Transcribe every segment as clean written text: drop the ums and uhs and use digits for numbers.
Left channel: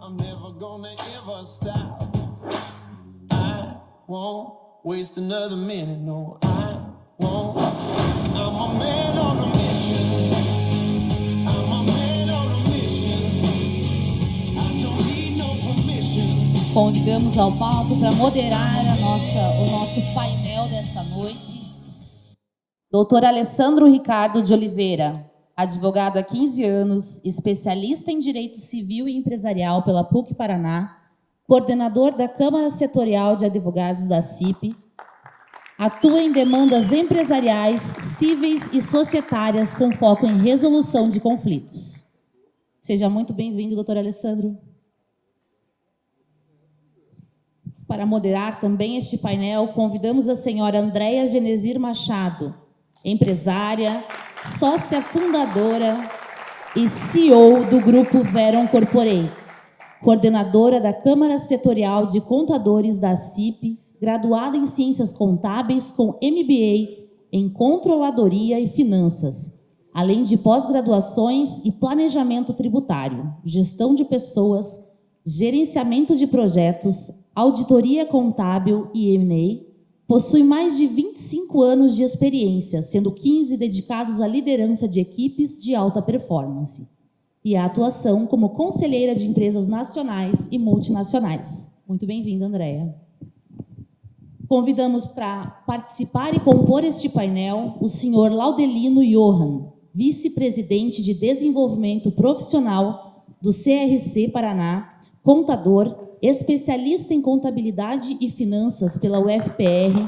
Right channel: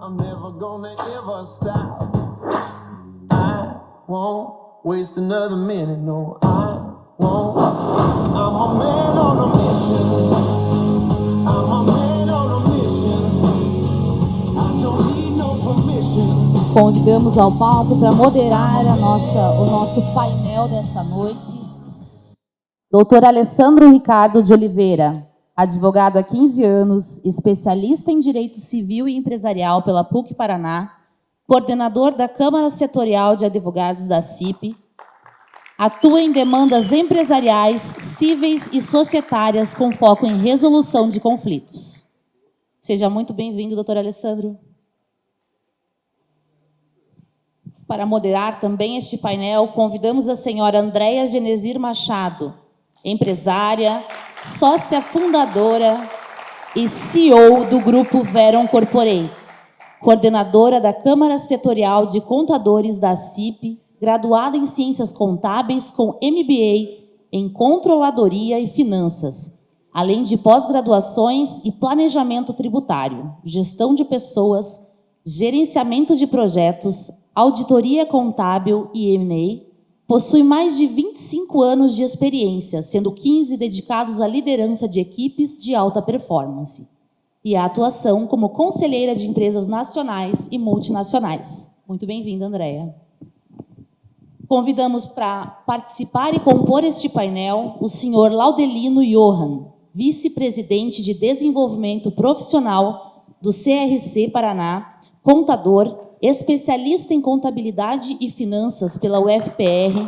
I'm never gonna ever stop. I won't waste another minute, no, I won't. I'm a man on a mission. I'm a man on a mission. I don't need no permission. Convidamos ao palco para moderar o nosso painel desta noite, Dr. Alessandro Ricardo de Oliveira, advogado há 15 anos, especialista em Direito Civil e Empresarial pela PUC Paraná, coordenador da Câmara Setorial de Advogados da CIP, atua em demandas empresariais, cíveis e societárias com foco em resolução de conflitos. Seja muito bem-vindo, doutor Alessandro. Para moderar também este painel, convidamos a senhora Andréia Genezir Machado, empresária, sócia fundadora e CEO do Grupo Veron Corporate, coordenadora da Câmara Setorial de Contadores da CIP, graduada em Ciências Contábeis com MBA em Controladoria e Finanças, além de pós-graduações e Planejamento Tributário, Gestão de Pessoas, Gerenciamento de Projetos, Auditoria Contábil e M&A. Possui mais de 25 anos de experiência, sendo 15 dedicados à liderança de equipes de alta performance e à atuação como conselheira de empresas nacionais e multinacionais. Muito bem-vinda, Andréia. Convidamos para participar e compor este painel o senhor Laudelino Johan, vice-presidente de Desenvolvimento Profissional do CRC Paraná, contador, especialista em contabilidade e finanças pela UFPR,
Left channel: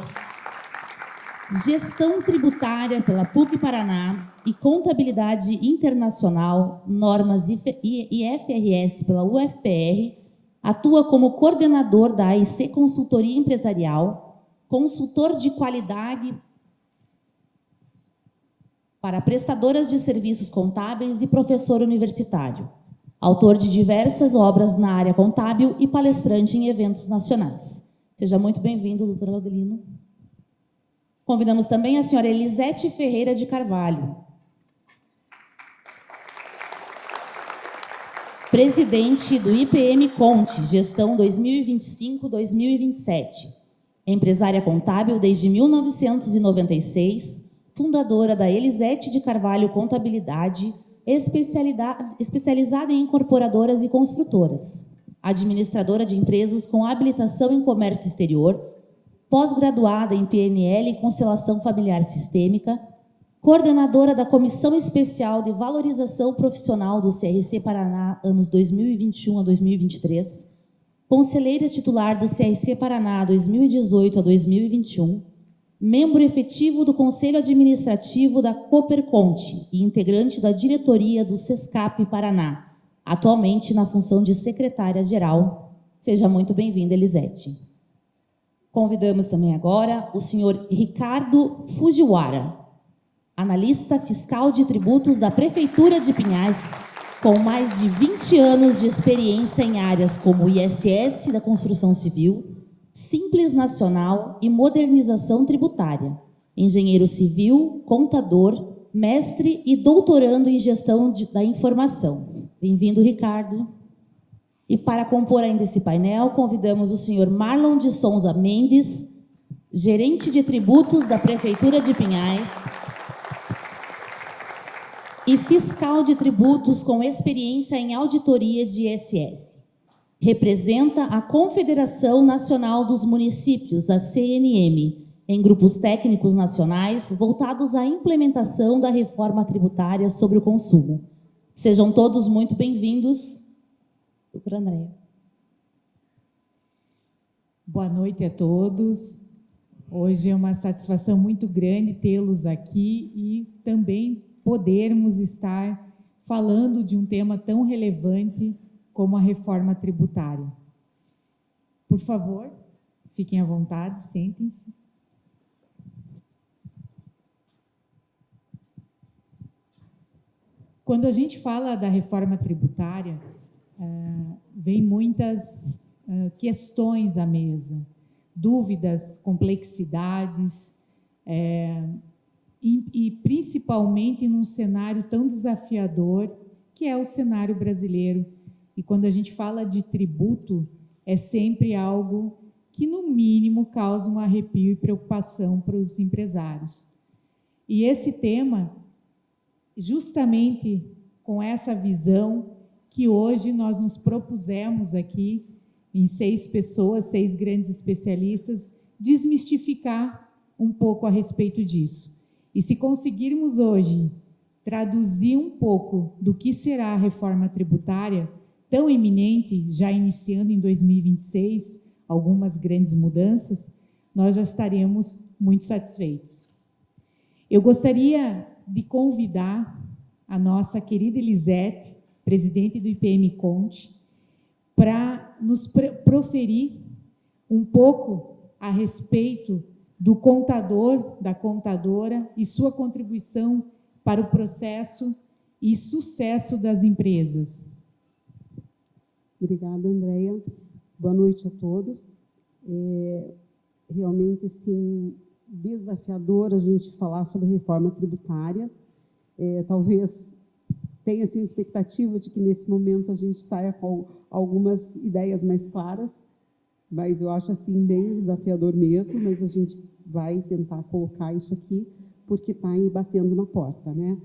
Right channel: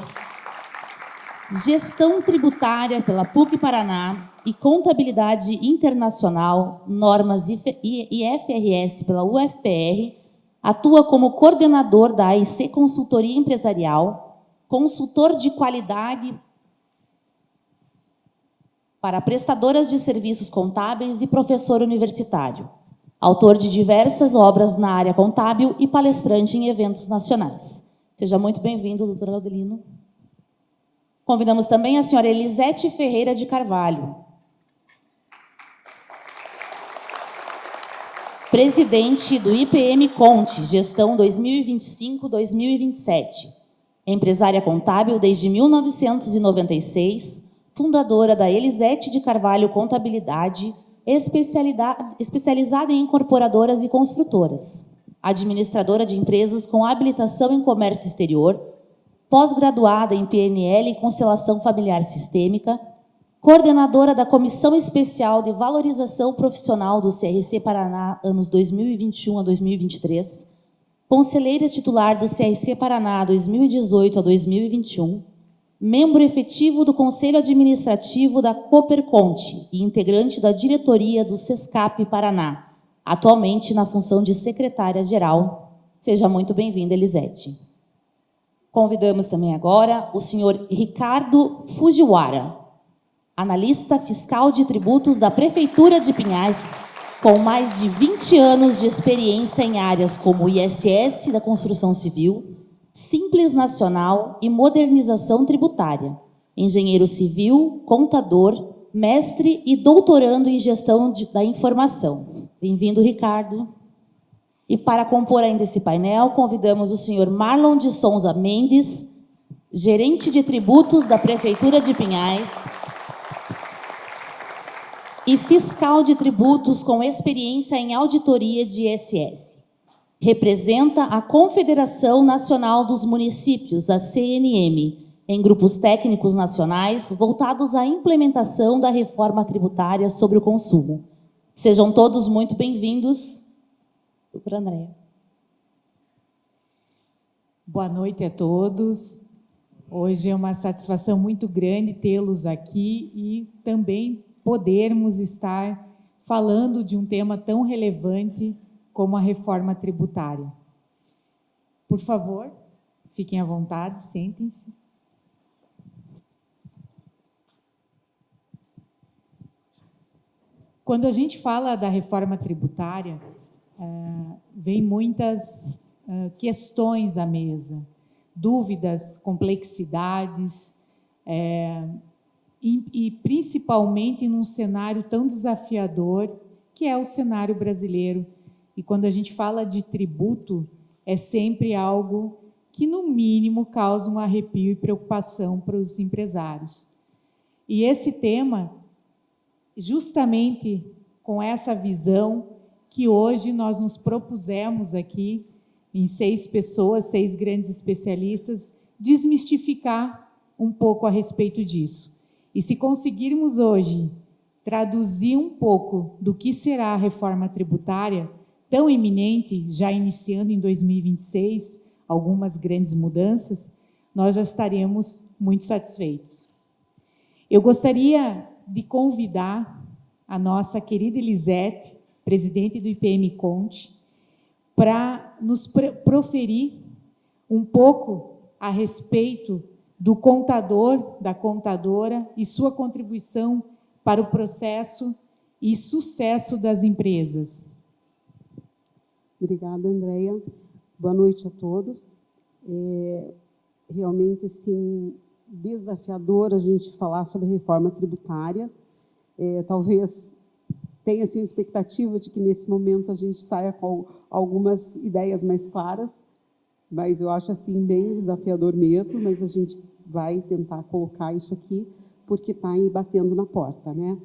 gestão tributária pela PUC Paraná e contabilidade internacional, normas IFRS pela UFPR, atua como coordenador da AIC Consultoria Empresarial, consultor de qualidade para prestadoras de serviços contábeis e professor universitário. Autor de diversas obras na área contábil e palestrante em eventos nacionais. Seja muito bem-vindo, doutor Laudelino. Convidamos também a senhora Elisete Ferreira de Carvalho, presidente do IPM Conte, gestão 2025-2027. Empresária contábil desde 1996, fundadora da Elisete de Carvalho Contabilidade, especializada em incorporadoras e construtoras, administradora de empresas com habilitação em comércio exterior, pós-graduada em PNL e Constelação Familiar Sistêmica, coordenadora da Comissão Especial de Valorização Profissional do CRC Paraná, anos 2021 a 2023, conselheira titular do CRC Paraná 2018 a 2021, membro efetivo do Conselho Administrativo da Cooperconte e integrante da diretoria do SESCAP Paraná, atualmente na função de secretária-geral. Seja muito bem-vinda, Elisete. Convidamos também agora o senhor Ricardo Fujiwara, analista fiscal de tributos da Prefeitura de Pinhais, com mais de 20 anos de experiência em áreas como ISS da construção civil, Simples Nacional e modernização tributária, engenheiro civil, contador, mestre e doutorando em gestão da informação. Bem-vindo, Ricardo. E para compor ainda esse painel, convidamos o senhor Marlon de Souza Mendes, gerente de tributos da Prefeitura de Pinhais e fiscal de tributos com experiência em auditoria de ISS. Representa a Confederação Nacional dos Municípios, a CNM, em grupos técnicos nacionais voltados à implementação da reforma tributária sobre o consumo. Sejam todos muito bem-vindos. Doutora Andréia. Boa noite a todos. Hoje é uma satisfação muito grande tê-los aqui e também podermos estar falando de um tema tão relevante como a reforma tributária. Por favor, fiquem à vontade, sentem-se. Quando a gente fala da reforma tributária, vem muitas questões à mesa, dúvidas, complexidades, e principalmente num cenário tão desafiador que é o cenário brasileiro. E quando a gente fala de tributo, é sempre algo que, no mínimo, causa um arrepio e preocupação para os empresários. E esse tema, justamente com essa visão que hoje nós nos propusemos aqui, em 6 pessoas, 6 grandes especialistas, desmistificar um pouco a respeito disso. E se conseguirmos hoje traduzir um pouco do que será a reforma tributária, tão iminente, já iniciando em 2026, algumas grandes mudanças, nós já estaremos muito satisfeitos. Eu gostaria de convidar a nossa querida Elisete, presidente do IPM Conte, para nos proferir um pouco a respeito do contador, da contadora e sua contribuição para o processo e sucesso das empresas. Obrigada, Andréia. Boa noite a todos. Realmente, assim, desafiador a gente falar sobre reforma tributária. Talvez tenha assim, a expectativa de que, nesse momento, a gente saia com algumas ideias mais claras, mas eu acho assim, bem desafiador mesmo, mas a gente vai tentar colocar isso aqui, porque está aí batendo na porta, né?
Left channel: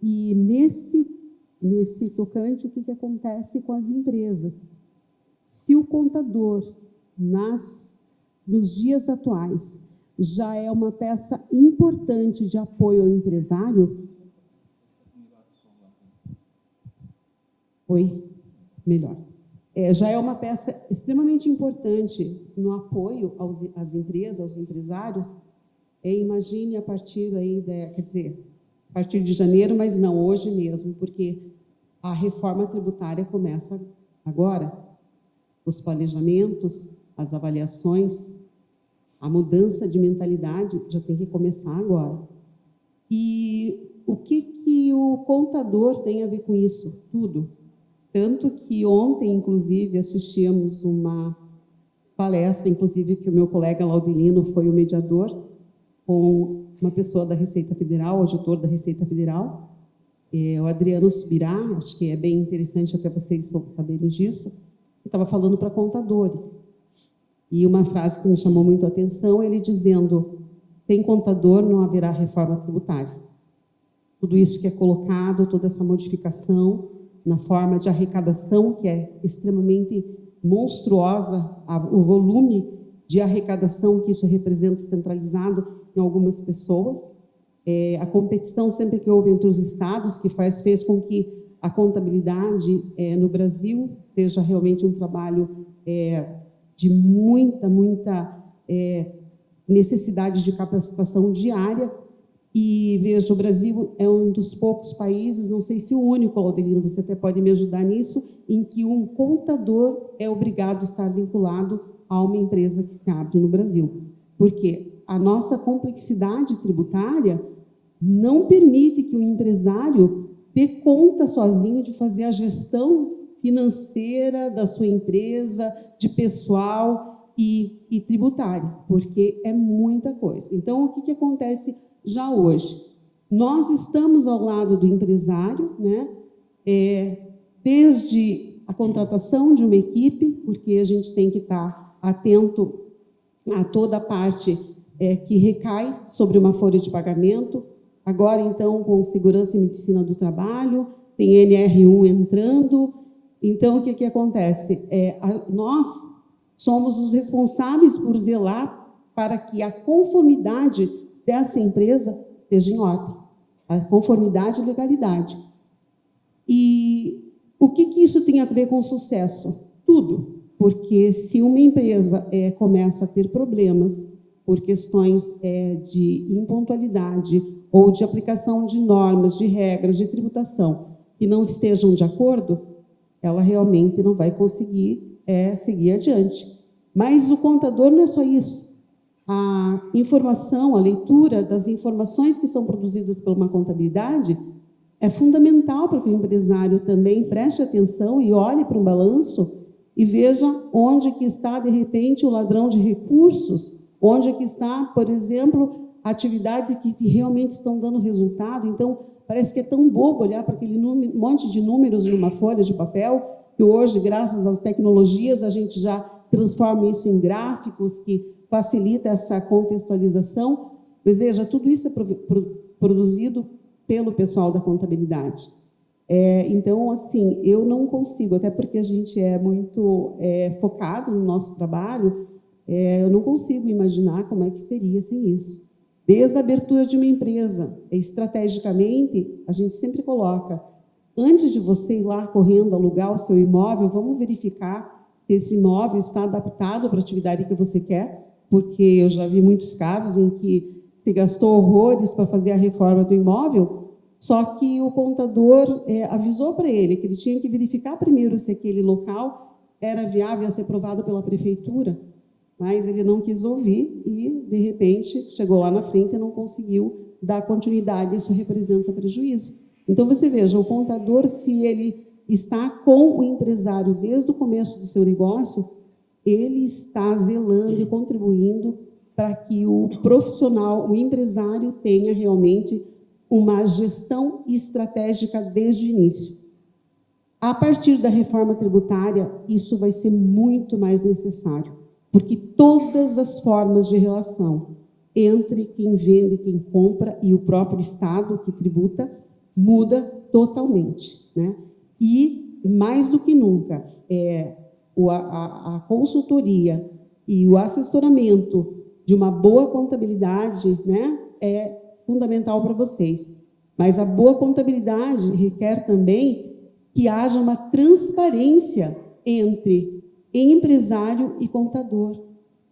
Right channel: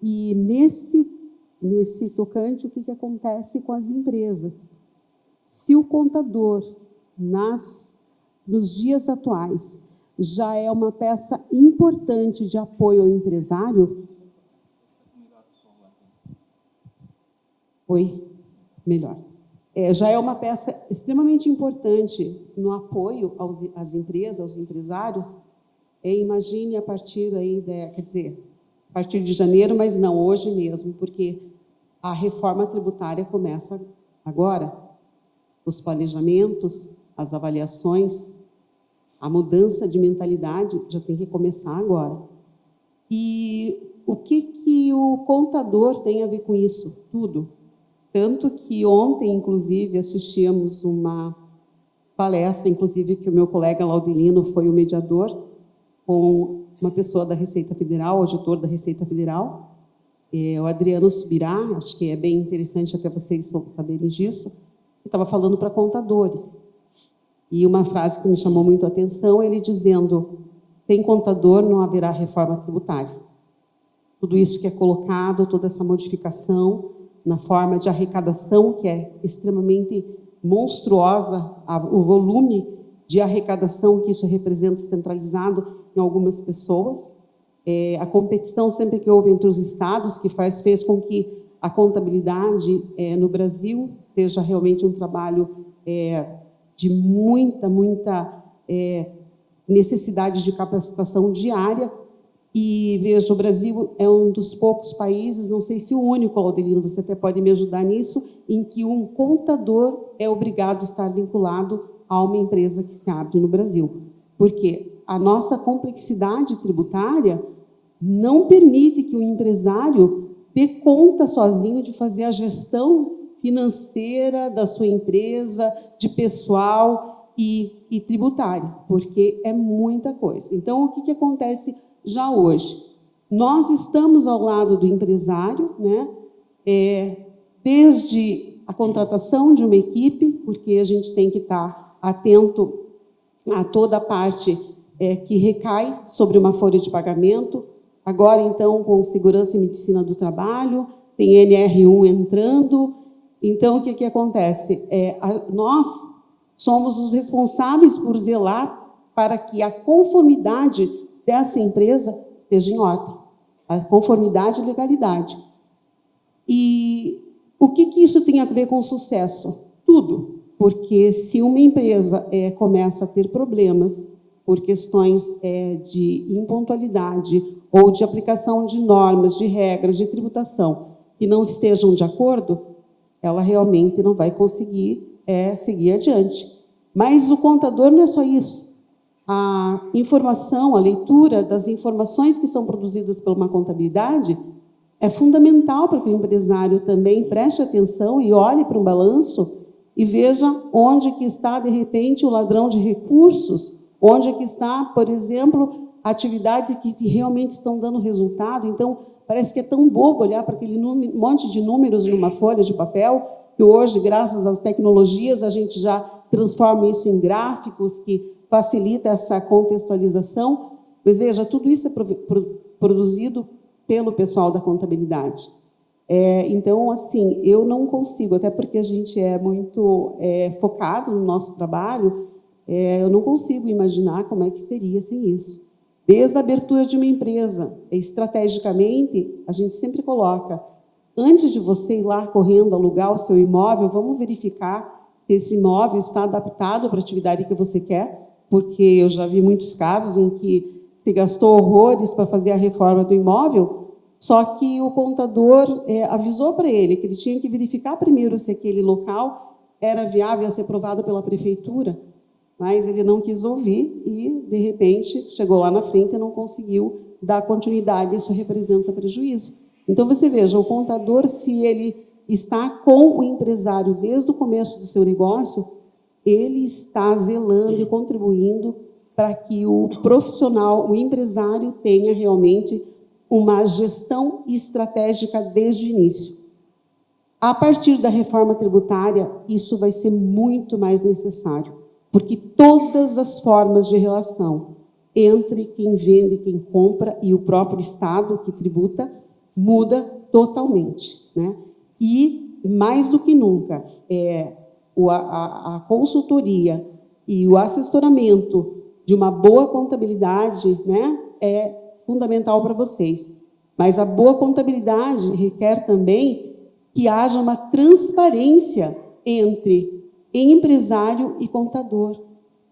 E nesse tocante, o que acontece com as empresas? Se o contador, nos dias atuais, já é uma peça importante de apoio ao empresário... Oi? Melhor. Já é uma peça extremamente importante no apoio às empresas, aos empresários. Imagine a partir aí, quer dizer, a partir de janeiro, mas não hoje mesmo, porque a reforma tributária começa agora. Os planejamentos, as avaliações, a mudança de mentalidade já tem que começar agora. E o que o contador tem a ver com isso? Tudo. Tanto que ontem, inclusive, assistimos uma palestra, inclusive, que o meu colega Laudelino foi o mediador, com uma pessoa da Receita Federal, auditor da Receita Federal, o Adriano Subirá, acho que é bem interessante até vocês saberem disso, que estava falando para contadores. E uma frase que me chamou muito a atenção, ele dizendo, sem contador não haverá reforma tributária. Tudo isso que é colocado, toda essa modificação na forma de arrecadação, que é extremamente monstruosa, o volume de arrecadação que isso representa centralizado em algumas pessoas, a competição sempre que houve entre os estados, que fez com que a contabilidade no Brasil seja realmente um trabalho de muita necessidade de capacitação diária. E, veja, o Brasil é um dos poucos países, não sei se o único, Laudelino, você até pode me ajudar nisso, em que um contador é obrigado a estar vinculado a uma empresa que se abre no Brasil. Porque a nossa complexidade tributária não permite que o empresário dê conta sozinho de fazer a gestão financeira da sua empresa, de pessoal e tributária, porque é muita coisa. Então, o que acontece já hoje? Nós estamos ao lado do empresário, né? Desde a contratação de uma equipe, porque a gente tem que estar atento a toda a parte que recai sobre uma folha de pagamento. Agora, então, com Segurança e Medicina do Trabalho, tem NR1 entrando. Então, o que acontece? Nós somos os responsáveis por zelar para que a conformidade dessa empresa esteja em ordem, a conformidade e legalidade. E o que isso tem a ver com sucesso? Tudo, porque se uma empresa começa a ter problemas por questões de impontualidade ou de aplicação de normas, de regras, de tributação, que não estejam de acordo, ela realmente não vai conseguir seguir adiante. Mas o contador não é só isso. A informação, a leitura das informações que são produzidas por uma contabilidade é fundamental para que o empresário também preste atenção e olhe para um balanço e veja onde que está, de repente, o ladrão de recursos, onde que está, por exemplo, atividades que realmente estão dando resultado. Então, parece que é tão bobo olhar para aquele monte de números numa folha de papel, que hoje, graças às tecnologias, a gente já transforma isso em gráficos, que facilita essa contextualização. Mas, veja, tudo isso é produzido pelo pessoal da contabilidade. Então, assim, eu não consigo, até porque a gente é muito focado no nosso trabalho, eu não consigo imaginar como é que seria sem isso. Desde a abertura de uma empresa, estrategicamente, a gente sempre coloca, antes de você ir lá correndo alugar o seu imóvel, vamos verificar se esse imóvel está adaptado para a atividade que você quer, porque eu já vi muitos casos em que se gastou horrores para fazer a reforma do imóvel, só que o contador avisou para ele que ele tinha que verificar primeiro se aquele local era viável a ser aprovado pela prefeitura, mas ele não quis ouvir e, de repente, chegou lá na frente e não conseguiu dar continuidade, isso representa prejuízo. Então, você veja, o contador, se ele está com o empresário desde o começo do seu negócio, ele está zelando e contribuindo para que o profissional, o empresário, tenha realmente uma gestão estratégica desde o início. A partir da reforma tributária, isso vai ser muito mais necessário, porque todas as formas de relação entre quem vende, quem compra e o próprio Estado que tributa muda totalmente, né? E, mais do que nunca, a consultoria e o assessoramento de uma boa contabilidade, né, é fundamental para vocês. Mas a boa contabilidade requer também que haja uma transparência entre empresário e contador,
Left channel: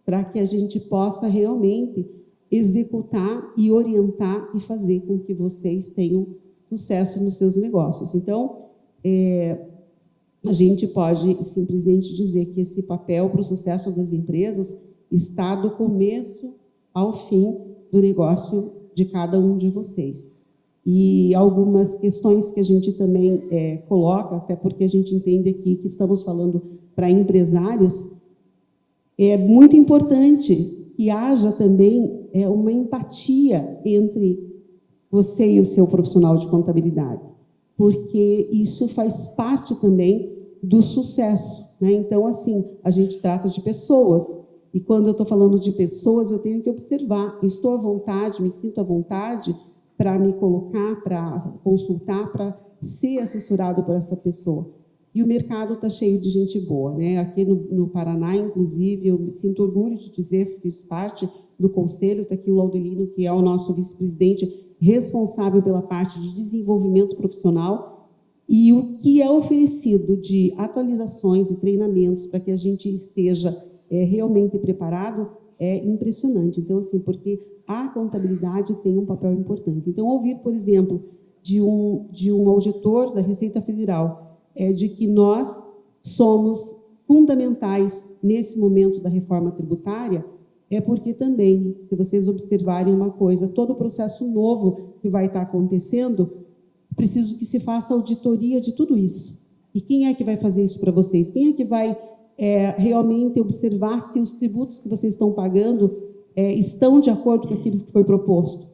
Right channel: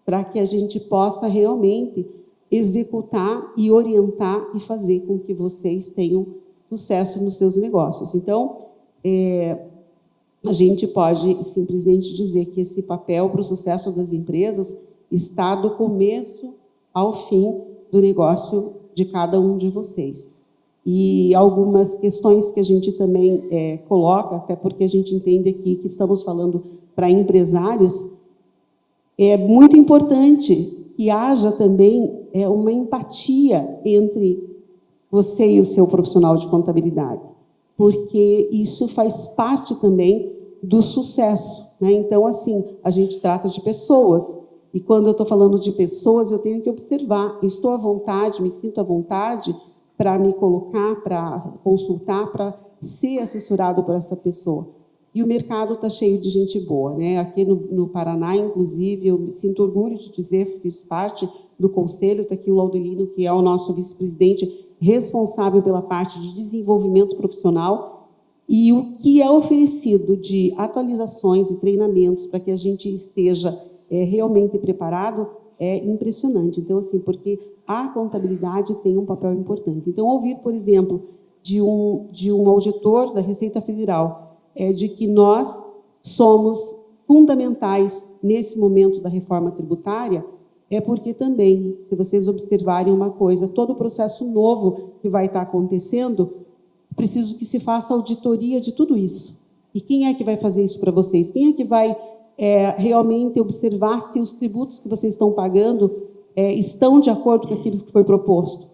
para que a gente possa realmente executar e orientar e fazer com que vocês tenham sucesso nos seus negócios. Então, a gente pode simplesmente dizer que esse papel para o sucesso das empresas está do começo ao fim do negócio de cada um de vocês. E algumas questões que a gente também coloca, até porque a gente entende aqui que estamos falando para empresários, é muito importante que haja também uma empatia entre você e o seu profissional de contabilidade, porque isso faz parte também do sucesso, né? Então, assim, a gente trata de pessoas, e quando eu estou falando de pessoas, eu tenho que observar, estou à vontade, me sinto à vontade para me colocar, para consultar, para ser assessorado por essa pessoa. E o mercado está cheio de gente boa, né? Aqui no Paraná, inclusive, eu me sinto orgulho de dizer, fiz parte do conselho, está aqui o Laudelino, que é o nosso vice-presidente responsável pela parte de desenvolvimento profissional, e o que é oferecido de atualizações e treinamentos para que a gente esteja realmente preparado é impressionante. Então, assim, porque a contabilidade tem um papel importante. Então, ouvir, por exemplo, de um auditor da Receita Federal, de que nós somos fundamentais nesse momento da reforma tributária, é porque também, se vocês observarem uma coisa, todo o processo novo que vai estar acontecendo, preciso que se faça auditoria de tudo isso. E quem é que vai fazer isso para vocês? Quem é que vai realmente observar se os tributos que vocês estão pagando estão de acordo com aquilo que foi proposto?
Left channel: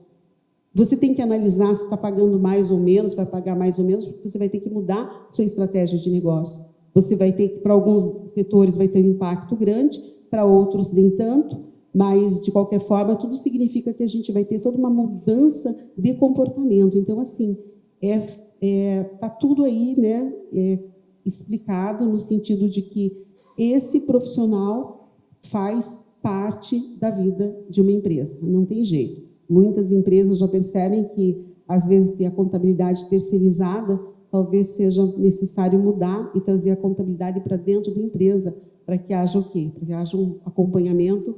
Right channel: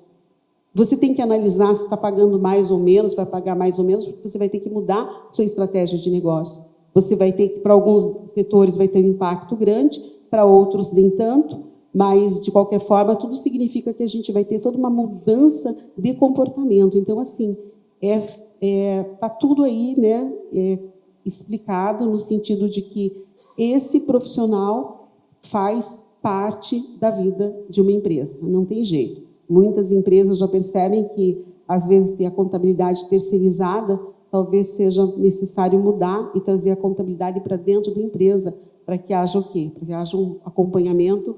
Você tem que analisar se está pagando mais ou menos, vai pagar mais ou menos, porque você vai ter que mudar sua estratégia de negócio. Você vai ter que, para alguns setores, vai ter um impacto grande, para outros nem tanto, mas, de qualquer forma, tudo significa que a gente vai ter toda uma mudança de comportamento. Então, assim, está tudo aí, né, explicado no sentido de que esse profissional faz parte da vida de uma empresa, não tem jeito. Muitas empresas já percebem que, às vezes, ter a contabilidade terceirizada, talvez seja necessário mudar e trazer a contabilidade para dentro da empresa, para que haja o quê? Para que haja um acompanhamento,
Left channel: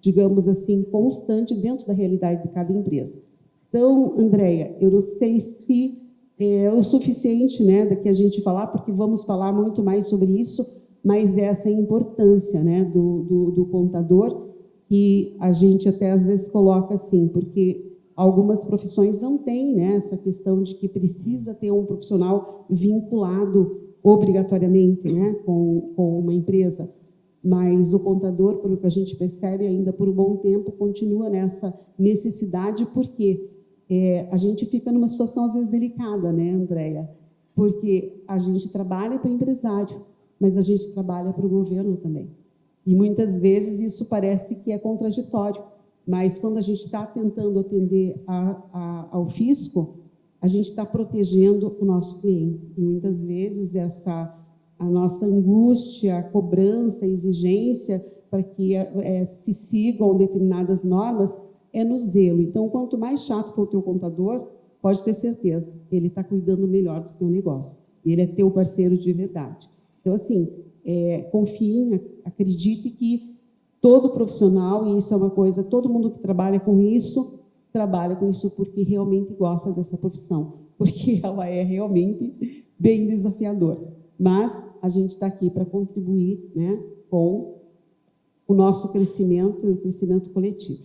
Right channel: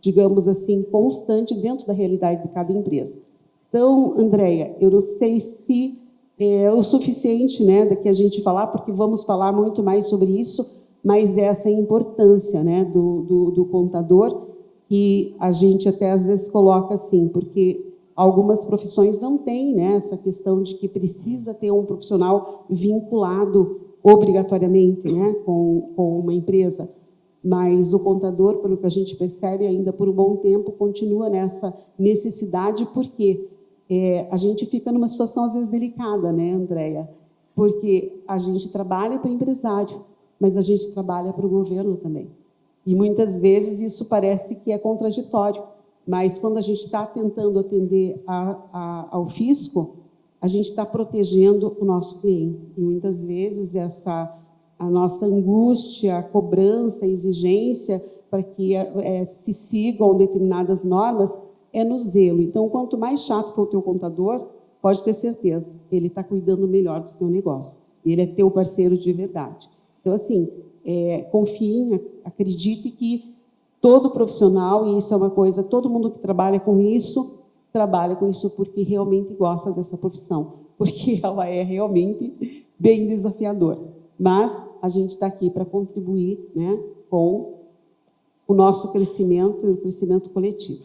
digamos assim, constante dentro da realidade de cada empresa. Então, Andréia, eu não sei se é o suficiente, né, da que a gente falar, porque vamos falar muito mais sobre isso, mas essa é a importância, né, do contador, que a gente até às vezes coloca assim, porque algumas profissões não têm, né, essa questão de que precisa ter um profissional vinculado obrigatoriamente, né, com uma empresa. mas o contador, pelo que a gente percebe ainda por um bom tempo, continua nessa necessidade, porque a gente fica numa situação às vezes delicada, né, Andréia? Porque a gente trabalha para o empresário, mas a gente trabalha para o governo também. E muitas vezes isso parece que é contraditório, mas quando a gente está tentando atender ao fisco, a gente está protegendo o nosso cliente. E muitas vezes a nossa angústia, a cobrança, a exigência para que se sigam determinadas normas é no zelo. Então, quanto mais chato for o teu contador, pode ter certeza, ele está cuidando melhor do seu negócio. Ele é teu parceiro de verdade. Então, assim, confie, acredite que todo profissional, e isso é uma coisa, todo mundo que trabalha com isso porque realmente gosta dessa profissão, porque ela é realmente bem desafiadora. Mas a gente está aqui para contribuir, né, com o nosso crescimento e o crescimento coletivo.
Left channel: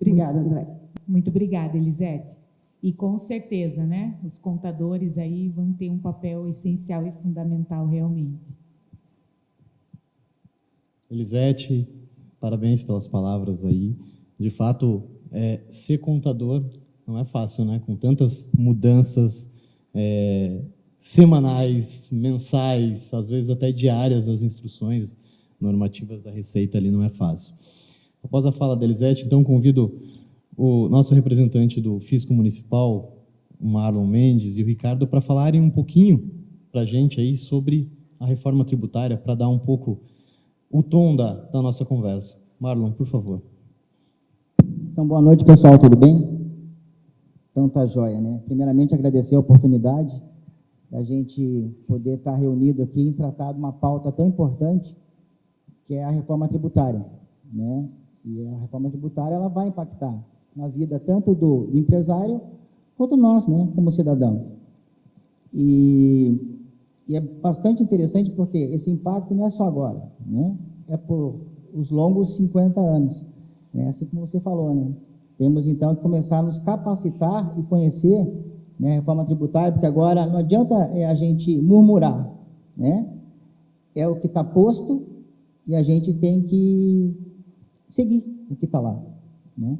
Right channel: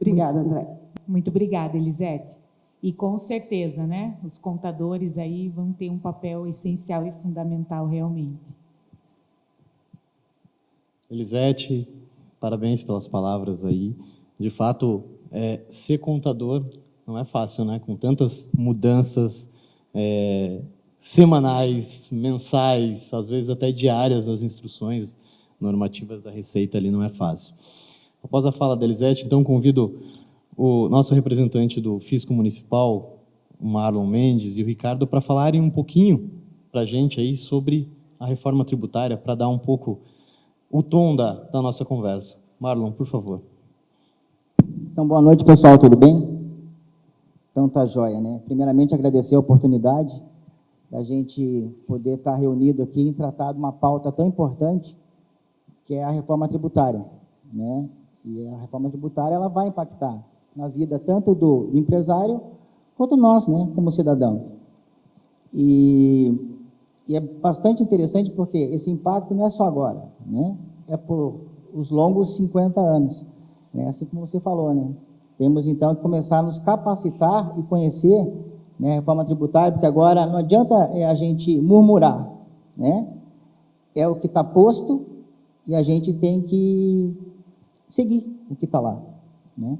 Obrigada, André. Muito obrigada, Elisete. E com certeza, né, os contadores aí vão ter um papel essencial e fundamental realmente. Elisete, parabéns pelas palavras aí. De fato, ser contador não é fácil, né? Com tantas mudanças semanais, mensais, às vezes até diárias das instruções normativas da Receita ali, não é fácil. Após a fala da Elisete, então convido o nosso representante do Fisco Municipal, o Marlon Mendes, e o Ricardo para falarem um pouquinho para a gente aí sobre a reforma tributária, para dar um pouco o tom da nossa conversa. Marlon, por favor. Então, boa noite, pessoal, tudo bem? Então, tá joia, né? Primeiramente, agradecer a oportunidade da gente poder estar reunido aqui e tratar de uma pauta tão importante, que é a reforma tributária, né? E a reforma tributária, ela vai impactar na vida tanto do empresário quanto nós, né, como cidadão. E é bastante interessante porque esse impacto não é só agora, né? É por os longos 50 anos, né? Assim como você falou, né? Temos, então, que começar a nos capacitar e conhecer, né, a reforma tributária, porque agora não adianta a gente murmurar, né? É o que está posto e a gente tem que seguir o que está lá, né?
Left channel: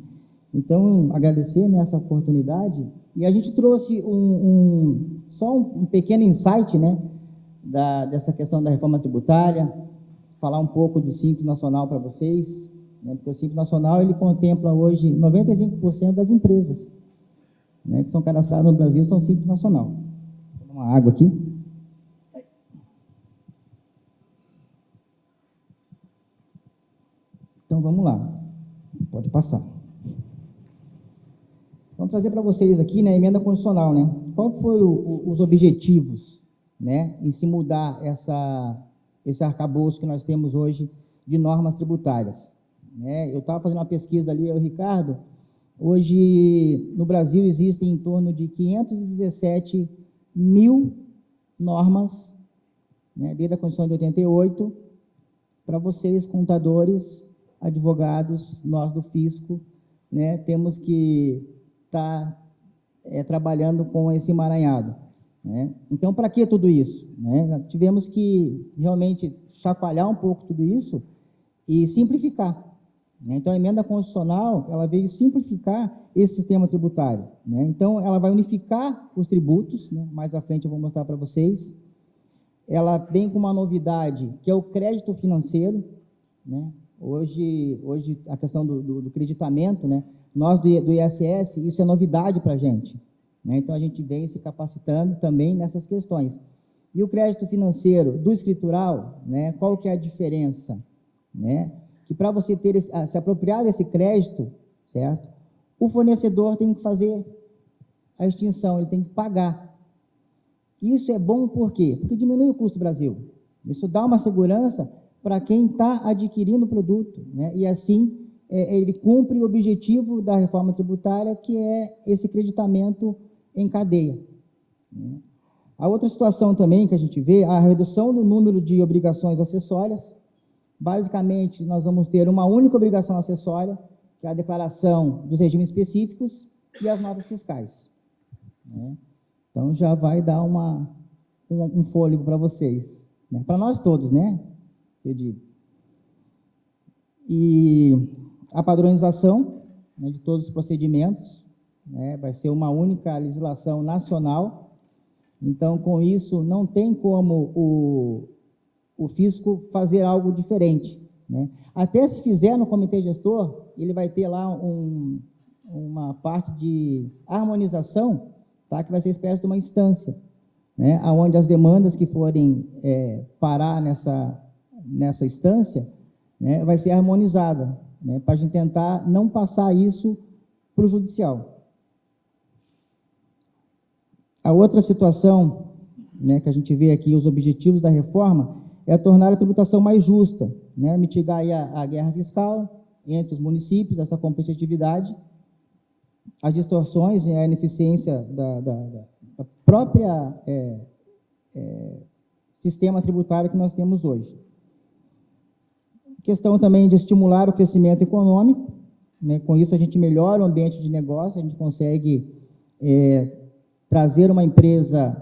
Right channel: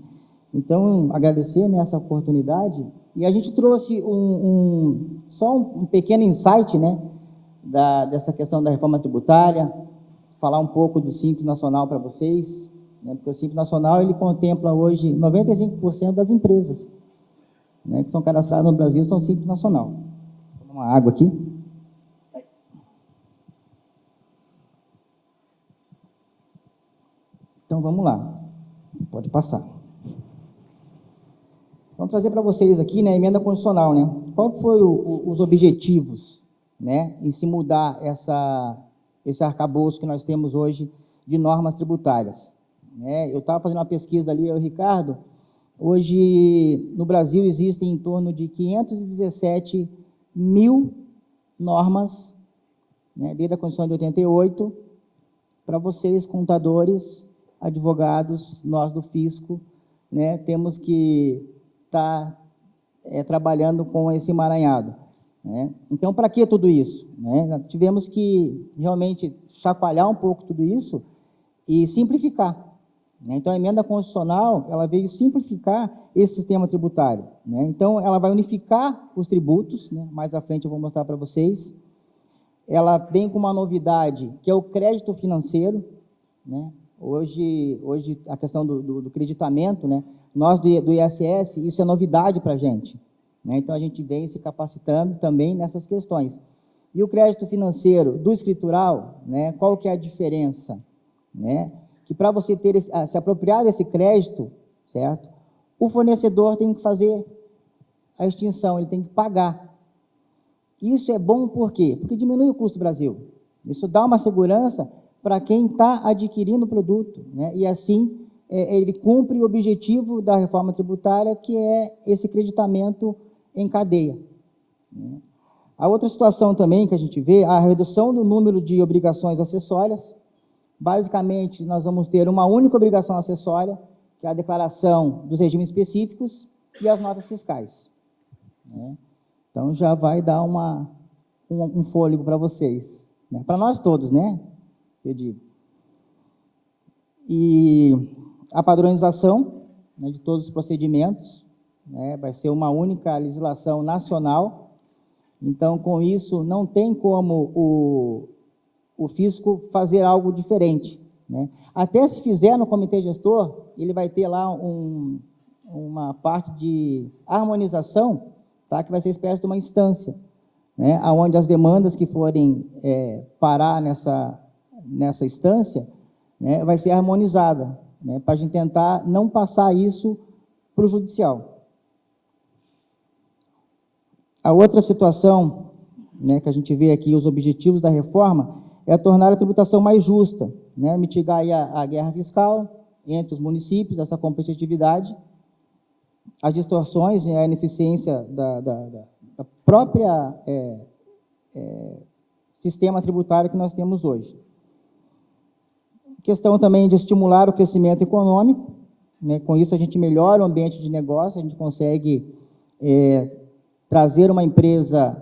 Então, agradecer nessa oportunidade, e a gente trouxe só um pequeno insight, né, dessa questão da reforma tributária, falar um pouco do Simples Nacional para vocês, né, porque o Simples Nacional, ele contempla hoje 95% das empresas, né, que estão cadastradas no Brasil, são Simples Nacional. Vou tomar uma água aqui. Então, vamos lá. Pode passar. Vamos trazer para vocês aqui, né, a emenda constitucional, né? Qual foi os objetivos, né, em se mudar esse arcabouço que nós temos hoje de normas tributárias, né? Eu estava fazendo uma pesquisa ali, o Ricardo, hoje no Brasil existem em torno de 517 mil normas, né, desde a Constituição de 88, para vocês, contadores, advogados, nós do fisco, né, temos que estar trabalhando com esse emaranhado, né? Então, para que tudo isso, né? Nós tivemos que realmente chacoalhar um pouco tudo isso e simplificar, né? Então, a emenda constitucional, ela veio simplificar esse sistema tributário, né? Então, ela vai unificar os tributos, né? Mais à frente eu vou mostrar para vocês. Ela vem com uma novidade, que é o crédito financeiro, né? Hoje a questão do creditamento, né? Nós do ISS, isso é novidade para a gente, né? Então, a gente vem se capacitando também nessas questões. E o crédito financeiro do escritural, né? Qual que é a diferença, né? Que para você ter se apropriar desse crédito, certo? O fornecedor tem que fazer a extinção, ele tem que pagar. Isso é bom por quê? Porque diminui o custo do Brasil. Isso dá uma segurança para quem está adquirindo o produto, né? E assim ele cumpre o objetivo da reforma tributária, que é esse creditamento em cadeia, né? A outra situação também que a gente vê, a redução do número de obrigações acessórias. Basicamente, nós vamos ter uma única obrigação acessória, que é a declaração dos regimes específicos e as notas fiscais, né? Então, já vai dar um fôlego para vocês, né? Para nós todos, né? Eu digo. E a padronização, né, de todos os procedimentos, né, vai ser uma única legislação nacional. Então, com isso, não tem como o fisco fazer algo diferente, né? Até se fizer no comitê gestor, ele vai ter lá uma parte de harmonização, tá, que vai ser espécie de uma instância, né, onde as demandas que forem parar nessa instância, né, vai ser harmonizada, né, para a gente tentar não passar isso para o judicial. A outra situação, né, que a gente vê aqui, os objetivos da reforma, é tornar a tributação mais justa, né, mitigar aí a guerra fiscal entre os municípios, essa competitividade, as distorções e a ineficiência da própria sistema tributário que nós temos hoje. Questão também de estimular o crescimento econômico, né, com isso a gente melhora o ambiente de negócio, a gente consegue trazer uma empresa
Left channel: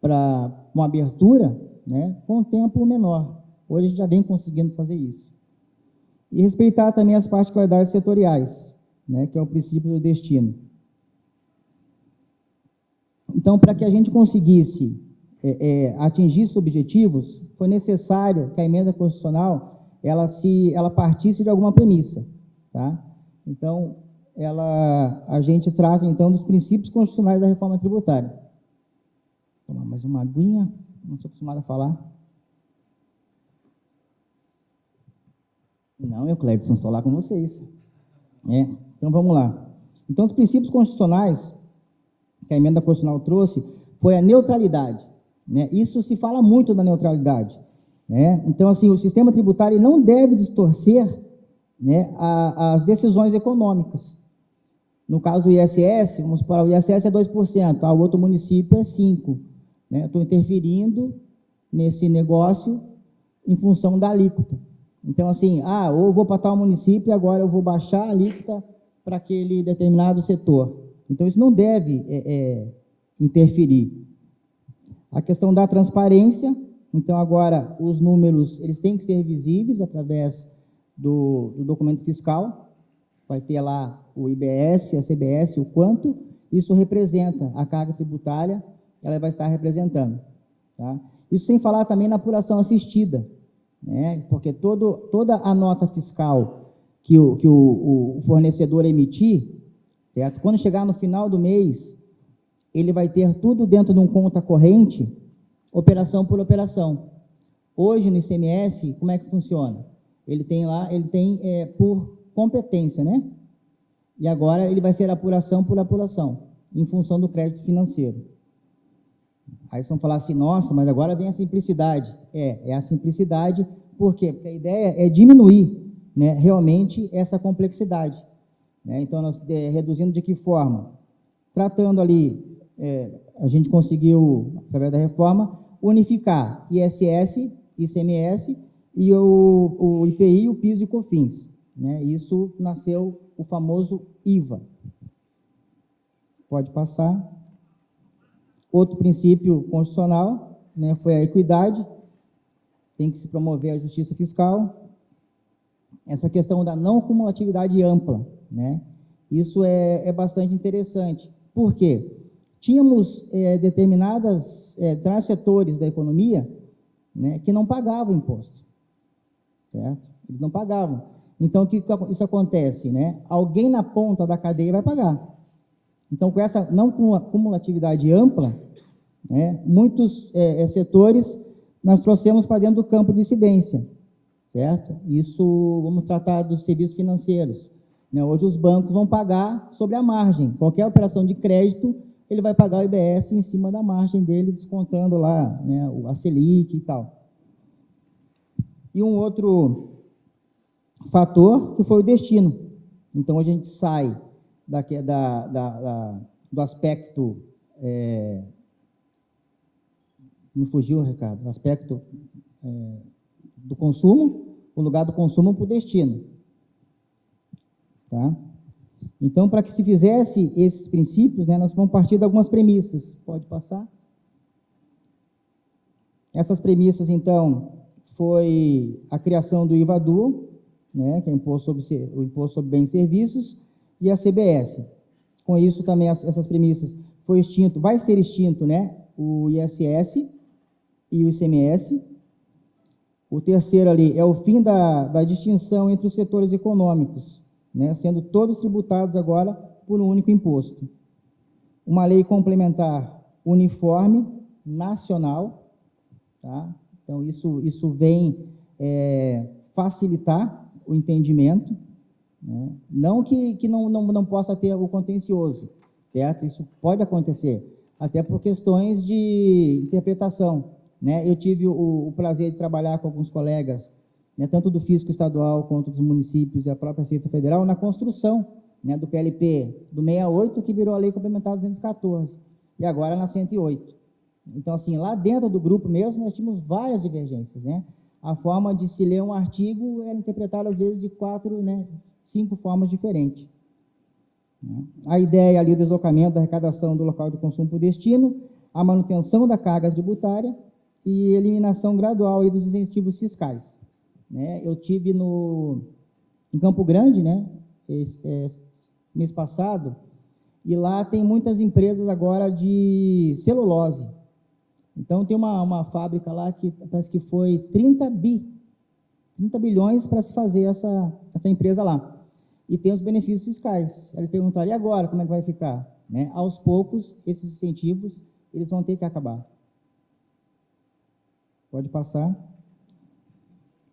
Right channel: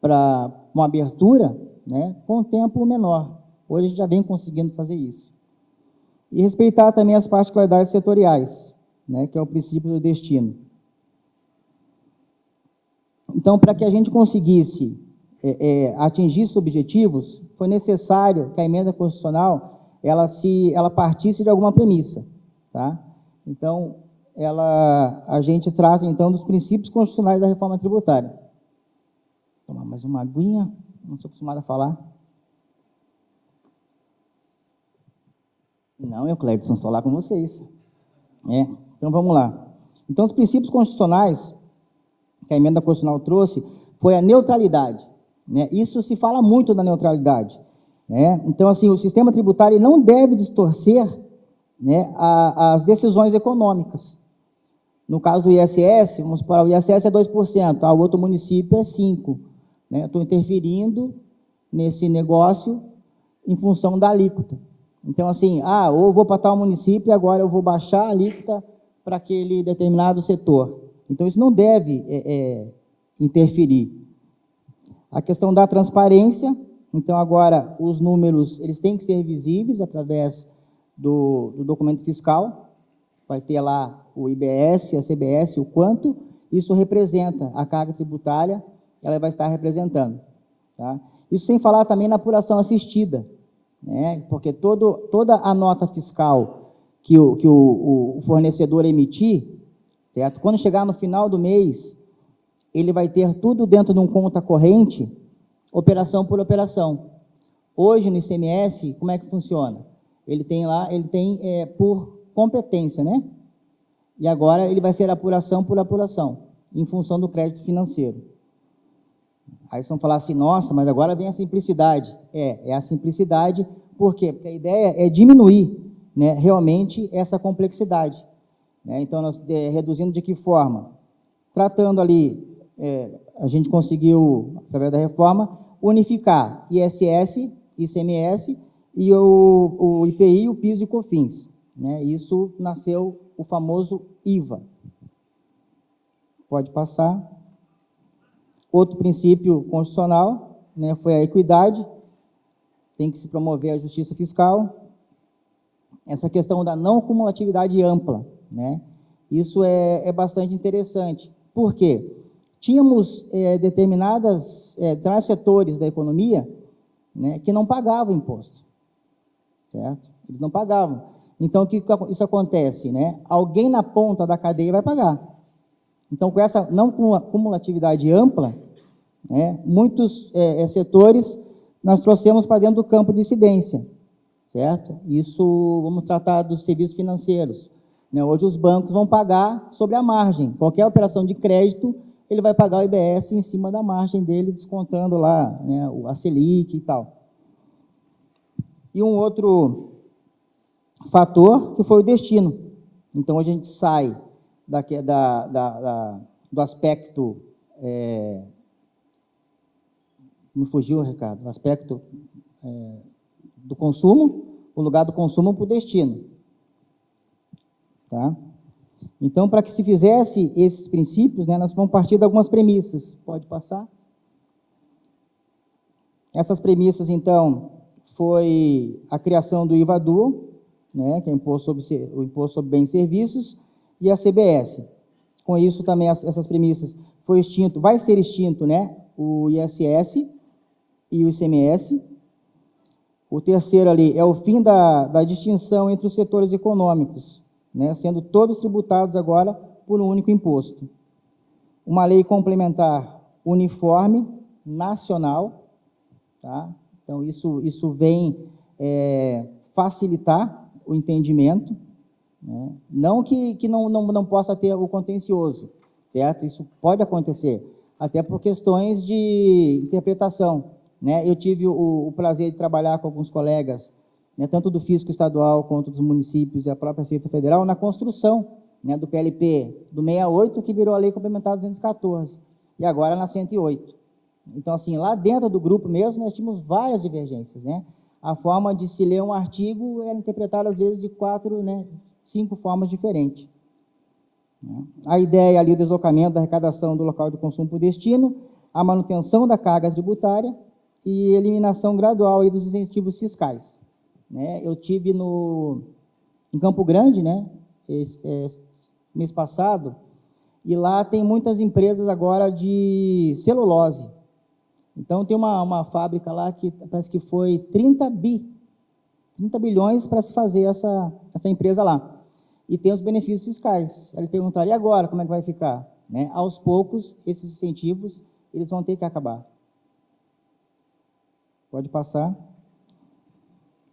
para uma abertura, né, com um tempo menor. Hoje a gente já vem conseguindo fazer isso. E respeitar também as particularidades setoriais, né, que é o princípio do destino. Então, para que a gente conseguisse atingir esses objetivos, foi necessário que a emenda constitucional ela partisse de alguma premissa, tá? Então, a gente trata, então, dos princípios constitucionais da reforma tributária. Vou tomar mais uma aguinha, não sou acostumado a falar. Não, Cleidson, só lá com vocês. Então, vamos lá. Então, os princípios constitucionais que a emenda constitucional trouxe foi a neutralidade, né? Isso se fala muito da neutralidade, né? Então, assim, o sistema tributário não deve distorcer, né, as decisões econômicas. No caso do ISS, vamos para o ISS é 2%, o outro município é 5%. Né? Estou interferindo nesse negócio em função da alíquota. Então, assim, ou vou para tal município e agora eu vou baixar a alíquota para aquele determinado setor. Então, isso não deve interferir. A questão da transparência, então, agora, os números eles têm que ser visíveis através do documento fiscal, vai ter lá o IBS, a CBS, o quanto isso representa a carga tributária, ela vai estar representando. Tá? Isso sem falar também na apuração assistida, né? Porque toda a nota fiscal que o fornecedor emitir, certo? Quando chegar no final do mês, ele vai ter tudo dentro de um conta corrente, operação por operação. Hoje, no ICMS, como é que funciona? Ele tem por competência, né? E agora ele vai ser apuração por apuração, em função do crédito financeiro. Aí vocês vão falar assim, nossa, mas agora vem a simplicidade. É a simplicidade, por quê? Porque a ideia é diminuir, né, realmente essa complexidade. Né? Então, nós reduzindo de que forma? Tratando ali, a gente conseguiu, através da reforma, unificar ISS, ICMS e o IPI, o PIS e o COFINS. Né? Isso nasceu o famoso IVA. Pode passar. Outro princípio constitucional, né, foi a equidade, tem que se promover a justiça fiscal. Essa questão da não cumulatividade ampla, né? Isso é bastante interessante. Por quê? Tínhamos determinados setores da economia, né, que não pagavam imposto, certo? Eles não pagavam. Então, o que isso acontece? Né? Alguém na ponta da cadeia vai pagar. Então, com essa não cumulatividade ampla, né, muitos setores nós trouxemos para dentro do campo de incidência, certo? Isso, vamos tratar dos serviços financeiros. Né? Hoje, os bancos vão pagar sobre a margem. Qualquer operação de crédito, ele vai pagar o IBS em cima da margem dele, descontando lá, né, a Selic e tal. E um outro fator que foi o destino. Então, a gente sai do aspecto, me fugiu, Ricardo, o aspecto do consumo, o lugar do consumo para o destino. Tá? Então, para que se fizesse esses princípios, né, nós vamos partir de algumas premissas. Pode passar? Essas premissas, então, foi a criação do IVA-DU, né, que é o imposto sobre bens e serviços, e a CBS. Com isso, também, essas premissas, vai ser extinto, né, o ISS e o ICMS. O terceiro ali é o fim da distinção entre os setores econômicos, né, sendo todos tributados agora por um único imposto. Uma lei complementar uniforme, nacional, tá? Então, isso vem facilitar o entendimento, né? Não que não possa ter o contencioso, certo? Isso pode acontecer, até por questões de interpretação, né? Eu tive o prazer de trabalhar com alguns colegas, né, tanto do Fisco Estadual quanto dos municípios e a própria Receita Federal, na construção, né, do PLP do 68, que virou a Lei Complementar 214, e agora na 108. Então, assim, lá dentro do grupo mesmo, nós tínhamos várias divergências, né? A forma de se ler um artigo era interpretada, às vezes, de 4, né, 5 formas diferentes. A ideia ali, o deslocamento da arrecadação do local de consumo por destino, a manutenção da carga tributária e eliminação gradual aí dos incentivos fiscais, né? Eu tive em Campo Grande, né, mês passado, e lá tem muitas empresas agora de celulose. Então, tem uma fábrica lá que parece que foi 30 bilhões para se fazer essa empresa lá. E tem os benefícios fiscais. Eles perguntaram, e agora, como é que vai ficar? Né? Aos poucos, esses incentivos, eles vão ter que acabar. Pode passar.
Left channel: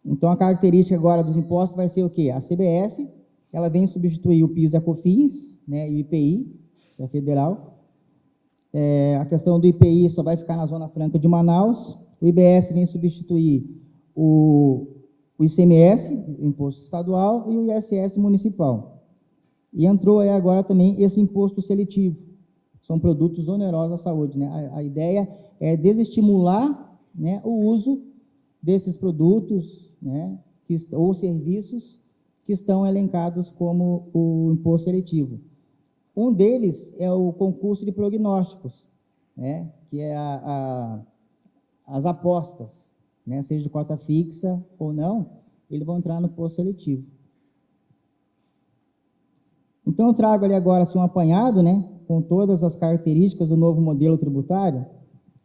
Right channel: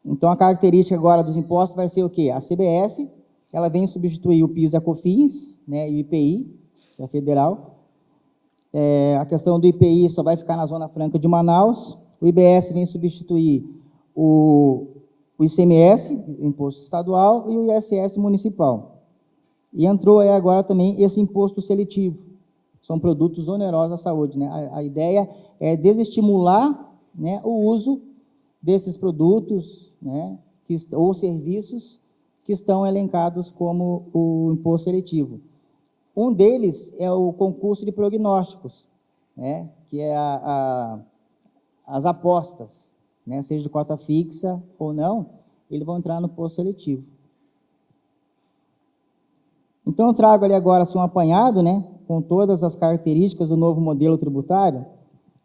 Então, a característica agora dos impostos vai ser o quê? A CBS, ela vem substituir o PIS e a COFINS, né, e o IPI, que é federal. A questão do IPI só vai ficar na Zona Franca de Manaus. O IBS vem substituir o ICMS, Imposto Estadual, e o ISS Municipal. E entrou aí agora também esse imposto seletivo. São produtos onerosos à saúde, né? A ideia é desestimular, né, o uso desses produtos, né, ou serviços que estão elencados como o imposto seletivo. Um deles é o concurso de prognósticos, né, que é as apostas, né, seja de cota fixa ou não, eles vão entrar no imposto seletivo. Então, eu trago ali agora assim, um apanhado, né, com todas as características do novo modelo tributário,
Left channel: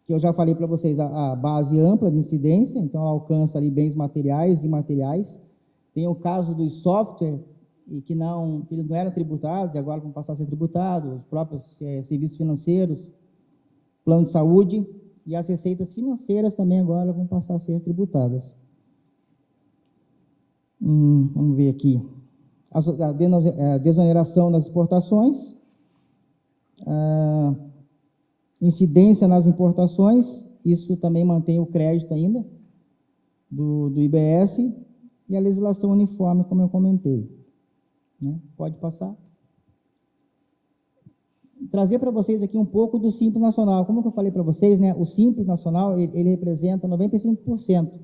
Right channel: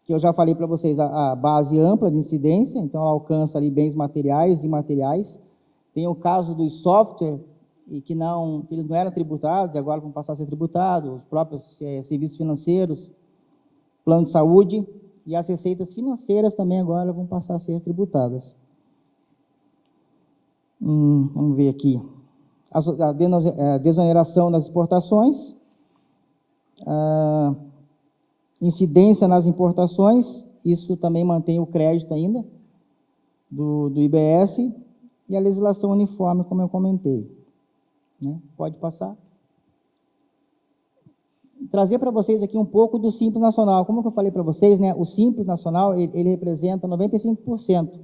que eu já falei para vocês, a base ampla de incidência, então ela alcança ali bens materiais e imateriais. Tem o caso dos software, e que eles não eram tributados, e agora vão passar a ser tributados, os próprios serviços financeiros, plano de saúde, e as receitas financeiras também agora vão passar a ser tributadas. Vamos ver aqui. A desoneração das exportações, a incidência nas importações, isso também mantém o crédito ainda do IBS, e a legislação uniforme, como eu comentei. Né? Pode passar. Trazer para vocês aqui um pouco do Simples Nacional. Como eu falei para vocês, né, o Simples Nacional, ele representa 95%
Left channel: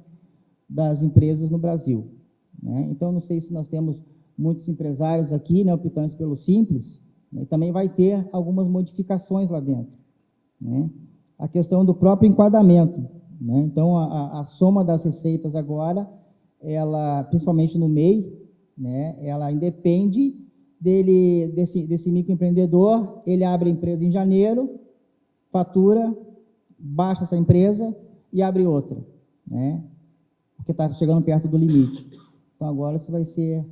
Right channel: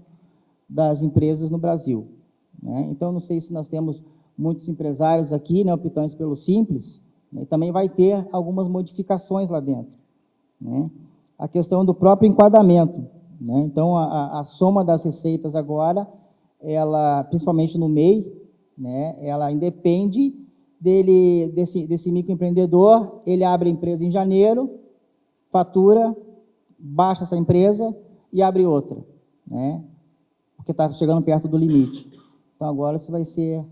das empresas no Brasil. Né? Então, não sei se nós temos muitos empresários aqui, né, optantes pelo Simples, né, e também vai ter algumas modificações lá dentro. Né? A questão do próprio enquadramento. Né? Então, a soma das receitas agora, ela, principalmente no MEI, né, ela independe desse microempreendedor, ele abre a empresa em janeiro, fatura, baixa essa empresa e abre outra, né, porque está chegando perto do limite. Então, agora isso vai ser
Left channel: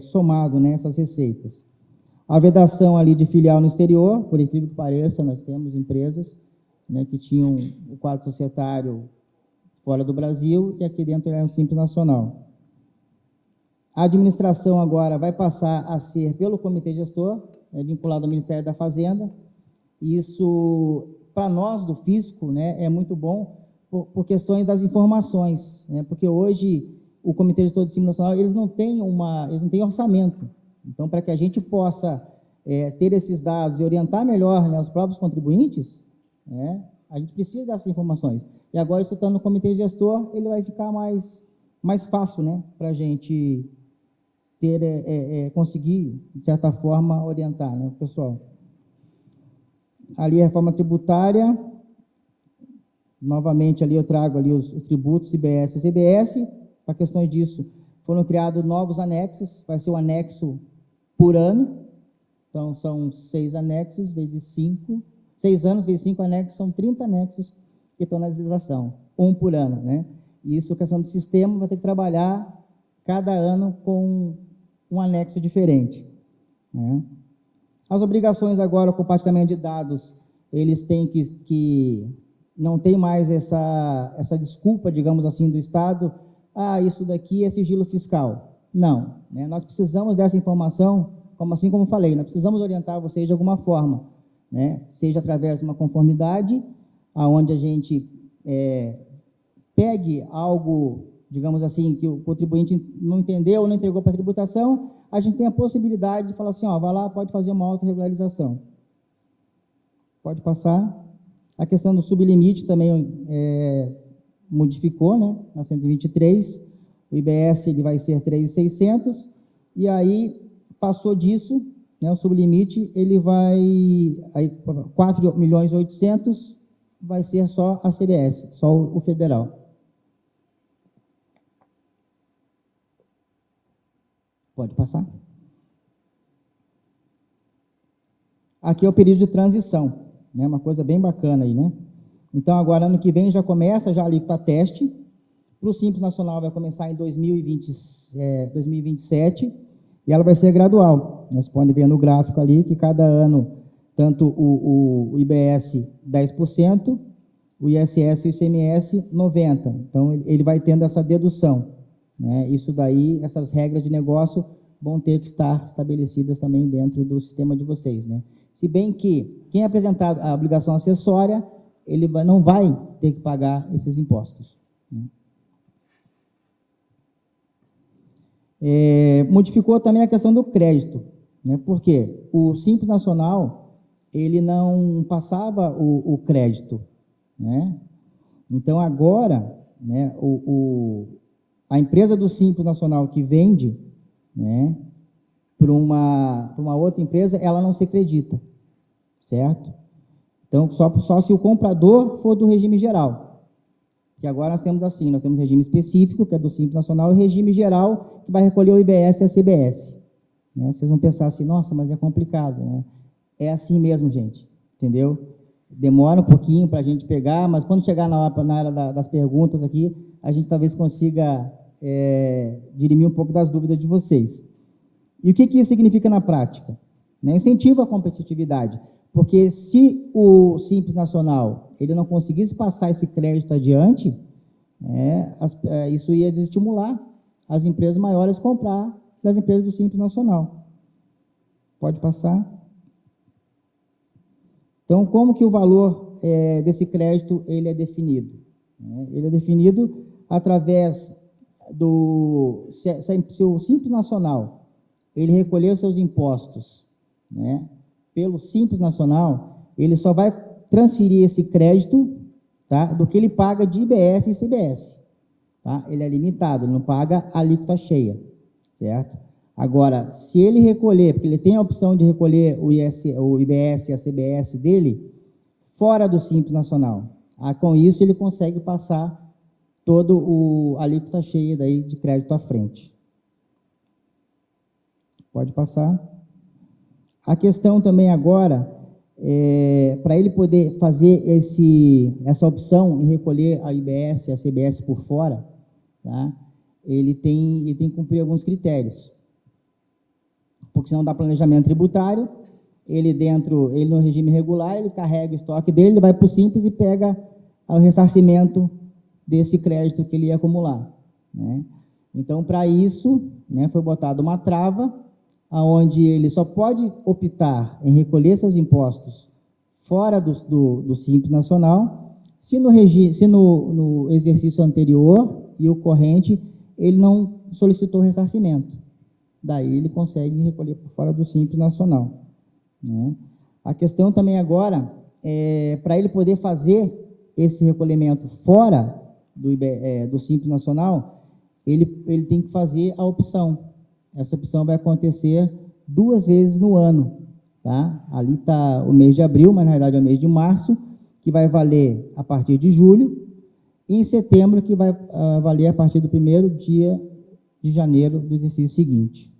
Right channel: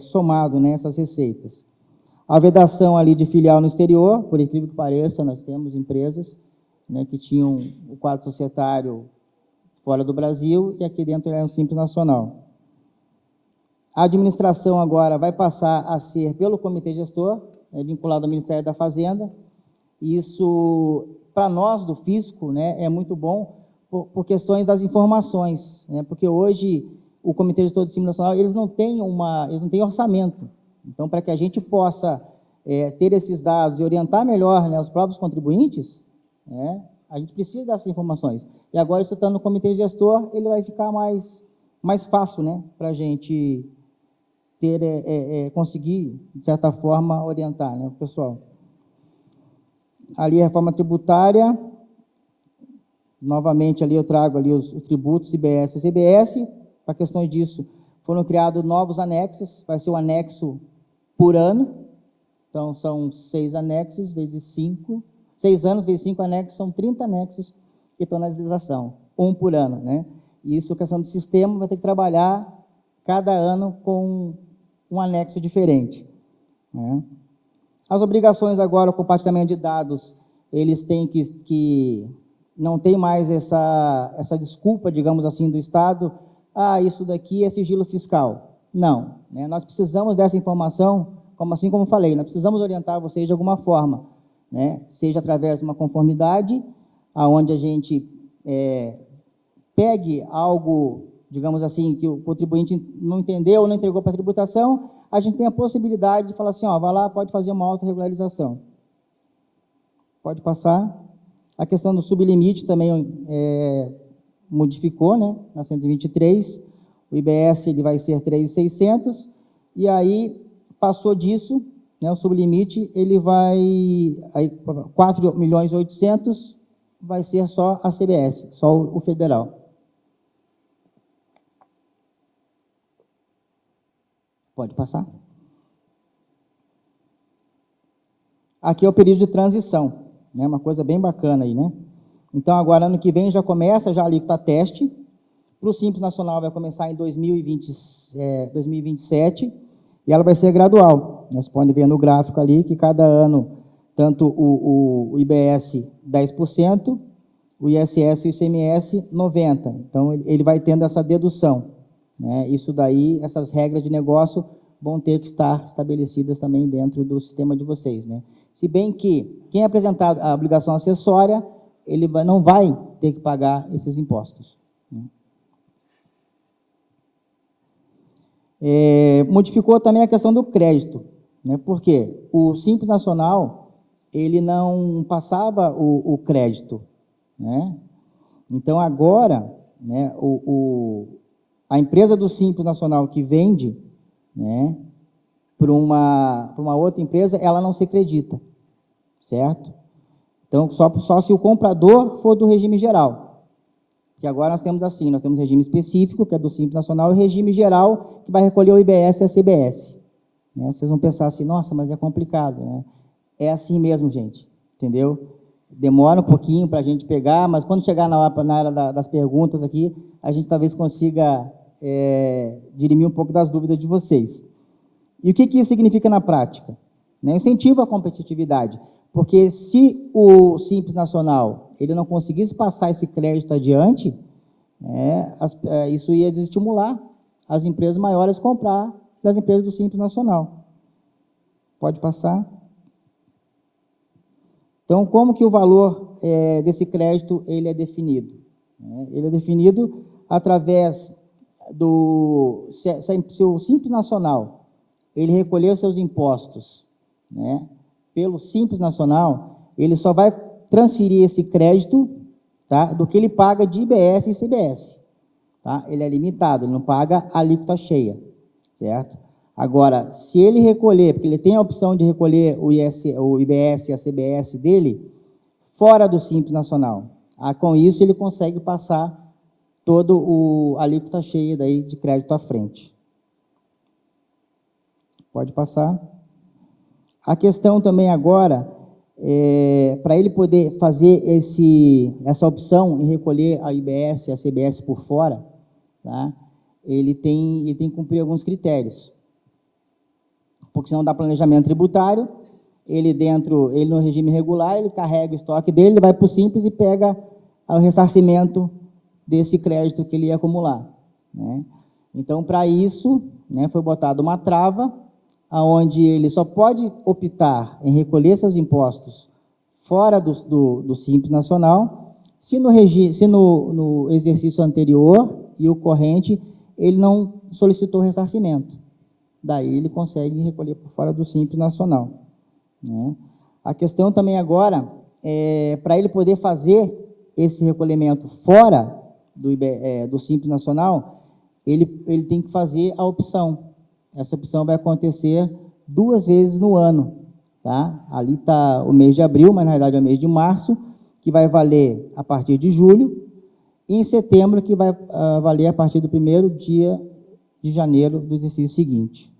somado, né, essas receitas. A vedação ali de filial no exterior, por incrível que pareça, nós temos empresas, né, que tinham o quadro societário fora do Brasil e aqui dentro é um Simples Nacional. A administração agora vai passar a ser pelo comitê gestor, vinculado ao Ministério da Fazenda. Isso, para nós do Fisco, né, é muito bom por questões das informações, né, porque hoje o comitê gestor do Simples Nacional, eles não têm orçamento. Então, para que a gente possa ter esses dados e orientar melhor, né, os próprios contribuintes, né, a gente precisa dessas informações. E agora, isso estando no comitê gestor, ele vai ficar mais fácil, né, para a gente conseguir, de certa forma, orientar, né, o pessoal. Ali a reforma tributária, novamente ali eu trago ali os tributos IBS e CBS, para questões disso, Foram criados novos anexos, vai ser um anexo por ano. Então, são 6 anexos vezes 5. 6 anos vezes 5 anexos, são 30 anexos que estão na legislação, um por ano, né? E isso, questão do sistema, vai ter que trabalhar cada ano com um anexo diferente, né? As obrigações agora, o compartilhamento de dados, eles têm que não tem mais essa desculpa, digamos assim, do Estado, isso daqui é sigilo fiscal. Não, né? Nós precisamos dessa informação, assim como falei, nós precisamos orientar vocês de alguma forma, né? Seja através de uma conformidade, aonde a gente pegue algo, digamos assim, que o contribuinte não entendeu ou não entregou para a tributação, a gente tem a possibilidade de falar assim, vai lá, pode fazer uma autorregularização. Pode passar. A questão do sublimite também modificou, né? Na 123, o IBS ele vai ser 3.600, e aí passou disso, né? O sublimite ele vai, aí 4.800.000 vai ser só a CBS, só o federal. Pode passar. Aqui é o período de transição, né? Uma coisa bem bacana aí, né? Então, agora, ano que vem, já começa já a alíquota teste. Para o Simples Nacional vai começar em 2027, e ela vai ser gradual. Vocês podem ver no gráfico ali que cada ano, tanto o IBS 10%, o ISS e o ICMS 90%. Então, ele vai tendo essa dedução, né? Isso daí, essas regras de negócio vão ter que estar estabelecidas também dentro do sistema de vocês, né? Se bem que quem apresentar a obrigação acessória, ele não vai ter que pagar esses impostos, né? Modificou também a questão do crédito, né? Porque o Simples Nacional, ele não passava o crédito, né? Então, agora, né, a empresa do Simples Nacional que vende, né, para uma outra empresa, ela não se acredita, certo? Então, só se o comprador for do regime geral. Que agora nós temos assim, nós temos regime específico, que é do Simples Nacional, e regime geral, que vai recolher o IBS e a CBS. Né? Vocês vão pensar assim, nossa, mas é complicado, né? É assim mesmo, gente, entendeu? Demora um pouquinho para a gente pegar, mas quando chegar na hora das perguntas aqui, a gente talvez consiga dirimir um pouco das dúvidas de vocês. E o que isso significa na prática? Né? Incentiva a competitividade, porque se o Simples Nacional ele não conseguisse passar esse crédito adiante, isso ia desestimular as empresas maiores a comprar das empresas do Simples Nacional. Pode passar. Então, como que o valor desse crédito ele é definido? Ele é definido através do... Se o Simples Nacional ele recolher os seus impostos, né, pelo Simples Nacional, ele só vai transferir esse crédito, tá, do que ele paga de IBS e CBS. Tá? Ele é limitado, ele não paga a alíquota cheia, certo? Agora, se ele recolher, porque ele tem a opção de recolher o IBS e a CBS dele, fora do Simples Nacional, com isso ele consegue passar todo a alíquota cheia daí de crédito à frente. Pode passar. A questão também agora, para ele poder fazer essa opção em recolher a IBS e a CBS por fora, tá? Ele tem que cumprir alguns critérios. Porque senão dá planejamento tributário, ele no regime regular, ele carrega o estoque dele, ele vai para o Simples e pega o ressarcimento desse crédito que ele ia acumular, né? Então, para isso, né, foi botada uma trava, onde ele só pode optar em recolher seus impostos fora do Simples Nacional, se no exercício anterior e o corrente ele não solicitou ressarcimento. Daí ele consegue recolher por fora do Simples Nacional, né? A questão também agora, para ele poder fazer esse recolhimento fora do Simples Nacional, ele tem que fazer a opção. Essa opção vai acontecer 2 vezes no ano, tá? Ali está o mês de abril, mas na verdade é o mês de março, que vai valer a partir de julho, e em setembro, que vai valer a partir do 1º dia de janeiro do exercício seguinte.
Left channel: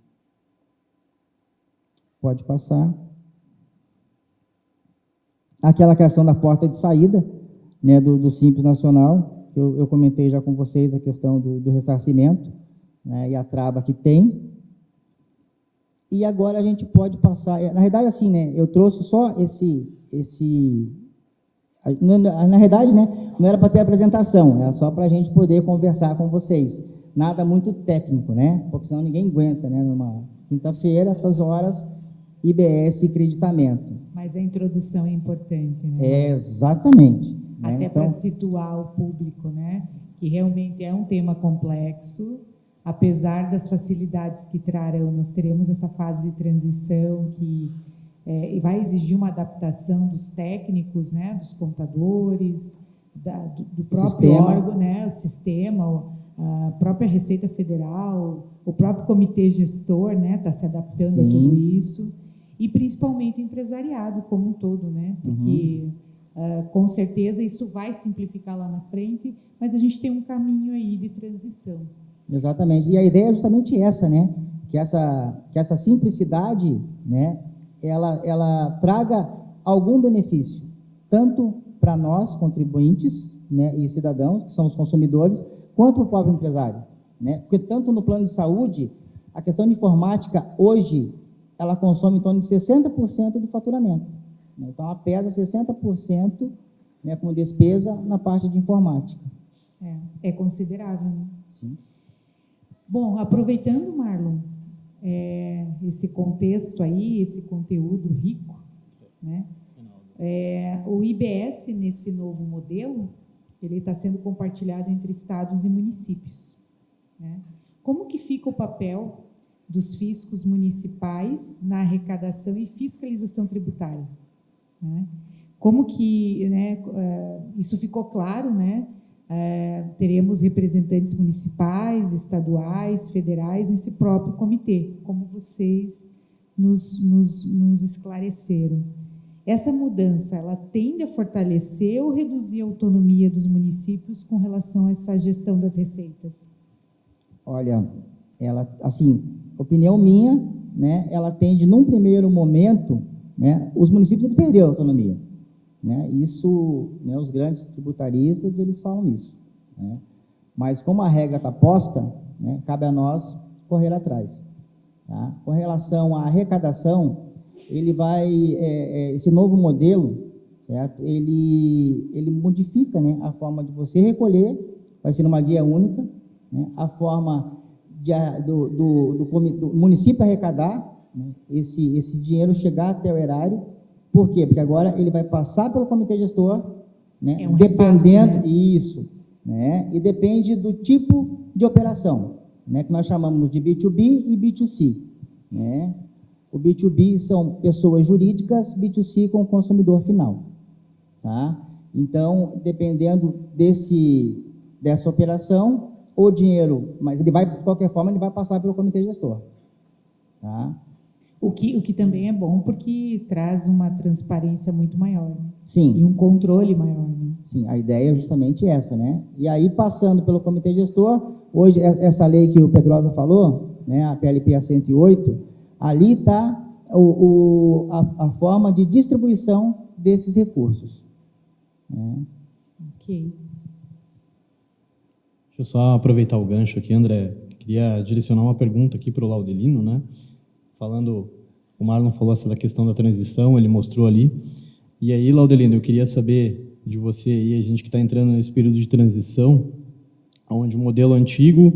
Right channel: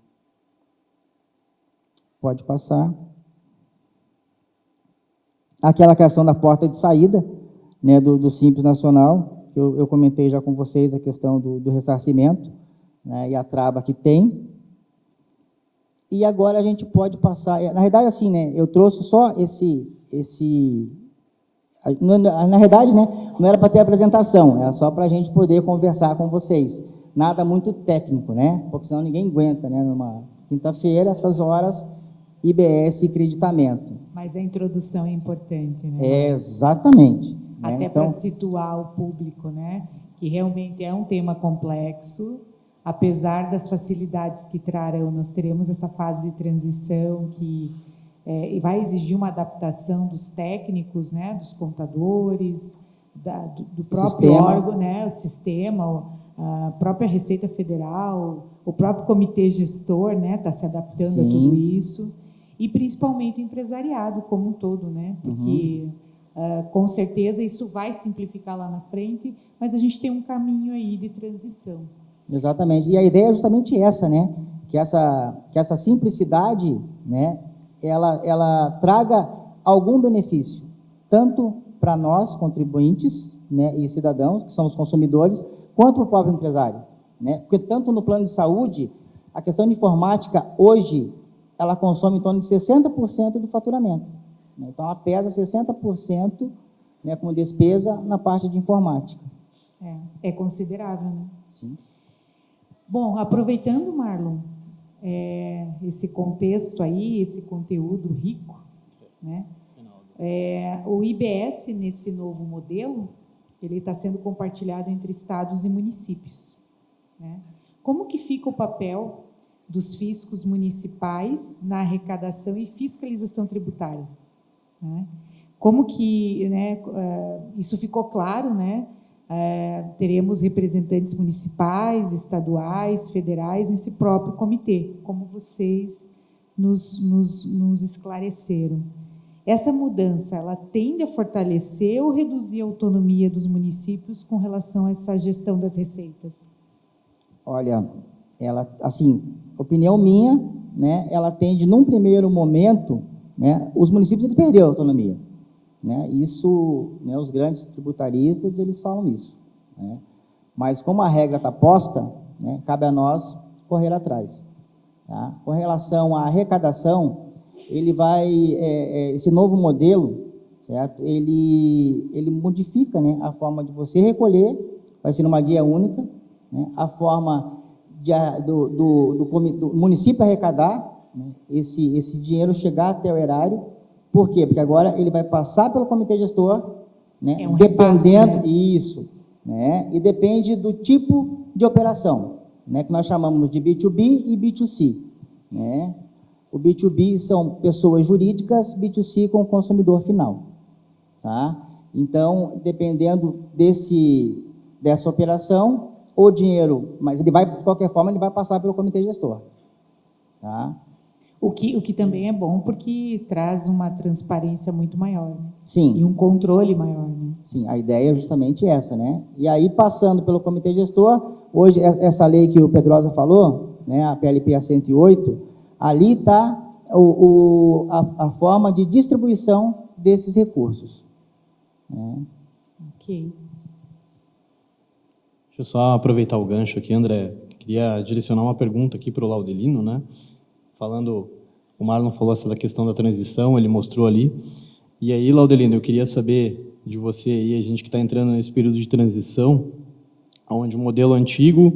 Pode passar. Aquela questão da porta de saída, né, do Simples Nacional, que eu comentei já com vocês a questão do ressarcimento, né, e a trava que tem. E agora a gente pode passar... Na verdade, assim, né, eu trouxe só na verdade, né, não era para ter apresentação, era só para a gente poder conversar com vocês. Nada muito técnico, né? Porque senão ninguém aguenta, né? Numa quinta-feira, essas horas, IBS e creditamento. Mas a introdução é importante, né? Exatamente. Né? Até Então, para situar o público, né? Que realmente é um tema complexo, apesar das facilidades que trarão, nós teremos essa fase de transição que vai exigir uma adaptação dos técnicos, né? Dos contadores, do próprio Sistema. órgão, né? O sistema, a própria Receita Federal, o próprio comitê gestor, né? Está se adaptando Sim. a tudo isso, e principalmente o empresariado como um todo, né? Porque com certeza isso vai simplificar lá na frente, mas a gente tem um caminho aí de transição. exatamente. E a ideia é justamente essa, né? Que essa simplicidade, né? Ela traga algum benefício, tanto para nós, contribuintes, né? E cidadãos, que são os consumidores, quanto para o próprio empresário, né? Porque tanto no plano de saúde, a questão de informática, hoje, ela consome em torno de 60% do faturamento. Né? Então, ela pesa 60%, né, como despesa na parte de informática. É considerável, né? Sim. Bom, aproveitando, Marlon, esse contexto aí, esse conteúdo rico, né? O IBS, nesse novo modelo, ele está sendo compartilhado entre estados e municípios, né? Como que fica o papel dos fiscos municipais na arrecadação e fiscalização tributária, né? Como que, né, isso ficou claro, né? Teremos representantes municipais, estaduais, federais nesse próprio comitê, como vocês nos esclareceram. Essa mudança, ela tende a fortalecer ou reduzir a autonomia dos municípios com relação a essa gestão das receitas? Olha, ela, assim, opinião minha, né, ela tende, num primeiro momento, né, os municípios eles perderam a autonomia, né, isso, né, os grandes tributaristas, eles falam isso, né, mas como a regra está posta, né, cabe a nós correr atrás, tá? Com relação à arrecadação, ele vai, esse novo modelo, certo? Ele modifica, né, a forma de você recolher, vai ser numa guia única, né, a forma do município arrecadar, né, esse dinheiro chegar até o erário. Por quê? Porque agora ele vai passar pelo comitê gestor, né, dependendo, repasse, né? Isso, né, e depende do tipo de operação, né, que nós chamamos de B2B e B2C, né? O B2B são pessoas jurídicas, B2C com o consumidor final, tá? Então, dependendo dessa operação, o dinheiro, mas ele vai, de qualquer forma, ele vai passar pelo comitê gestor, tá? O que também é bom, porque traz uma transparência muito maior, né? Sim. E um controle maior, né? Sim, a ideia é justamente essa, né? E aí, passando pelo comitê gestor, hoje, essa lei que o Pedrosa falou, né, a PLP 108, ali está a forma de distribuição desses recursos, né? Ok. Deixa eu só aproveitar o gancho aqui, André. Queria direcionar uma pergunta aqui para o Laudelino, né? Falando, o Marlon falou essa da questão da transição, ele mostrou ali. E aí, Laudelino, eu queria saber de você aí, a gente que está entrando nesse período de transição, onde o modelo antigo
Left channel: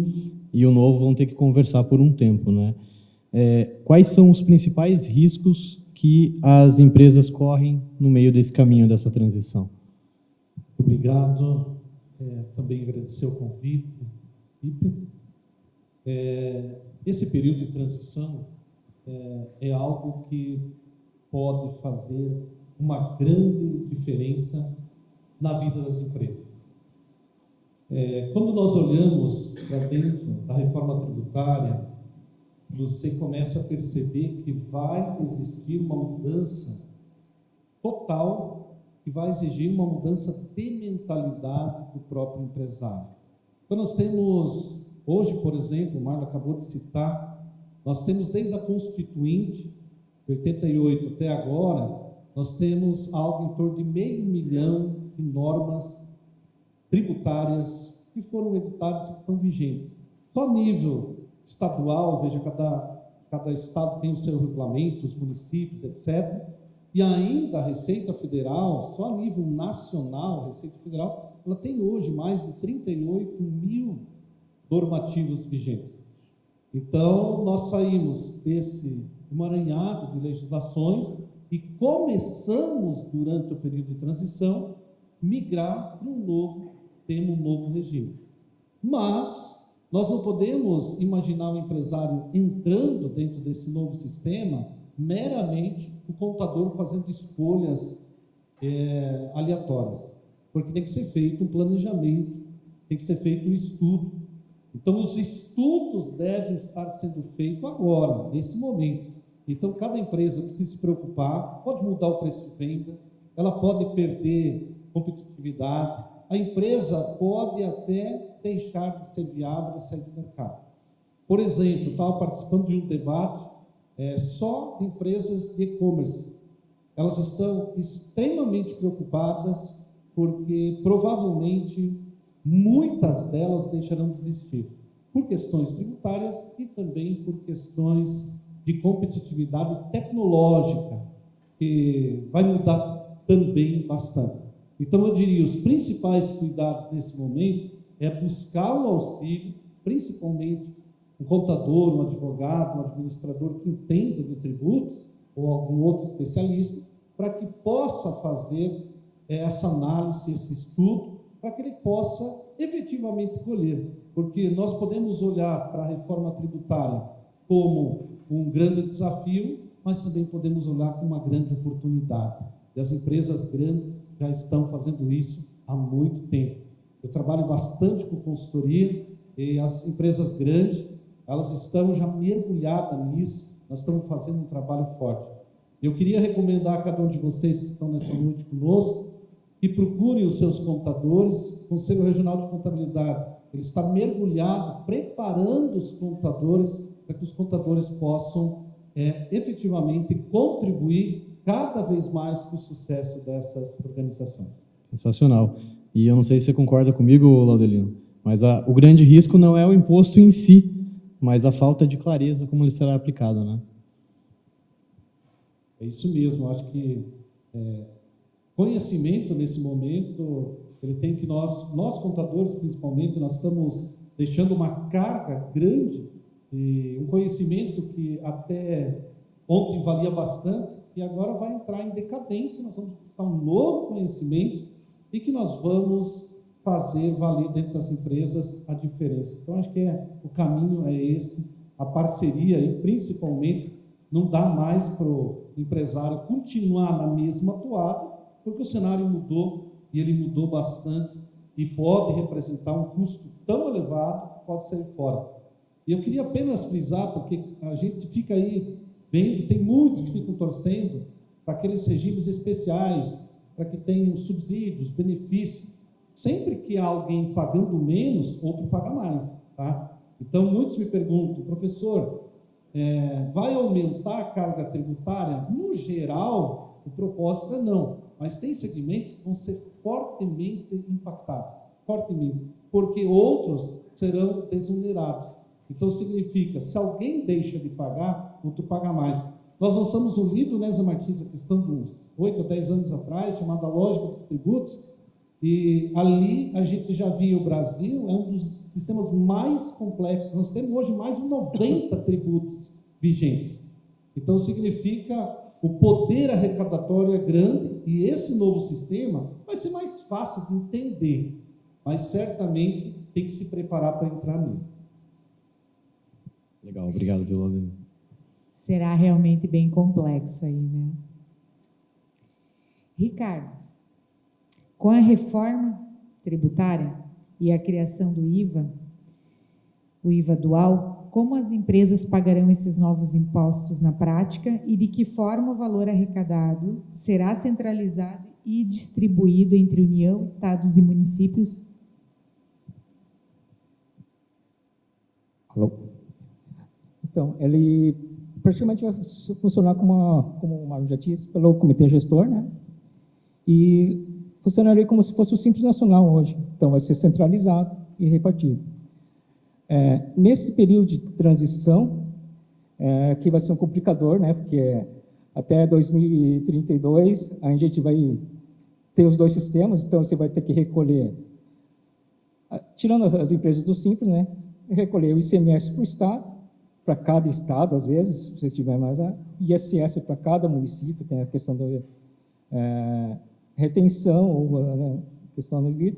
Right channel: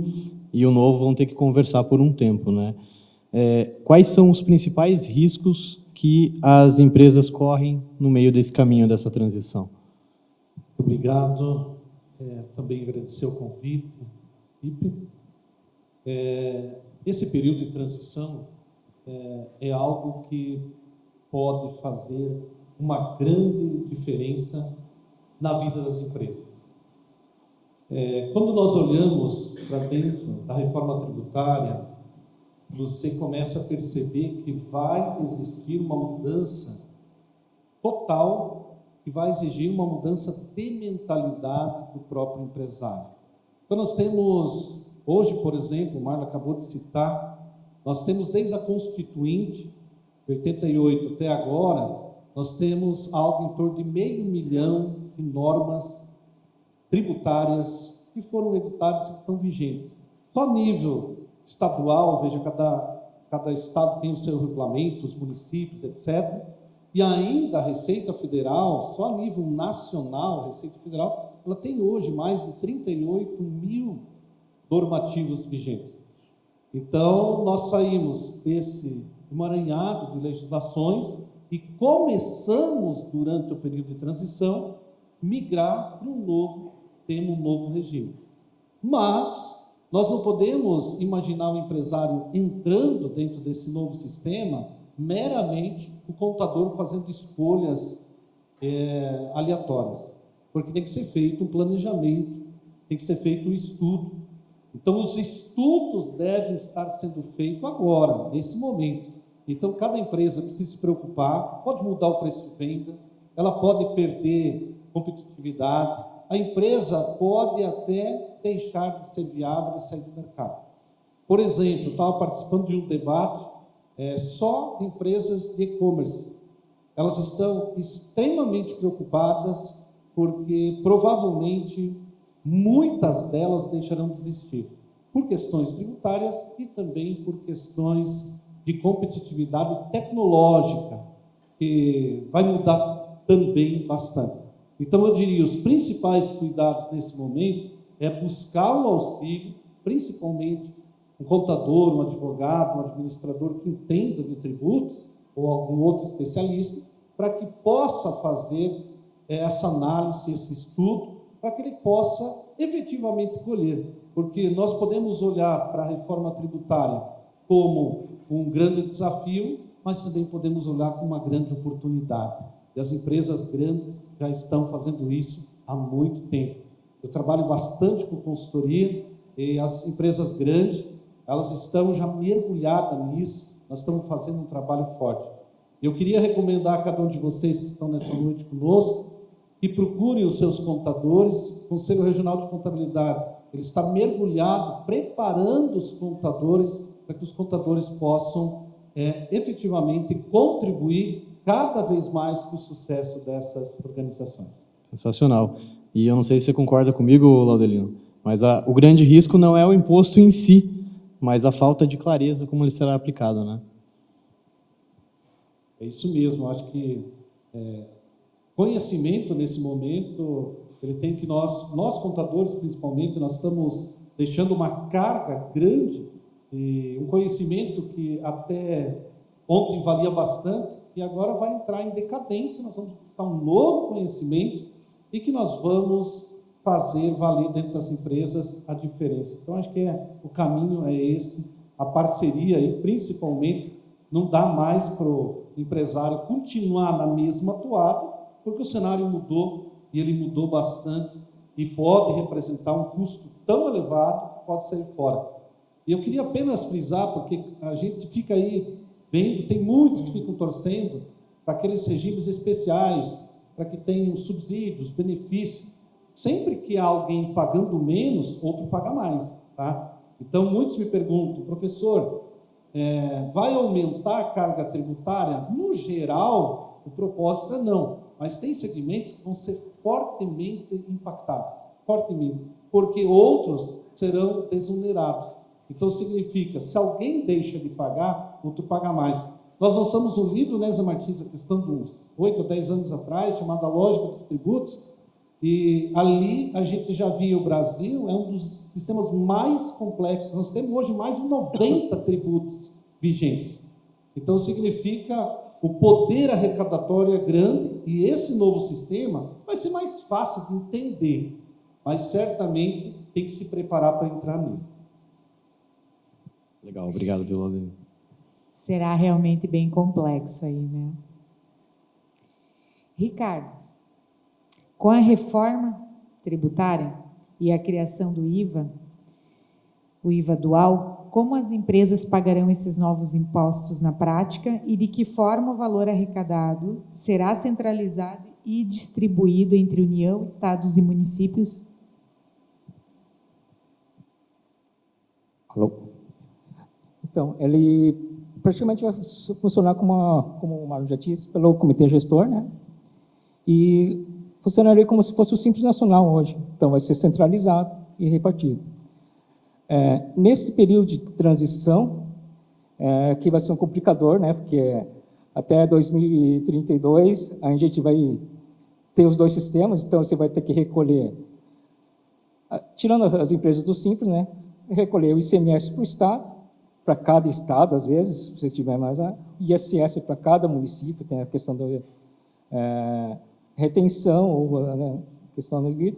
e o novo vão ter que conversar por um tempo, né? Quais são os principais riscos que as empresas correm no meio desse caminho, dessa transição? Obrigado. Também agradecer o convite. Esse período de transição é algo que pode fazer uma grande diferença na vida das empresas. Quando nós olhamos para dentro da reforma tributária, você começa a perceber que vai existir uma mudança total, que vai exigir uma mudança de mentalidade do próprio empresário. Então, nós temos hoje, por exemplo, o Marlon acabou de citar, nós temos desde a Constituinte, de 88 até agora, nós temos algo em torno de 500 mil de normas tributárias que foram editadas e que estão vigentes. Só a nível estadual, veja, cada estado tem o seu regulamento, os municípios, etc. E ainda a Receita Federal, só a nível nacional, a Receita Federal, ela tem hoje mais de 38 mil normativos vigentes. Então, nós saímos desse emaranhado de legislações e começamos, durante o período de transição, migrar para um novo regime. Mas nós não podemos imaginar o empresário entrando dentro desse novo sistema meramente o contador fazendo escolhas aleatórias, porque tem que ser feito um planejamento, tem que ser feito um estudo. Então, os estudos devem estar sendo feitos agora, nesse momento. Então, cada empresa precisa se preocupar, pode mudar o preço de venda, ela pode perder competitividade, a empresa pode até deixar de ser viável e sair do mercado. Por exemplo, eu estava participando de um debate só de empresas de e-commerce. Elas estão extremamente preocupadas porque provavelmente muitas delas deixarão de existir por questões tributárias e também por questões de competitividade tecnológica, que vai mudar também bastante. Então, eu diria, os principais cuidados nesse momento é buscar o auxílio, principalmente um contador, um advogado, um administrador que entenda de tributos, ou algum outro especialista, para que possa fazer essa análise, esse estudo, para que ele possa efetivamente colher. Porque nós podemos olhar para a reforma tributária como um grande desafio, mas também podemos olhar como uma grande oportunidade. E as empresas grandes já estão fazendo isso há muito tempo. Eu trabalho bastante com consultoria e as empresas grandes, elas estão já mergulhadas nisso, nós estamos fazendo um trabalho forte. Eu queria recomendar a cada um de vocês que estão nessa noite conosco, que procurem os seus contadores. O Conselho Regional de Contabilidade, ele está mergulhado, preparando os contadores, para que os contadores possam efetivamente contribuir cada vez mais com o sucesso dessas organizações. Sensacional. E eu não sei se você concorda comigo, Laudelino, mas o grande risco não é o imposto em si, mas a falta de clareza como ele será aplicado, né? É isso mesmo. Acho que conhecimento nesse momento, ele tem que nós contadores principalmente, nós estamos deixando uma carga grande e um conhecimento que até ontem valia bastante e agora vai entrar em decadência. Nós vamos buscar um novo conhecimento e que nós vamos fazer valer dentro das empresas a diferença. Então, acho que o caminho é esse, a parceria aí, principalmente, não dá mais para o empresário continuar na mesma toada, porque o cenário mudou, e ele mudou bastante, e pode representar um custo tão elevado que pode sair fora. E eu queria apenas frisar, porque a gente fica aí vendo, tem muitos que ficam torcendo para aqueles regimes especiais, para que tenham subsídios, benefícios. Sempre que há alguém pagando menos, outro paga mais, tá? Então, muitos me perguntam, professor, vai aumentar a carga tributária? No geral, o propósito é não, mas tem segmentos que vão ser fortemente impactados, fortemente, porque outros serão desonerados. Então, significa, se alguém deixa de pagar, outro paga mais. Nós lançamos um livro, né, Zé Martins, a questão de uns 8 ou 10 anos atrás, chamado A Lógica dos Tributos, e ali a gente já via o Brasil, é um dos sistemas mais complexos. Nós temos hoje mais de 90 tributos vigentes. Então, significa o poder arrecadatório é grande e esse novo sistema vai ser mais fácil de entender, mas certamente tem que se preparar para entrar nele. Legal, obrigado, Laudelino. Será realmente bem complexo aí, né? Ricardo, com a reforma tributária e a criação do IVA, o IVA dual, como as empresas pagarão esses novos impostos na prática e de que forma o valor arrecadado será centralizado e distribuído entre União, estados e municípios? Alô? Então, ele praticamente vai funcionar como o Marlon já disse, pelo comitê gestor, né? E funcionaria como se fosse o Simples Nacional hoje. Então, vai ser centralizado e repartido. Nesse período de transição, que vai ser um complicador, né? Porque até 2032 a gente vai ter os dois sistemas, então você vai ter que recolher, tirando as empresas do Simples, né? Recolher o ICMS para o Estado, para cada Estado, às vezes, se você tiver mais, ISS para cada município, tem a questão da retenção, ou né, questão da vida.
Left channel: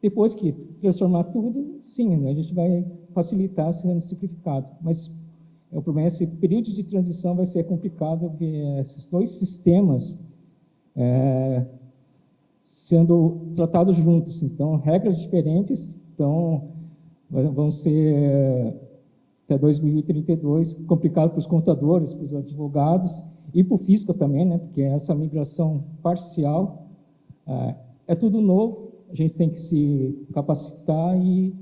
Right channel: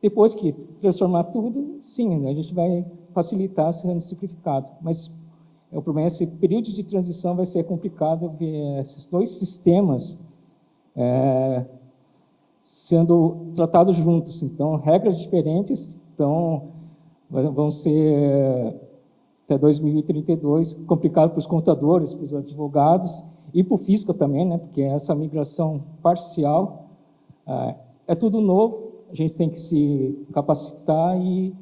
Depois que transformar tudo, sim, né, a gente vai facilitar sendo simplificado. Mas o problema é esse período de transição vai ser complicado ver esses dois sistemas sendo tratados juntos. Então, regras diferentes, então, vão ser, até 2032, complicado para os contadores, para os advogados e para o fisco também, né, porque essa migração parcial é tudo novo, a gente tem que se capacitar e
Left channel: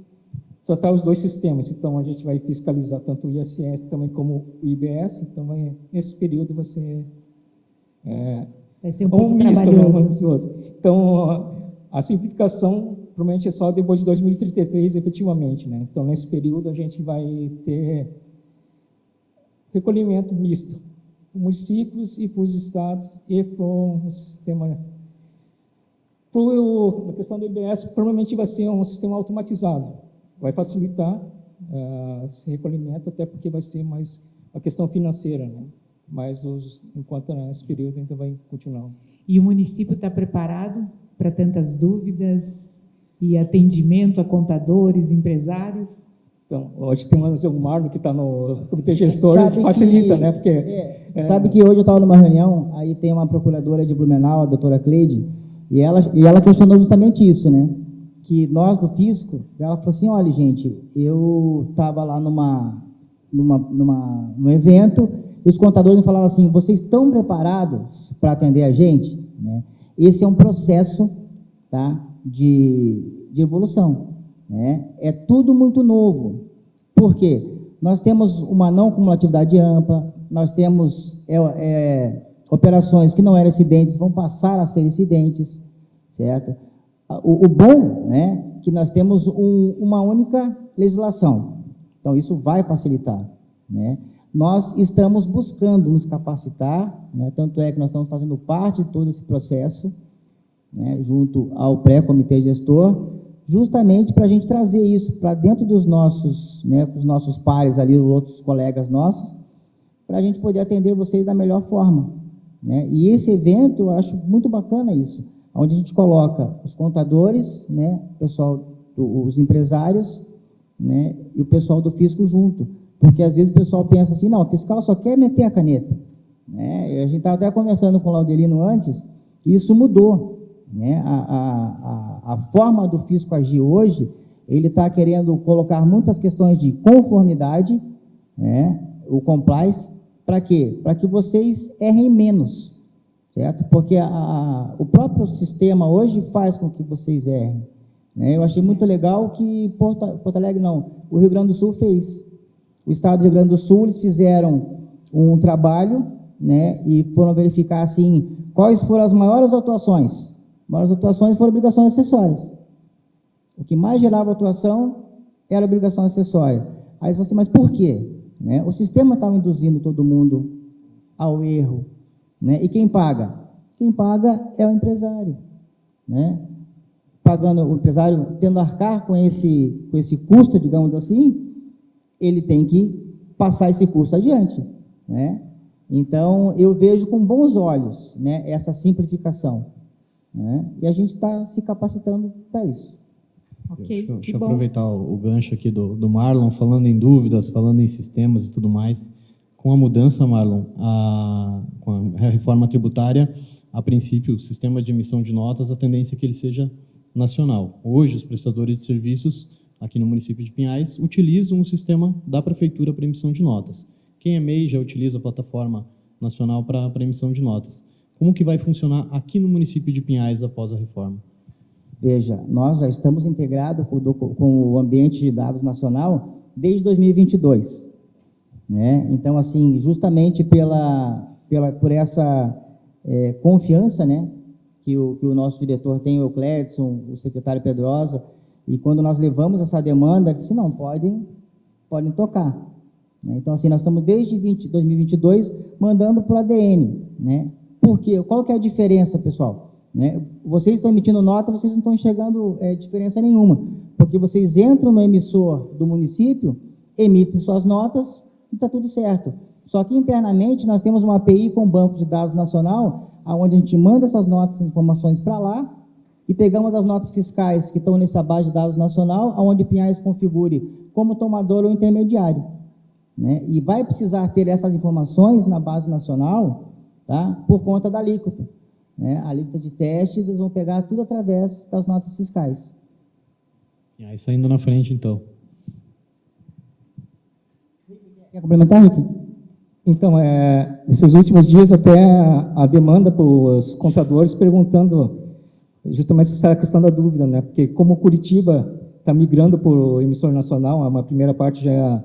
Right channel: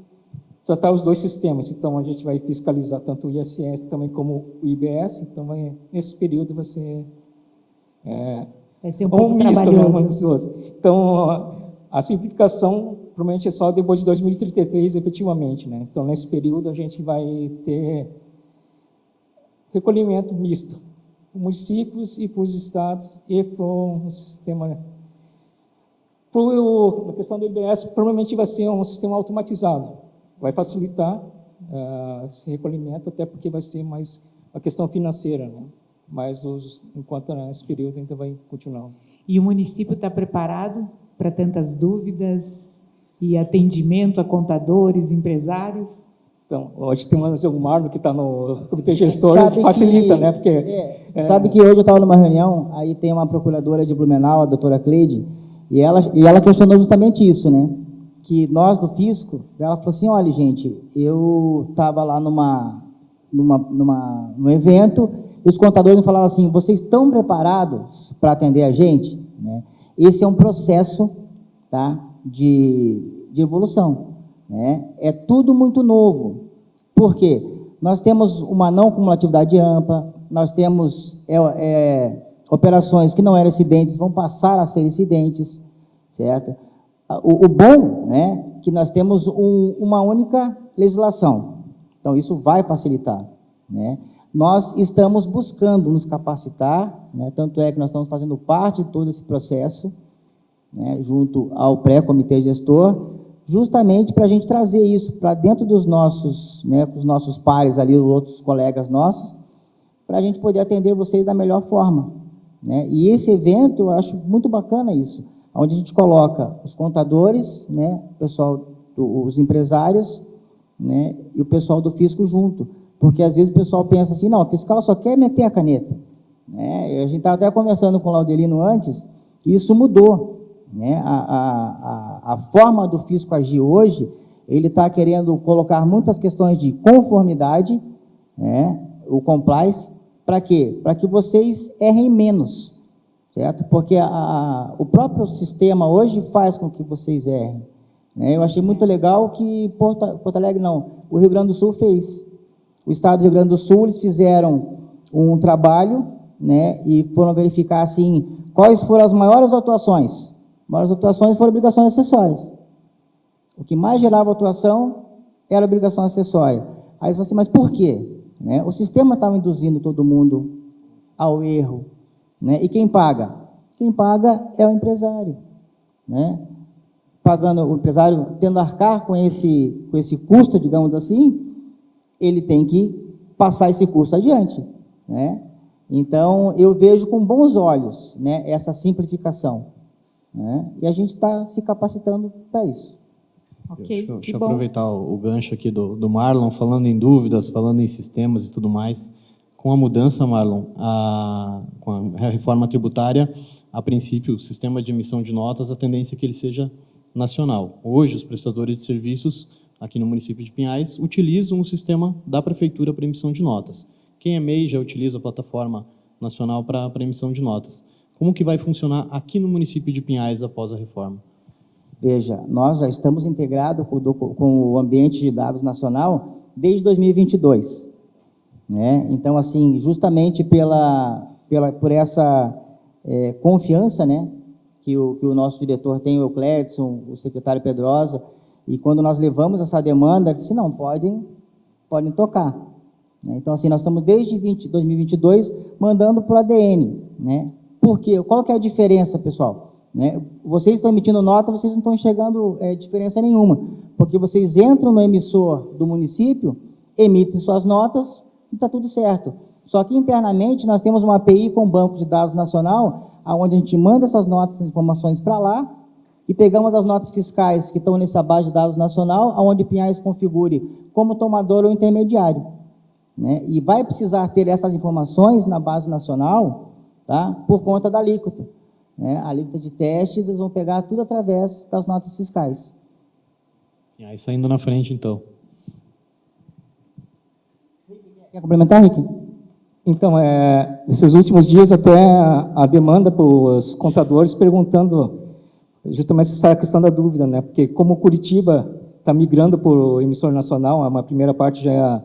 tratar os dois sistemas. Então, a gente vai fiscalizar tanto o ISS também como o IBS, então, nesse período vai ser... vai ser um pouco misto, trabalhoso. Né? Então, a simplificação provavelmente é só depois de 2033, efetivamente, né? Então, nesse período, a gente vai ter recolhimento misto, para os municípios e para os estados e para o sistema... Na questão do IBS, provavelmente vai ser um sistema automatizado, vai facilitar esse recolhimento, até porque vai ser mais a questão financeira, né? Mas, enquanto nesse período, ainda vai continuar. E o município está preparado para tantas dúvidas e atendimento a contadores, empresários? Então, hoje tem o Marlon que está no comitê gestor, que facilita, né? Porque, sabe que hoje eu estava numa reunião, aí tem uma procuradora de Blumenau, a doutora Cleide, e ela questionou justamente isso, né? Que nós do fisco, ela falou assim, olha, gente, eu estava lá num evento, e os contadores me falaram assim, vocês estão preparados para atender a gente? Né? Esse é um processo, tá, de evolução. Né? É tudo muito novo. Por quê? Nós temos uma não cumulatividade ampla, nós temos operações que não eram incidentes, vão passar a ser incidentes, certo? O bom, né, que nós temos uma única legislação. Então, isso vai facilitar, né? Nós estamos buscando nos capacitar, né, tanto é que nós estamos fazendo parte de todo esse processo, né, junto ao pré-comitê gestor, justamente para a gente trazer isso para dentro dos nossos, né, os nossos pares ali, os outros colegas nossos, para a gente poder atender vocês da melhor forma. Né? E esse evento, eu acho muito bacana isso, onde a gente coloca os contadores, né, o pessoal, os empresários, né, e o pessoal do fisco junto, porque às vezes o pessoal pensa assim, não, o fiscal só quer meter a caneta. Né? E a gente estava até conversando com o Laudelino antes, e isso mudou. Né? A forma do fisco agir hoje, ele está querendo colocar muitas questões de conformidade, né? O compliance, para quê? Para que vocês errem menos, certo? Porque o próprio sistema hoje faz com que vocês errem. Né? Eu achei muito legal que Porto Alegre não, o Rio Grande do Sul fez. O estado do Rio Grande do Sul, eles fizeram um trabalho, né, e foram verificar assim, quais foram as maiores atuações. As maiores atuações foram obrigações acessórias. O que mais gerava atuação era obrigação acessória. Aí eles falaram assim, mas por quê? Né? O sistema estava induzindo todo mundo ao erro. Né? E quem paga? Quem paga é o empresário. Né? Pagando, o empresário tendo a arcar com esse custo, digamos assim, ele tem que passar esse custo adiante. Né? Então, eu vejo com bons olhos, né, essa simplificação. Né? E a gente está se capacitando para isso. Ok, Deixa eu aproveitar o gancho aqui do Marlon, falando em dúvidas, falando em sistemas e tudo mais. Com a mudança, Marlon, com a reforma tributária, a princípio, o sistema de emissão de notas, a tendência é que ele seja nacional. Hoje, os prestadores de serviços aqui no município de Pinhais utilizam o sistema da prefeitura para emissão de notas. Quem é MEI já utiliza a plataforma nacional para emissão de notas. Como que vai funcionar aqui no município de Pinhais após a reforma? Veja, nós já estamos integrados com o ambiente de dados nacional desde 2022. Né? Então, assim, justamente por essa confiança, né, que o nosso diretor tem, o Eucledson, o secretário Pedrosa, e quando nós levamos essa demanda, disse, não, podem tocar. Né? Então, assim, nós estamos desde 2022 mandando para o ADN. Né? Por quê? Qual que é a diferença, pessoal? Né? Vocês estão emitindo nota, vocês não estão enxergando diferença nenhuma, porque vocês entram no emissor do município, emitem suas notas e está tudo certo. Só que internamente nós temos uma API com o Banco de Dados Nacional, onde a gente manda essas notas e informações para lá, e pegamos as notas fiscais que estão nessa base de dados nacional, onde Pinhais configure como tomador ou intermediário. Né? E vai precisar ter essas informações na base nacional, tá? Por conta da alíquota. Né? A alíquota de testes, eles vão pegar tudo através das notas fiscais. E aí, saindo na frente, então. Quer complementar, Rick? Então, nesses últimos dias, até a demanda para os contadores perguntando justamente essa questão da dúvida, né? Porque como Curitiba está migrando para o emissor nacional, uma primeira parte já é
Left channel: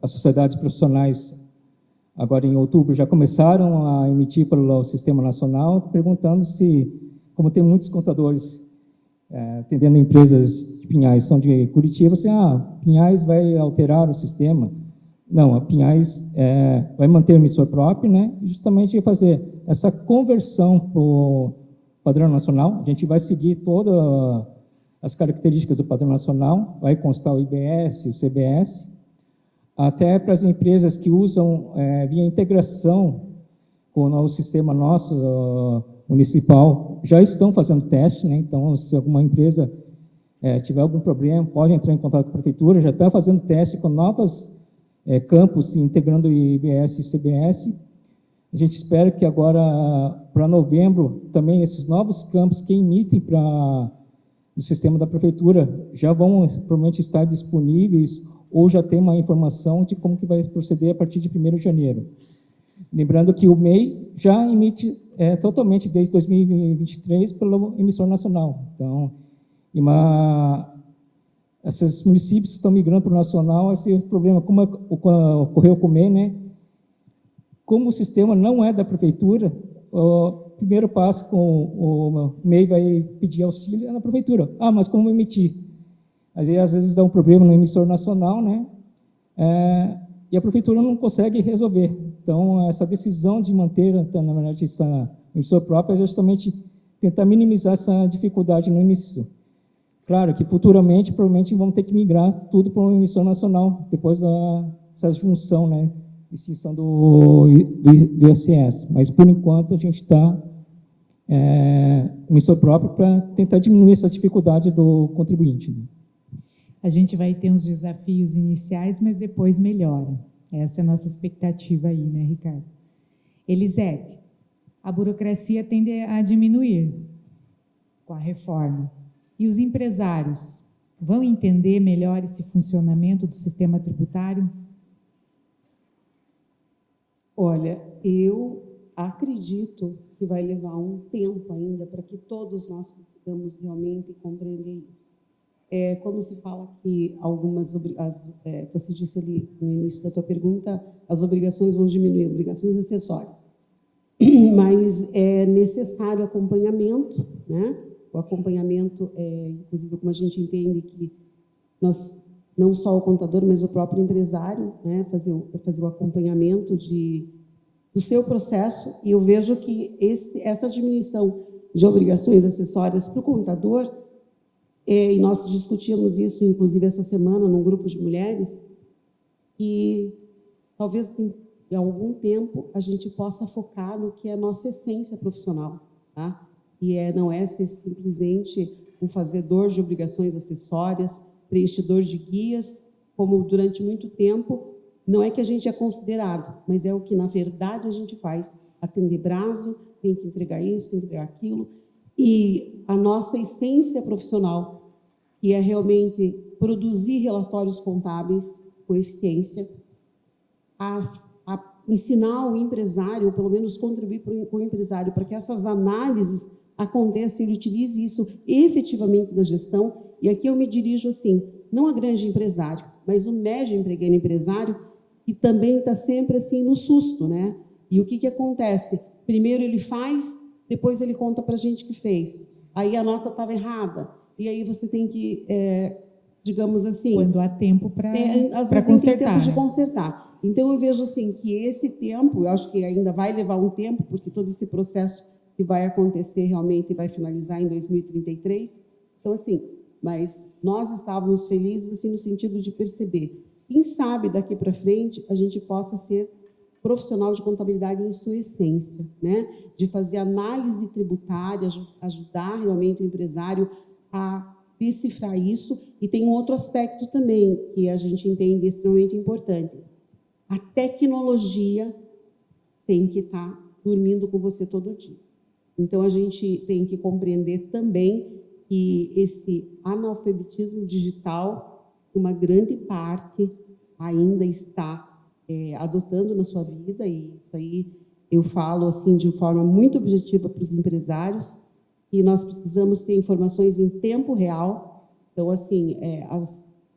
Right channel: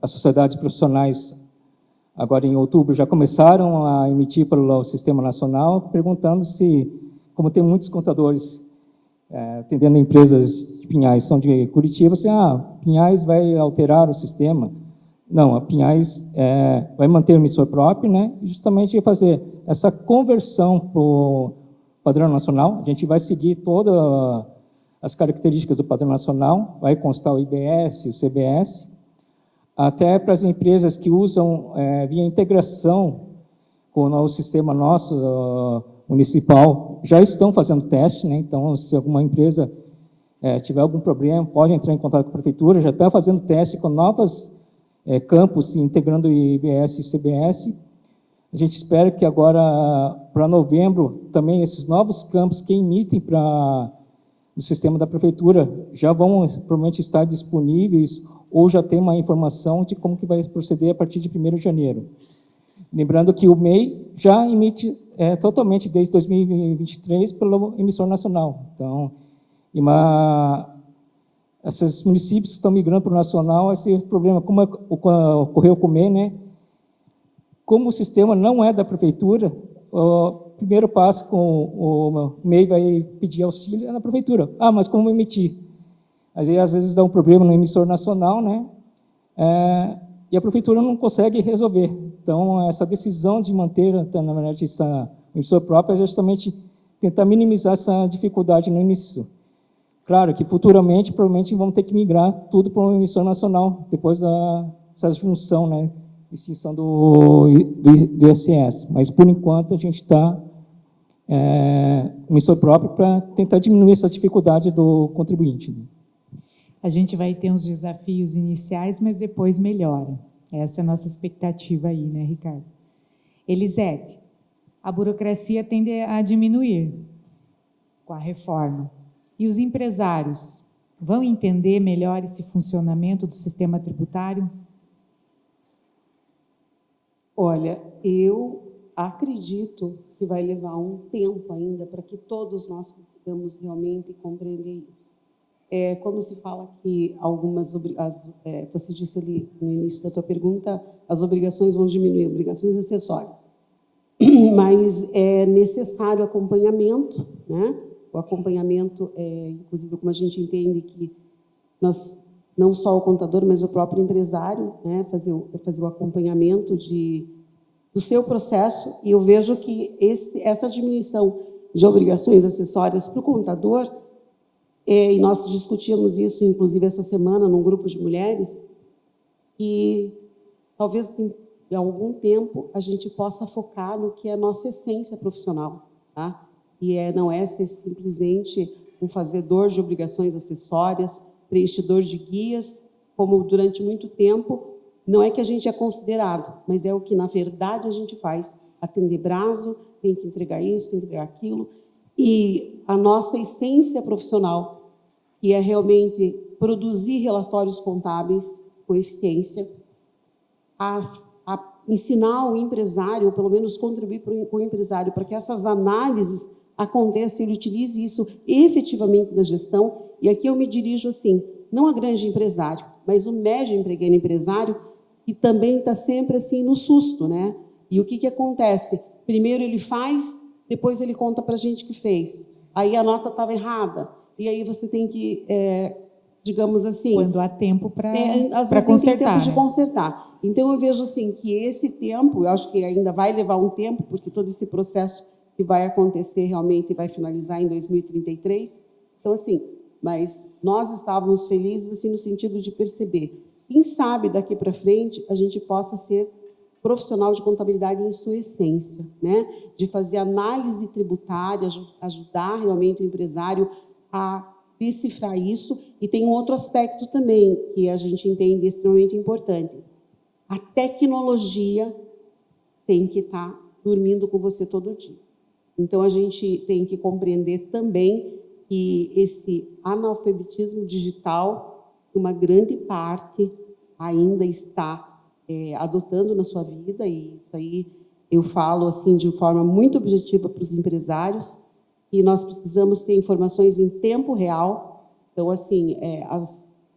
as sociedades profissionais, agora em outubro, já começaram a emitir pelo sistema nacional, perguntando se, como tem muitos contadores atendendo empresas de Pinhais, são de Curitiba, se Pinhais vai alterar o sistema. Não, a Pinhais vai manter o emissor próprio, né? E justamente vai fazer essa conversão para o padrão nacional. A gente vai seguir todas as características do padrão nacional, vai constar o IBS, o CBS, até para as empresas que usam via integração com o novo sistema nosso municipal, já estão fazendo teste, né? Então, se alguma empresa tiver algum problema, pode entrar em contato com a prefeitura, já está fazendo teste com novas campos, integrando o IBS e o CBS. A gente espera que agora, para novembro, também esses novos campos que emitem para o sistema da prefeitura já vão provavelmente estar disponíveis ou já tem uma informação de como que vai proceder a partir de 1º de janeiro. Lembrando que o MEI já emite totalmente desde 2023 pelo emissor nacional. Então, esses municípios que estão migrando para o nacional, esse problema, como ocorreu com o MEI, né? Como o sistema não é da prefeitura, o primeiro passo com o MEI vai pedir auxílio é na prefeitura. Mas como emitir? Às vezes dá um problema no emissor nacional, né? E a prefeitura não consegue resolver. Então, essa decisão de manter, na verdade, essa emissor própria é justamente tentar minimizar essa dificuldade no início. Claro que futuramente, provavelmente, vamos ter que migrar tudo para uma emissão nacional, depois dessa junção, né? Extinção do ISS. Mas, por enquanto, a gente está emissor próprio para tentar diminuir essa dificuldade do contribuinte. A gente vai ter uns desafios iniciais, mas depois melhora. Essa é a nossa expectativa aí, né, Ricardo? Elisete, a burocracia tende a diminuir com a reforma. E os empresários vão entender melhor esse funcionamento do sistema tributário? Olha, eu acredito que vai levar um tempo ainda para que todos nós consigamos realmente compreender isso. Quando se fala que você disse ali no início da tua pergunta, as obrigações vão diminuir, obrigações acessórias. Mas é necessário acompanhamento, né? O acompanhamento, inclusive, como a gente entende que não só o contador, mas o próprio empresário, né, fazer o acompanhamento do seu processo, e eu vejo que essa diminuição de obrigações acessórias para o contador, e nós discutimos isso, inclusive, essa semana, num grupo de mulheres, e talvez em algum tempo a gente possa focar no que é a nossa essência profissional, tá? E não é ser simplesmente um fazedor de obrigações acessórias, preenchedor de guias, como durante muito tempo, não é que a gente é considerado, mas é o que, na verdade, a gente faz. Atender prazo, tem que entregar isso, tem que entregar aquilo. E a nossa essência profissional, que é realmente produzir relatórios contábeis com eficiência, a ensinar o empresário, ou pelo menos contribuir com o empresário, para que essas análises aconteçam e ele utilize isso efetivamente na gestão. E aqui eu me dirijo assim, não a grande empresário, mas o médio pequeno empresário, que também está sempre assim no susto, né? E o que acontece? Primeiro ele faz, depois ele conta para a gente que fez. Aí a nota estava errada. E aí você tem que, digamos assim... Quando há tempo para às vezes consertar. tem tempo de né? consertar. Então, eu vejo assim, que esse tempo, eu acho que ainda vai levar um tempo, porque todo esse processo que vai acontecer realmente vai finalizar em 2033. Então, assim, mas nós estávamos felizes assim, no sentido de perceber. Quem sabe, daqui para frente, a gente possa ser profissional de contabilidade em sua essência, né? De fazer análise tributária, ajudar realmente o empresário a decifrar isso. E tem um outro aspecto também que a gente entende extremamente importante. A tecnologia tem que estar dormindo com você todo dia. Então, a gente tem que compreender também que esse analfabetismo digital, uma grande parte ainda está adotando na sua vida, e isso aí eu falo assim de forma muito objetiva para os empresários, e nós precisamos ter informações em tempo real. Então, assim,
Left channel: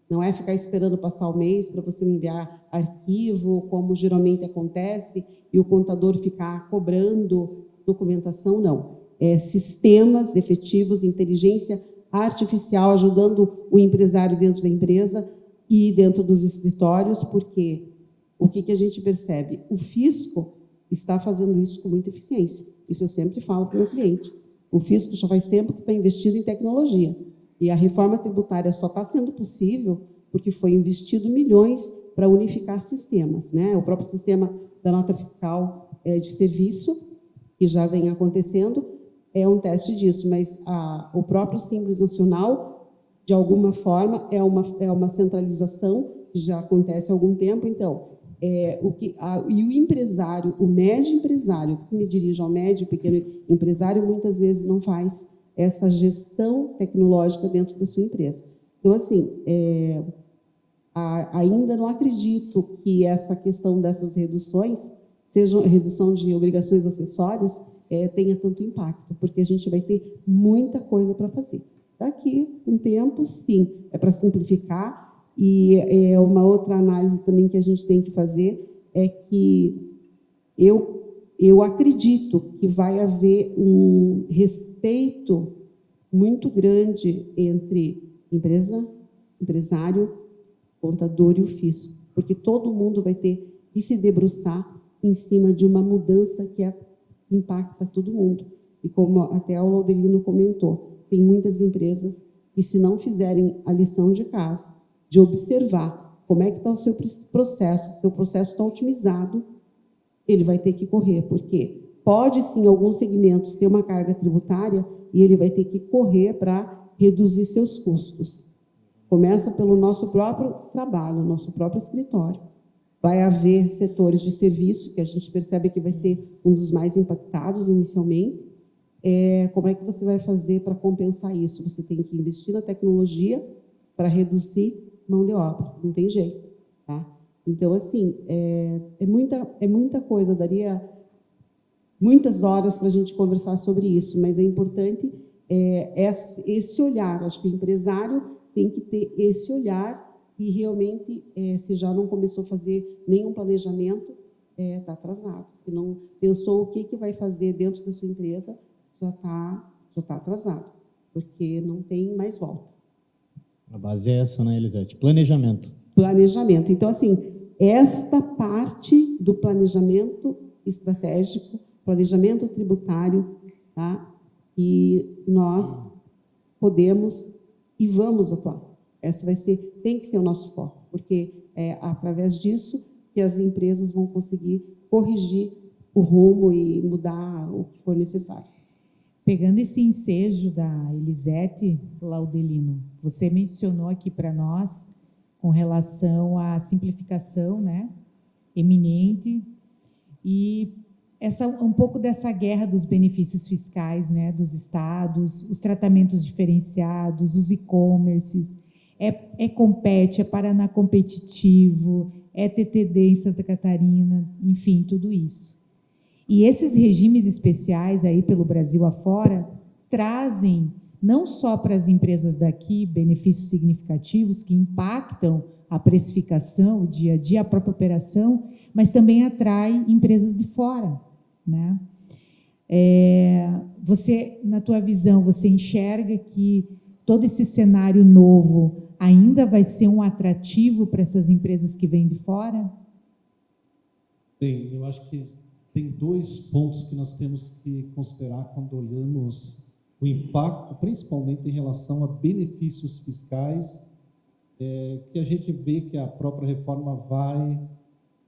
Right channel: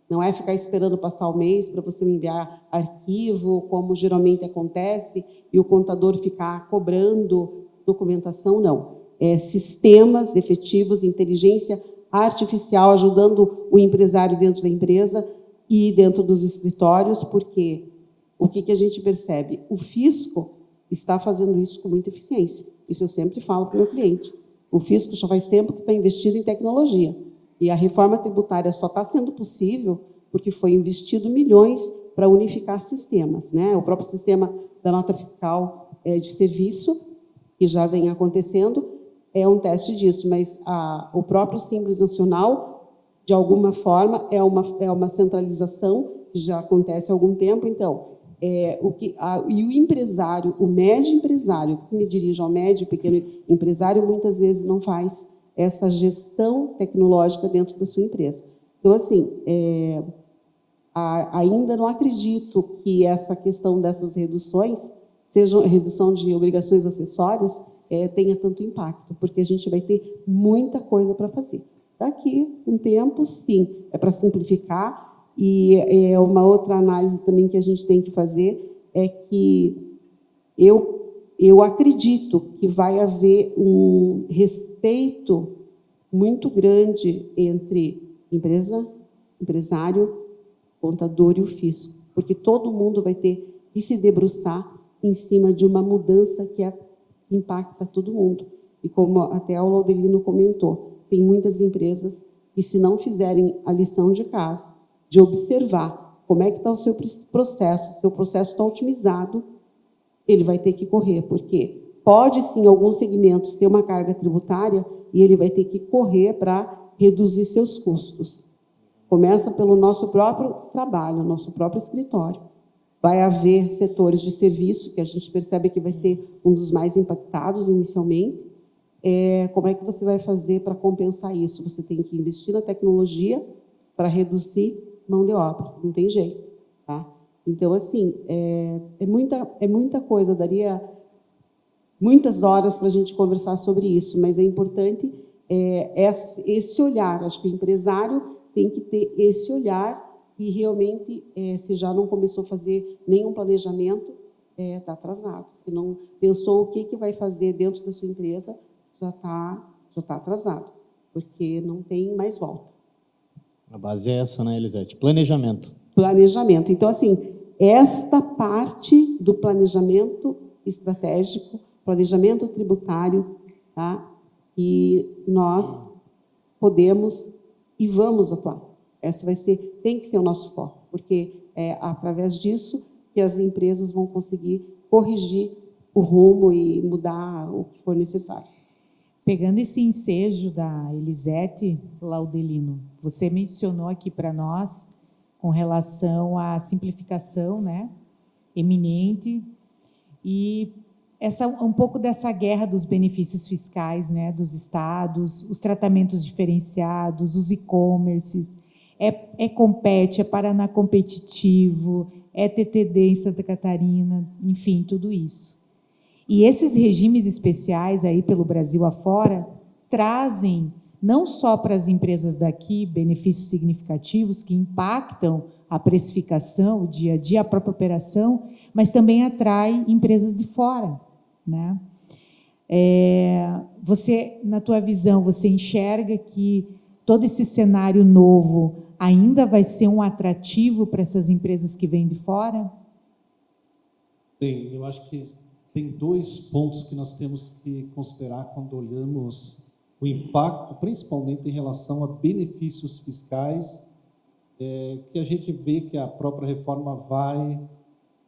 não é ficar esperando passar o mês para você me enviar arquivo, como geralmente acontece, e o contador ficar cobrando documentação, não. Sistemas efetivos, inteligência artificial ajudando o empresário dentro da empresa e dentro dos escritórios, porque o que a gente percebe? O fisco está fazendo isso com muita eficiência. Isso eu sempre falo para o meu cliente. O fisco já faz tempo que está investido em tecnologia. E a reforma tributária só está sendo possível porque foi investido milhões para unificar sistemas, né? O próprio sistema da nota fiscal de serviço, que já vem acontecendo, é um teste disso, mas o próprio Simples Nacional, de alguma forma, é uma centralização que já acontece há algum tempo. Então, e o empresário, o médio empresário, que me dirijo ao médio e pequeno empresário, muitas vezes não faz essa gestão tecnológica dentro da sua empresa. Então, assim, ainda não acredito que essa questão dessas reduções, seja redução de obrigações acessórias, tenha tanto impacto, porque a gente vai ter muita coisa para fazer. Daqui um tempo, sim, é para simplificar. E uma outra análise também que a gente tem que fazer é que eu acredito que vai haver um respeito muito grande entre empresário, contador e o fisco, porque todo mundo vai ter que se debruçar em cima de uma mudança que impacta todo mundo. E como até o Laudelino comentou, tem muitas empresas que, se não fizerem a lição de casa, de observar como é que está o seu processo está otimizado, ele vai ter que correr, porque pode, sim, em alguns segmentos ter uma carga tributária e ele vai ter que correr para reduzir seus custos. Começa pelo nosso próprio trabalho, nosso próprio escritório. Vai haver setores de serviço que a gente percebe que vai ser um dos mais impactados inicialmente. Como é que você vai fazer para compensar isso? Você tem que investir na tecnologia para reduzir mão de obra, não tem jeito, tá? Então, assim, é muita coisa, daria muitas horas para a gente conversar sobre isso, mas é importante esse olhar. Acho que o empresário tem que ter esse olhar e realmente, se já não começou a fazer nenhum planejamento, está atrasado. Se não pensou o que vai fazer dentro da sua empresa, já tá atrasado, porque não tem mais volta. A base é essa, né, Elisete? Planejamento. Planejamento. Então, assim, esta parte do planejamento estratégico, planejamento tributário, tá? E nós podemos e vamos atuar. Esse tem que ser o nosso foco, porque é através disso que as empresas vão conseguir corrigir o rumo e mudar o que for necessário. Pegando esse ensejo da Elisete, Laudelino, você mencionou aqui para nós com relação à simplificação, né, eminente, e um pouco dessa guerra dos benefícios fiscais, né, dos estados, os tratamentos diferenciados, os e-commerces, Compete, Paraná Competitivo, TTD em Santa Catarina, enfim, tudo isso. E esses regimes especiais aí pelo Brasil afora trazem não só para as empresas daqui benefícios significativos que impactam a precificação, o dia a dia, a própria operação, mas também atrai empresas de fora, né? Você, na tua visão, você enxerga que todo esse cenário novo ainda vai ser um atrativo para essas empresas que vêm de fora? Bem, eu acho que tem 2 pontos que nós temos que considerar quando olhamos o impacto, principalmente em relação a benefícios fiscais, que a gente vê que a própria reforma vai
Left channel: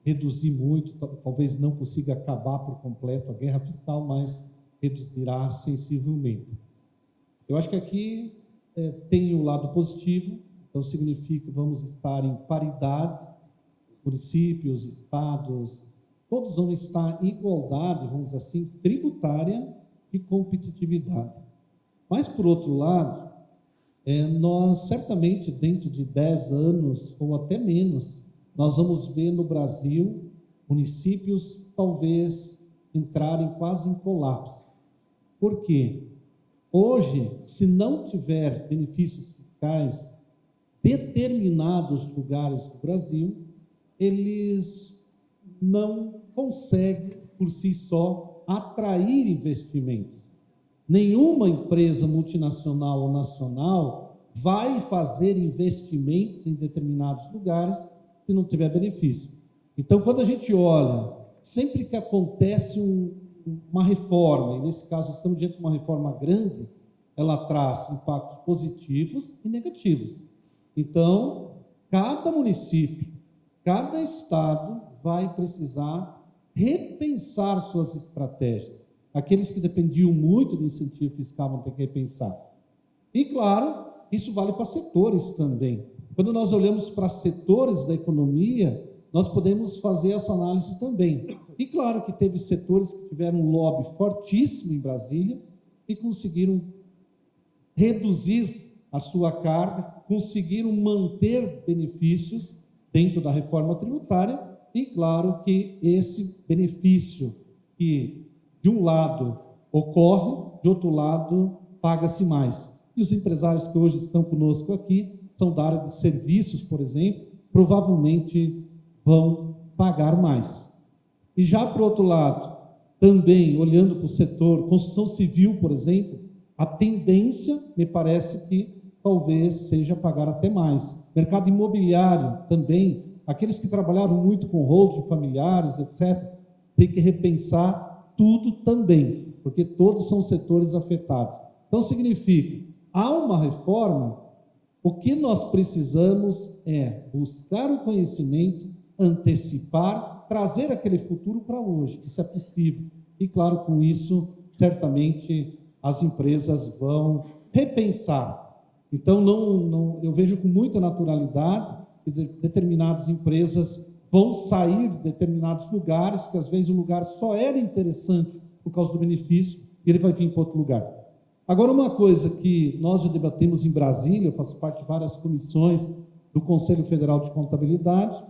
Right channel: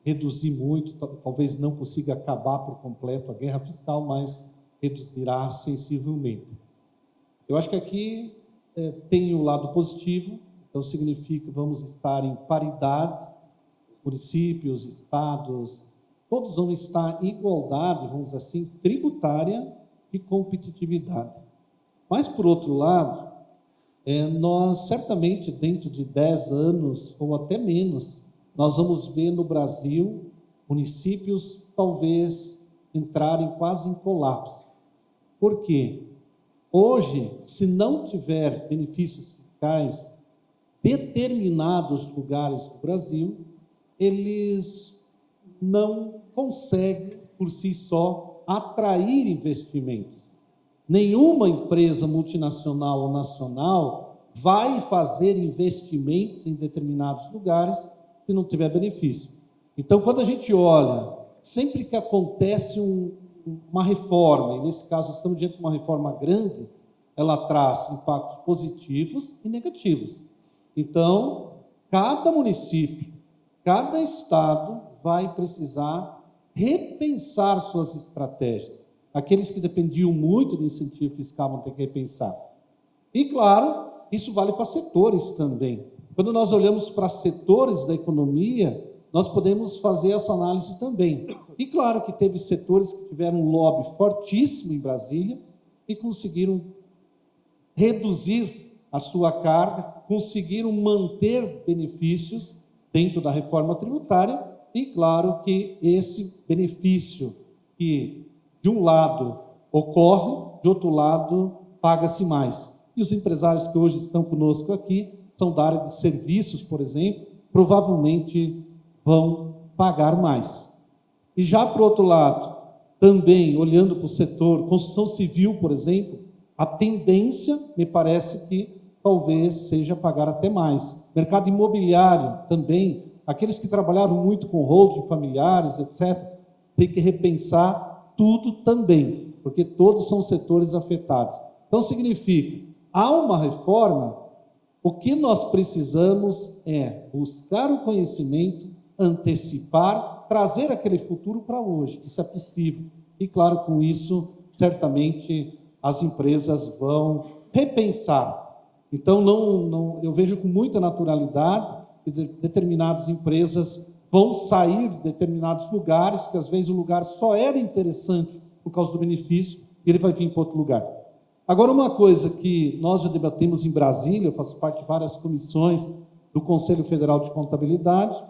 reduzir muito, talvez não consiga acabar por completo a guerra fiscal, mas reduzirá sensivelmente. Eu acho que aqui tem o lado positivo, então significa que vamos estar em paridade, municípios, estados, todos vão estar em igualdade, vamos dizer assim, tributária e competitividade. Mas, por outro lado, nós certamente, dentro de 10 anos, ou até menos, nós vamos ver no Brasil municípios talvez entrarem quase em colapso. Por quê? Hoje, se não tiver benefícios fiscais, determinados lugares do Brasil, eles não conseguem, por si só, atrair investimentos. Nenhuma empresa multinacional ou nacional vai fazer investimentos em determinados lugares se não tiver benefício. Então, quando a gente olha, sempre que acontece uma reforma, e nesse caso estamos diante de uma reforma grande, ela traz impactos positivos e negativos. Então, cada município, cada estado vai precisar repensar suas estratégias. Aqueles que dependiam muito de incentivo fiscal vão ter que repensar. E, claro, isso vale para setores também. Quando nós olhamos para setores da economia, nós podemos fazer essa análise também. E, claro, que teve setores que tiveram um lobby fortíssimo em Brasília e conseguiram reduzir a sua carga, conseguiram manter benefícios dentro da reforma tributária e, claro, que esse benefício que, de um lado, ocorre, de outro lado, paga-se mais. E os empresários que hoje estão conosco aqui, são da área de serviços, por exemplo, provavelmente vão pagar mais. E já, por outro lado, também, olhando para o setor construção civil, por exemplo, a tendência, me parece que talvez seja pagar até mais. Mercado imobiliário também, aqueles que trabalharam muito com holding familiares, etc., tem que repensar tudo também, porque todos são setores afetados. Então, significa, há uma reforma, o que nós precisamos é buscar o conhecimento, antecipar, trazer aquele futuro para hoje. Isso é possível. E, claro, com isso, certamente, as empresas vão repensar. Então, eu vejo com muita naturalidade que determinadas empresas vão sair de determinados lugares, que às vezes o lugar só era interessante por causa do benefício, e ele vai vir para outro lugar. Agora, uma coisa que nós já debatemos em Brasília, eu faço parte de várias comissões do Conselho Federal de Contabilidade,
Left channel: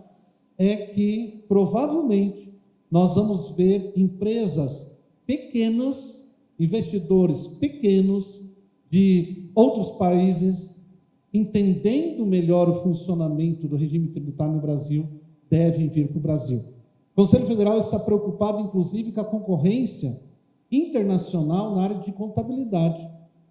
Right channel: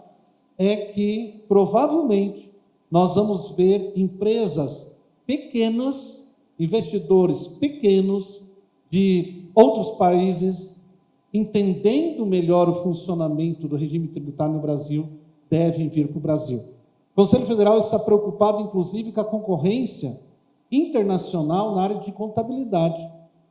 é que, provavelmente, nós vamos ver empresas pequenas, investidores pequenos de outros países, entendendo melhor o funcionamento do regime tributário no Brasil, devem vir para o Brasil. O Conselho Federal está preocupado, inclusive, com a concorrência internacional na área de contabilidade.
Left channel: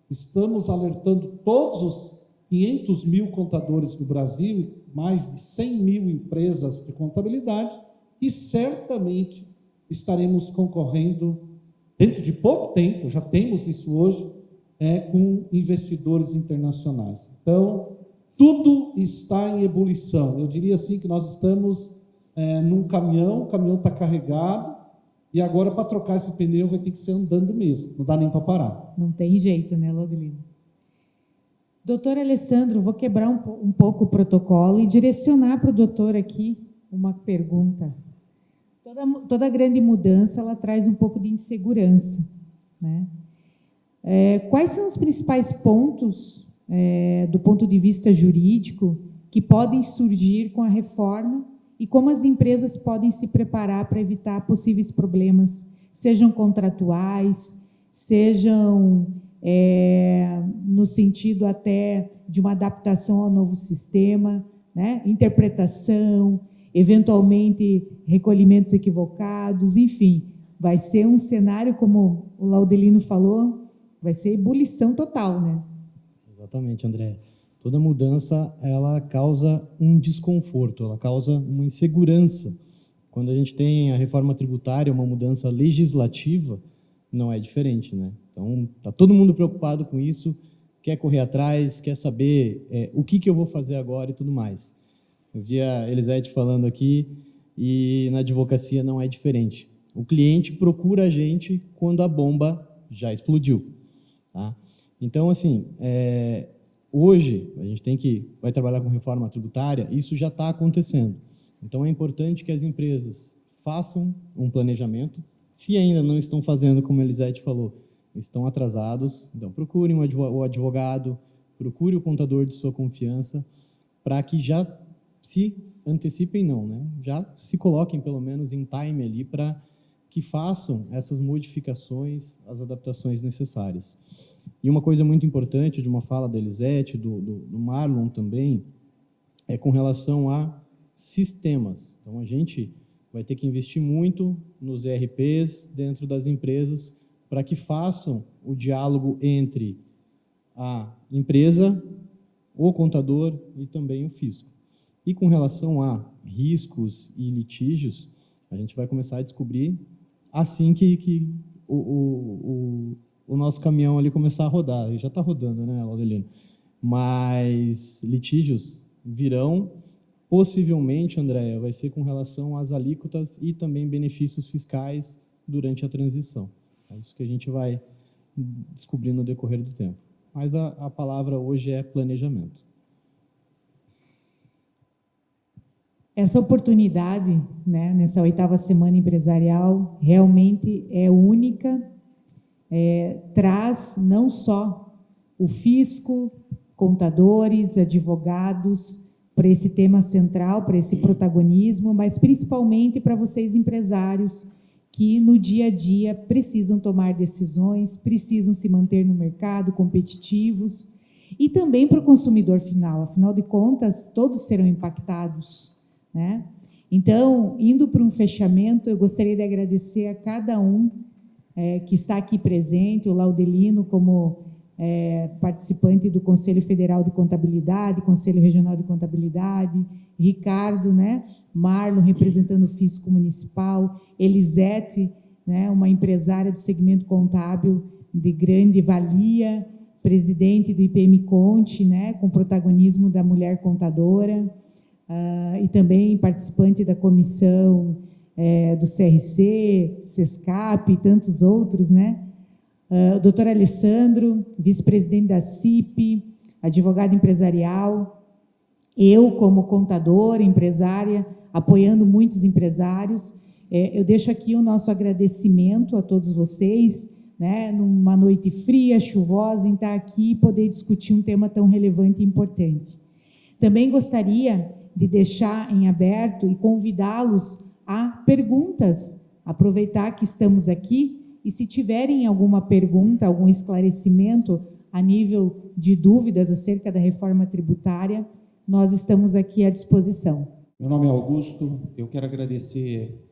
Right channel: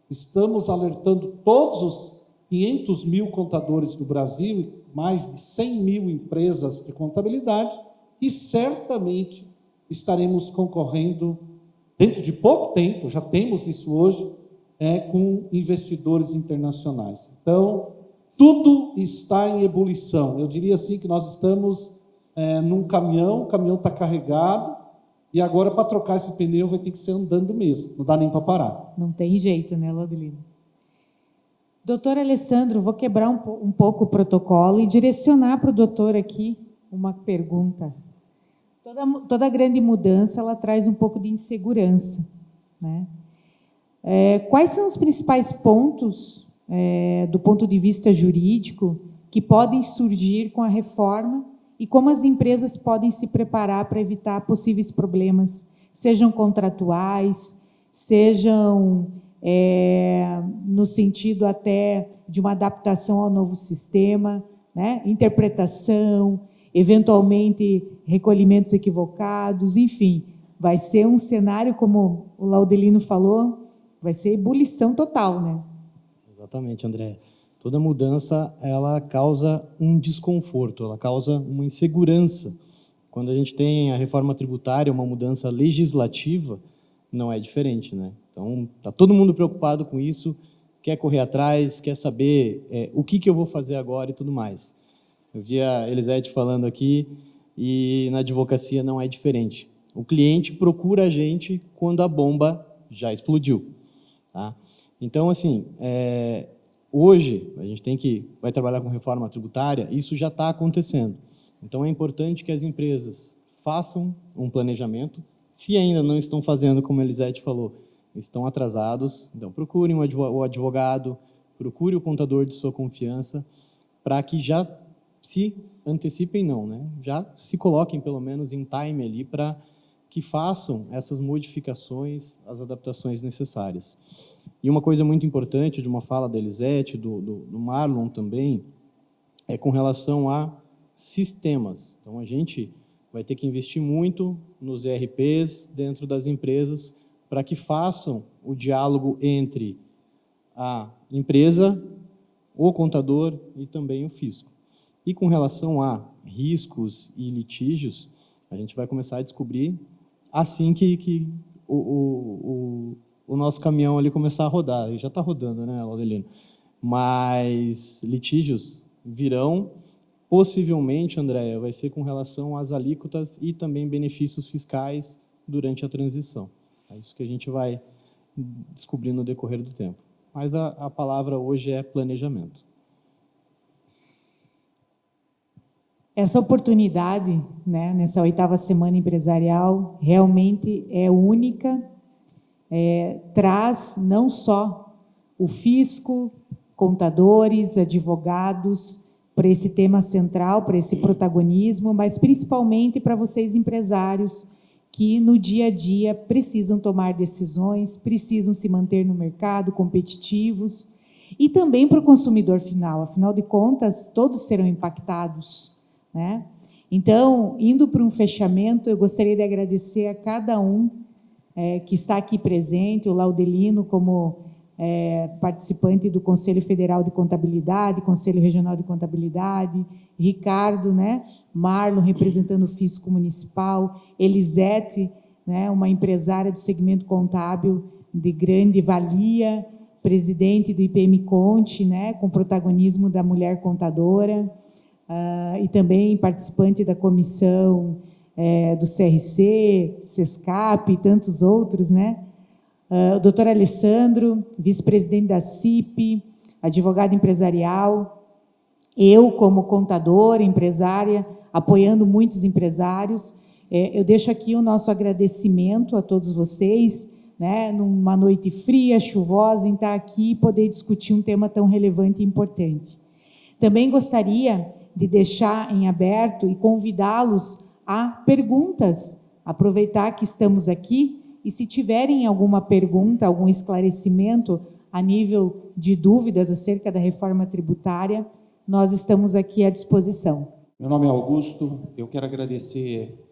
Estamos alertando todos os 500 mil contadores do Brasil, mais de 100 mil empresas de contabilidade, e certamente estaremos concorrendo, dentro de pouco tempo, já temos isso hoje, com investidores internacionais. Então, tudo está em ebulição. Eu diria assim que nós estamos num caminhão, o caminhão está carregado, e agora, para trocar esse pneu, vai ter que ser andando mesmo, não dá nem para parar. Não tem jeito, né, Laudelino? Doutor Alessandro, vou quebrar um pouco o protocolo e direcionar para o doutor aqui uma pergunta. Toda grande mudança, ela traz um pouco de insegurança, né? Quais são os principais pontos, do ponto de vista jurídico, que podem surgir com a reforma e como as empresas podem se preparar para evitar possíveis problemas, sejam contratuais, sejam no sentido até de uma adaptação ao novo sistema, né? Interpretação, eventualmente recolhimentos equivocados, enfim, vai ser um cenário, como o Laudelino falou, vai ser ebulição total, né? Exatamente, André. Toda mudança, ela causa um desconforto, ela causa uma insegurança. Quando a gente tem a reforma tributária, uma mudança legislativa, não é diferente, né? Então, está todo mundo preocupado com isso, quer correr atrás, quer saber o que eu vou fazer agora e tudo mais. Eu vi a Elisete falando aqui, e na advocacia não é diferente. O cliente procura a gente quando a bomba já explodiu, tá? Então, assim, hoje, a gente vai trabalhar com reforma tributária, isso já está acontecendo. Então, é importante que as empresas façam um planejamento. Se ainda não estão fazendo, como a Elisete falou, estão atrasados, então procurem o advogado, procure o contador de sua confiança, para que já se antecipem, não, né? Já se coloquem, pelo menos, em time ali, para que façam essas modificações, as adaptações necessárias. E uma coisa muito importante, de uma fala da Elisete, do Marlon também, é com relação a sistemas. Então, a gente vai ter que investir muito nos ERPs dentro das empresas para que façam o diálogo entre a empresa, o contador e também o fisco. E com relação a riscos e litígios, a gente vai começar a descobrir assim que o nosso caminhão ali começar a rodar. Ele já está rodando, né, Laudelino? Mas litígios virão. Possivelmente, Andréia, vai ser com relação às alíquotas e também benefícios fiscais durante a transição. É isso que a gente vai descobrir no decorrer do tempo. Mas a palavra hoje é planejamento. Essa oportunidade, né, nessa 8ª semana empresarial, realmente é única, traz não só o fisco, contadores, advogados, para esse tema central, para esse protagonismo, mas principalmente para vocês empresários que no dia a dia precisam tomar decisões, precisam se manter no mercado, competitivos, e também para o consumidor final, afinal de contas, todos serão impactados, né? Então, indo para um fechamento, eu gostaria de agradecer a cada um que está aqui presente, o Laudelino como participante do Conselho Federal de Contabilidade, Conselho Regional de Contabilidade, Ricardo, né, Marlon, representando o Fisco Municipal, Elisete, né, uma empresária do segmento contábil de grande valia, presidente do IPM Conte, né, com protagonismo da mulher contadora, e também participante da comissão do CRC, SESCAP e tantos outros, né? O doutor Alessandro, vice-presidente da CIP, advogado empresarial, eu como contadora, empresária, apoiando muitos empresários. Eu deixo aqui o nosso agradecimento a todos vocês, né, numa noite fria, chuvosa, em estar aqui e poder discutir um tema tão relevante e importante. Também gostaria de deixar em aberto e convidá-los a perguntas, aproveitar que estamos aqui, e se tiverem alguma pergunta, algum esclarecimento a nível de dúvidas acerca da reforma tributária, nós estamos aqui à disposição. Meu nome é Augusto, eu quero agradecer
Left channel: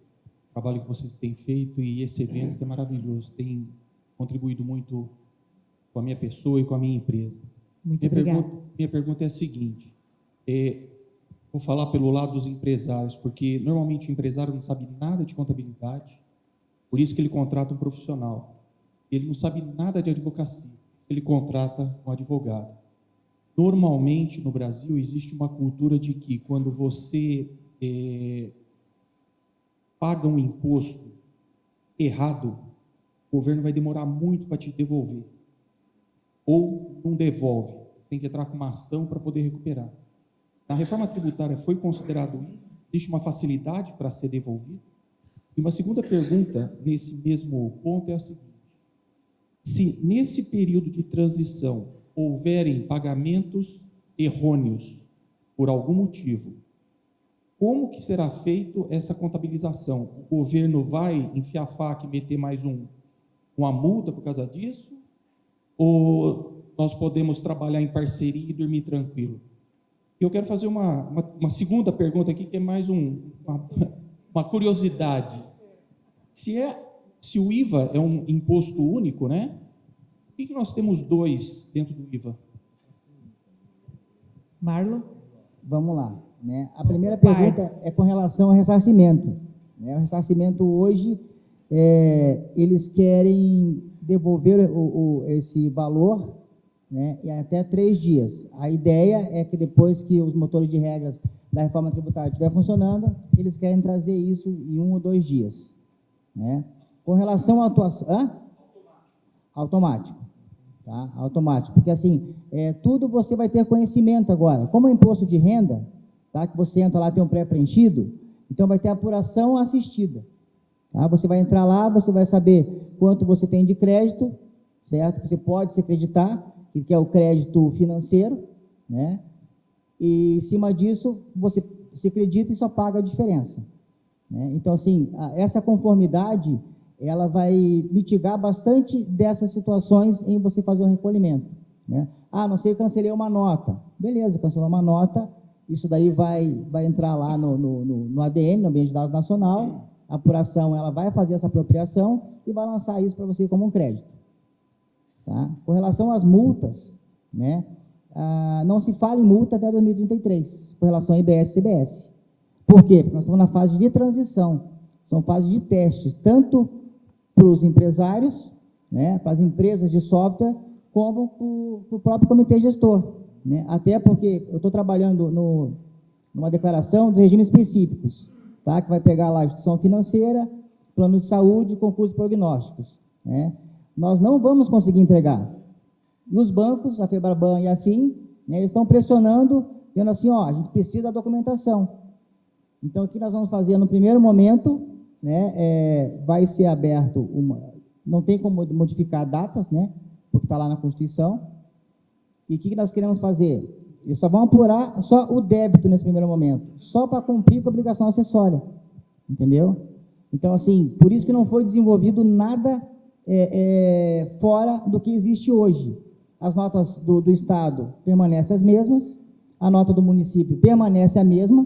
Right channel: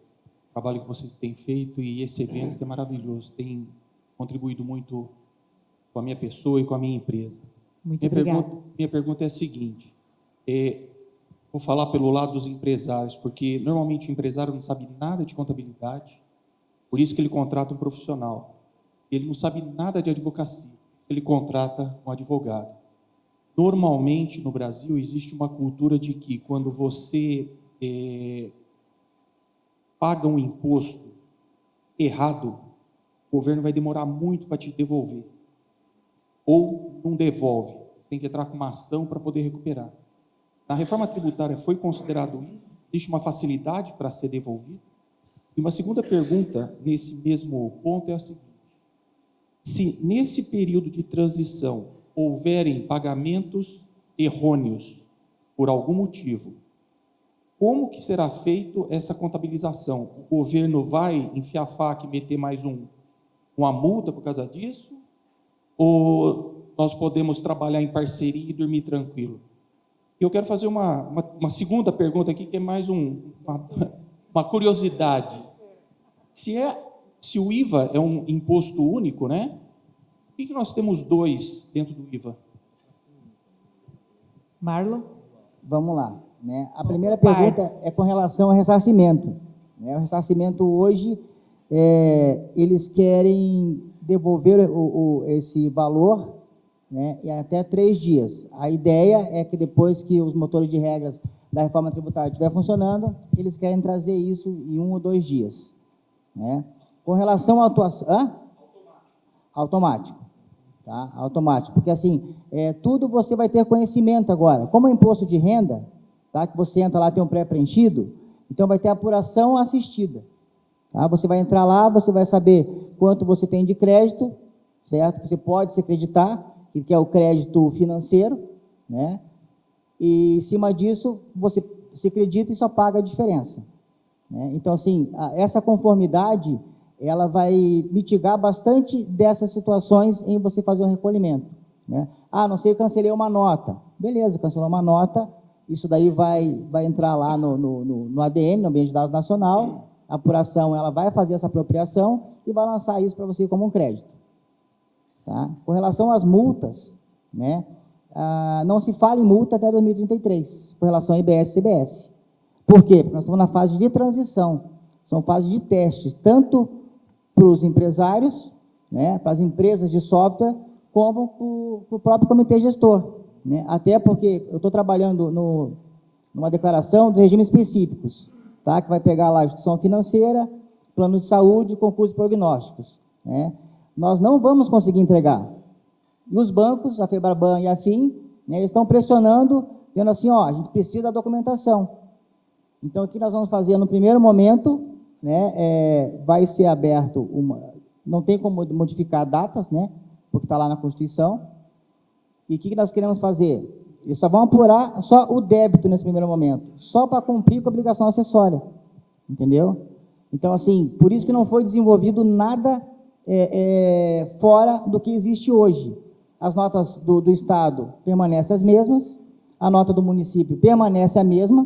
o trabalho que vocês têm feito e esse evento que é maravilhoso, tem contribuído muito com a minha pessoa e com a minha empresa. Muito obrigada. Minha pergunta é a seguinte, vou falar pelo lado dos empresários, porque normalmente o empresário não sabe nada de contabilidade, por isso que ele contrata um profissional. Ele não sabe nada de advocacia, ele contrata um advogado. Normalmente, no Brasil, existe uma cultura de que quando você paga um imposto errado, o governo vai demorar muito para te devolver. Ou não devolve, tem que entrar com uma ação para poder recuperar. Na reforma tributária foi considerado isso? Existe uma facilidade para ser devolvido? E uma segunda pergunta, nesse mesmo ponto, é a seguinte. Se nesse período de transição houverem pagamentos errôneos por algum motivo, como que será feito essa contabilização? O governo vai enfiar a faca e meter mais uma multa por causa disso? Ou nós podemos trabalhar em parceria e dormir tranquilo? eu quero fazer uma segunda pergunta aqui, que é mais uma curiosidade. Se o IVA é um imposto único, né? Por que nós temos dois dentro do IVA? Marlon? Vamos lá. Né? A primeira partes. pergunta é com relação ao ressarcimento. Né? O ressarcimento hoje, eles querem devolver esse valor, né, em até 3 dias. A ideia é que depois que os motores de regras da reforma tributária estiver funcionando, eles querem trazer isso em 1 ou 2 dias. Né? Com relação à atuação... Automático. Tá? Automático. Porque, assim, tudo você vai ter conhecimento agora. Como é imposto de renda, tá? Que você entra lá, tem um pré-preenchido, então vai ter apuração assistida. Tá? Você vai entrar lá, você vai saber quanto você tem de crédito, certo? Que você pode se acreditar, que é o crédito financeiro, né? E, em cima disso, você se acredita e só paga a diferença. Né? Então, assim, essa conformidade, ela vai mitigar bastante dessas situações em você fazer um recolhimento. Né? Não sei, cancelei uma nota. Beleza, cancelou uma nota, isso daí vai entrar lá no ADN, no Ambiente de Dados Nacional, a apuração, ela vai fazer essa apropriação e vai lançar isso para você como um crédito. Tá? Com relação às multas, né, não se fala em multa até 2033, com relação a IBS e CBS. Por quê? Porque nós estamos na fase de transição, são fases de testes, tanto para os empresários, né, para as empresas de software, como para o próprio comitê gestor. Né? Até porque eu estou trabalhando numa declaração de regimes específicos, tá? Que vai pegar lá a instituição financeira, plano de saúde, concursos prognósticos. Né? Nós não vamos conseguir entregar. E os bancos, a Febraban e a FIM, né, eles estão pressionando, dizendo assim, a gente precisa da documentação. Então, o que nós vamos fazer no primeiro momento, né, vai ser aberto não tem como modificar datas, né, porque está lá na Constituição. E o que nós queremos fazer? Eles só vão apurar só o débito nesse primeiro momento, só para cumprir com a obrigação acessória, entendeu? Então, assim, por isso que não foi desenvolvido nada fora do que existe hoje. As notas do Estado permanecem as mesmas, a nota do município permanece a mesma,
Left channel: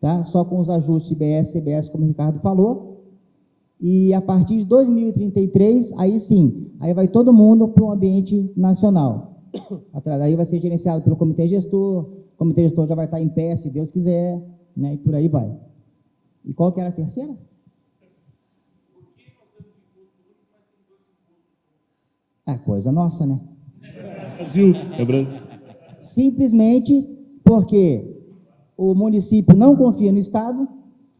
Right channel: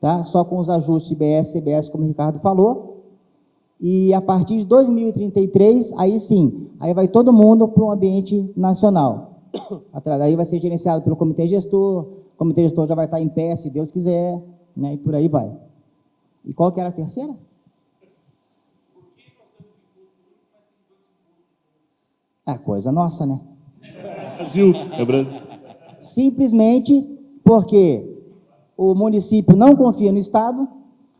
tá? Só com os ajustes IBS, CBS, como o Ricardo falou, e a partir de 2033, aí sim, aí vai todo mundo para um ambiente nacional. Aí vai ser gerenciado pelo comitê gestor, o comitê gestor já vai estar em pé, se Deus quiser, né? E por aí vai. E qual que era a terceira? Coisa nossa, né? Brasil. Simplesmente porque o município não confia no Estado,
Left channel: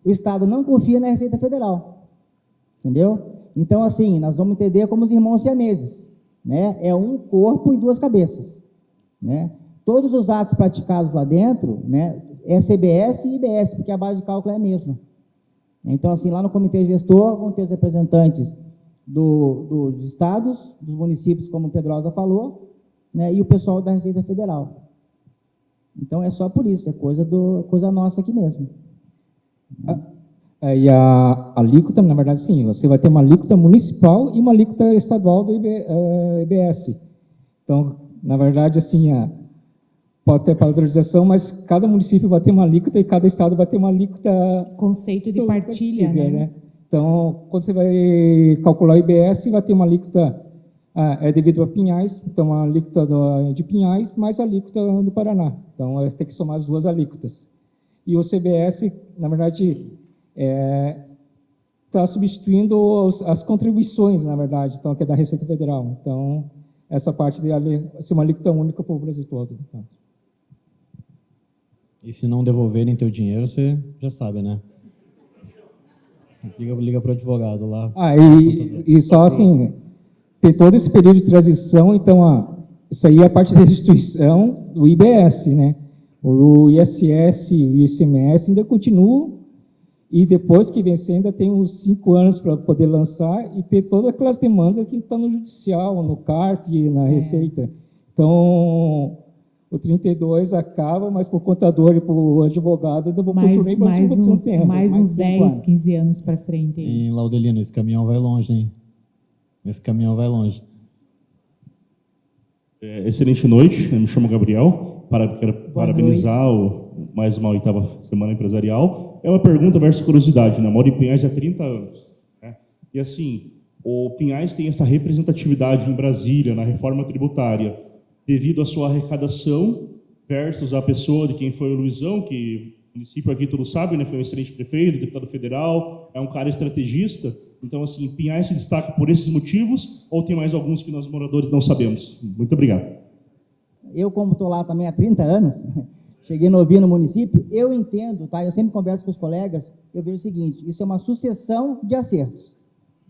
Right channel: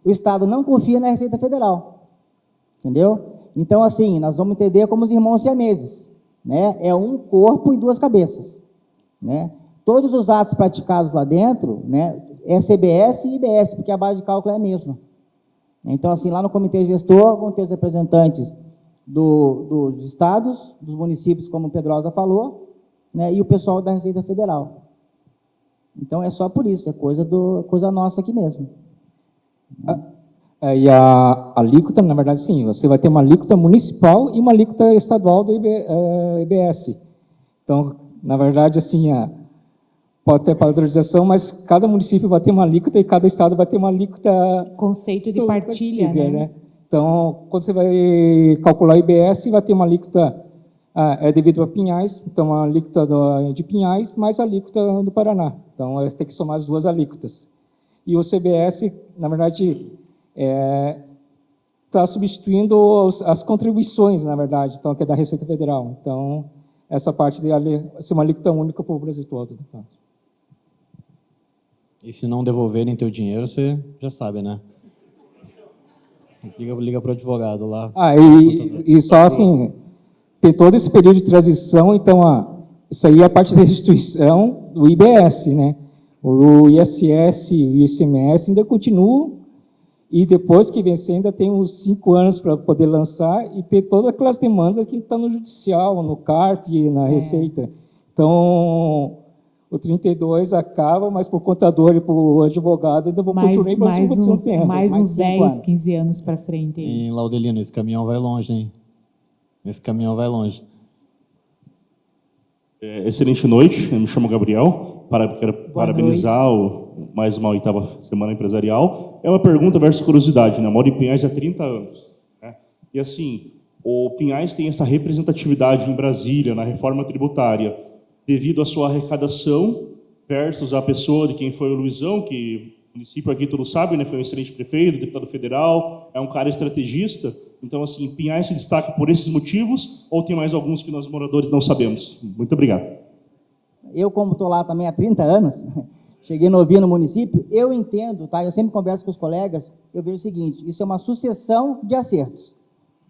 o Estado não confia na Receita Federal. Entendeu? Então, assim, nós vamos entender como os irmãos siameses, né? É um corpo e 2 cabeças, né? Todos os atos praticados lá dentro, né, é CBS e IBS, porque a base de cálculo é a mesma. Então, assim, lá no comitê gestor vão ter os representantes dos estados, dos municípios, como o Pedrosa falou, né, e o pessoal da Receita Federal. Então, é só por isso, é coisa nossa aqui mesmo. E a alíquota, na verdade, sim, você vai ter uma alíquota municipal e uma alíquota estadual do IBS. Então, na verdade, assim, pode ter padronização, mas cada município vai ter uma alíquota e cada estado vai ter uma alíquota... Conceito de partilha, né? Então, quando você vai calcular o IBS, vai ter uma alíquota devido a Pinhais, então a alíquota de Pinhais mais a alíquota do Paraná. Então, tem que somar as 2 alíquotas. E o CBS, na verdade, está substituindo as contribuições, na verdade, então, que é da Receita Federal. Então, essa parte de ser uma alíquota única para o Brasil todo. Então. E se não devolverem teu dinheiro, você já sabe, né? Liga para o advogado lá. E só assim, tem todo esse período de transição, então, isso aí é a parte da restituição do IBS, né? O ISS e o ICMS ainda continuam, e depois que vencer ainda tem uns 5 anos para poder lançar e ter todas aquelas demandas que estão no judicial, no CARF, na Receita. Então, o 32 acaba, mas para o contador e para o advogado ainda vão continuar para mais uns 10, 15 anos para frente. Em Laudelino, esse caminhão vai longe, hein? Esse caminhão vai longe. Excelente noite, eu me chamo Gabriel. quero parabenizar mais uma 8ª Semana Empresarial. É uma pergunta versus curiosidade, né? Eu moro em Pinhais há 30 anos. Né? E assim, o Pinhais tem essa representatividade em Brasília, na reforma tributária, devido à sua arrecadação versus a pessoa de quem foi o Luizão, que o município aqui todos sabem, né? Foi um excelente prefeito, deputado federal, é um cara estrategista. Então, assim, Pinhais se destaca por esses motivos ou tem mais alguns que nós moradores não sabemos? Muito obrigado. Eu, como estou lá também há 30 anos, cheguei novinho no município, eu entendo, tá? Eu sempre converso com os colegas, eu vejo o seguinte, isso é uma sucessão de acertos,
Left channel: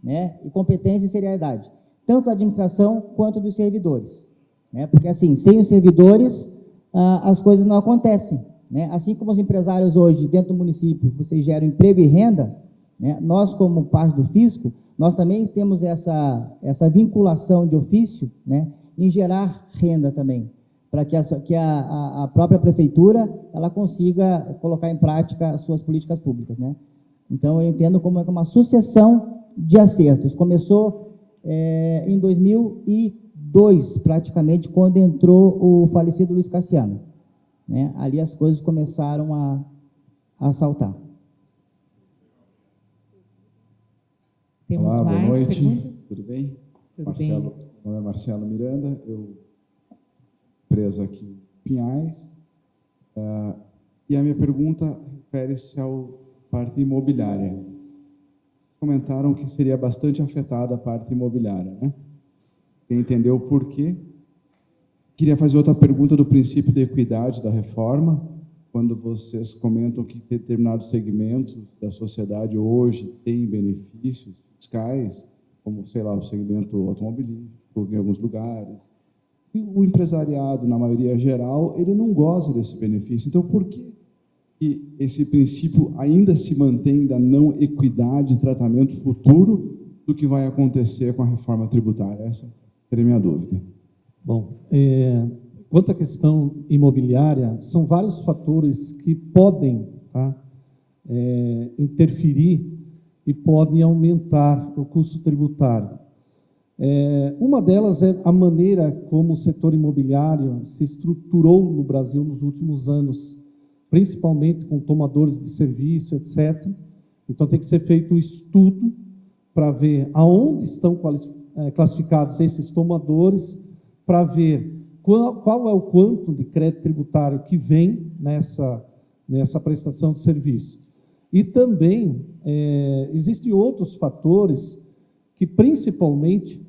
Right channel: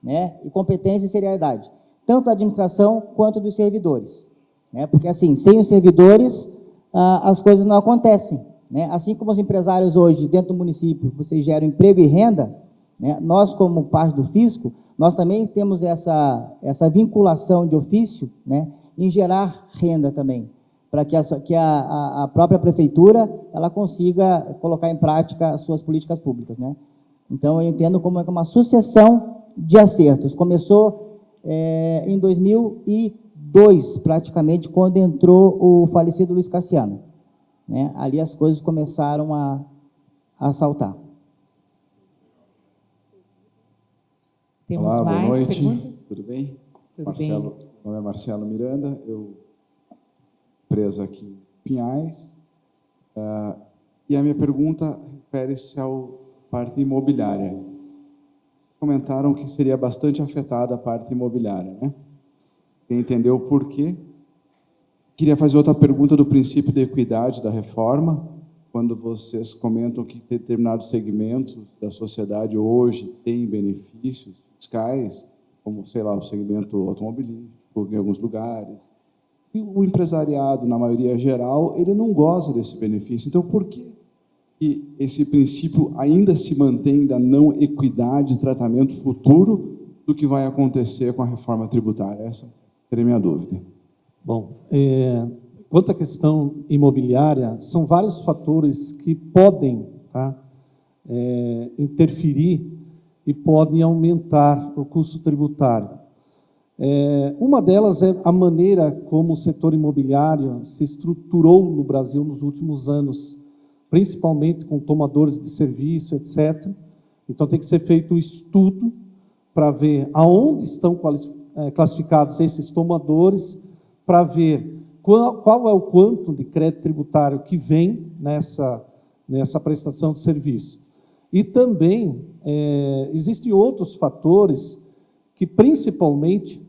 né? E competência e seriedade, tanto da administração quanto dos servidores, né? Porque, assim, sem os servidores, as coisas não acontecem, né? Assim como os empresários hoje, dentro do município, vocês geram emprego e renda, né? Nós, como parte do fisco, nós também temos essa vinculação de ofício, né? Em gerar renda também, para que a própria prefeitura ela consiga colocar em prática as suas políticas públicas, né? Então, eu entendo como é uma sucessão de acertos. Começou em 2002, praticamente, quando entrou o falecido Luiz Cassiano, né? Ali as coisas começaram a saltar. Temos Olá, mais boa noite. perguntas? Tudo bem? Tudo bem. Meu nome é Marcelo Miranda, eu empresa aqui em Pinhais. E a minha pergunta refere-se à parte imobiliária. Comentaram que seria bastante afetada a parte imobiliária, né? Quem entendeu o porquê? Queria fazer outra pergunta do princípio de equidade da reforma, quando vocês comentam que determinados segmentos da sociedade hoje têm benefícios fiscais, como, sei lá, o segmento automobilístico em alguns lugares. E o empresariado, na maioria geral, ele não goza desse benefício. Então, por que esse princípio ainda se mantém da não equidade de tratamento futuro do que vai acontecer com a reforma tributária? Essa seria a minha dúvida. Bom, quanto à questão imobiliária, são vários fatores que podem, tá, interferir e podem aumentar o custo tributário. Uma delas é a maneira como o setor imobiliário se estruturou no Brasil nos últimos anos, principalmente com tomadores de serviço, etc. Então, tem que ser feito um estudo para ver aonde estão classificados esses tomadores, para ver qual é o quanto de crédito tributário que vem nessa prestação de serviço. E também existem outros fatores que, principalmente,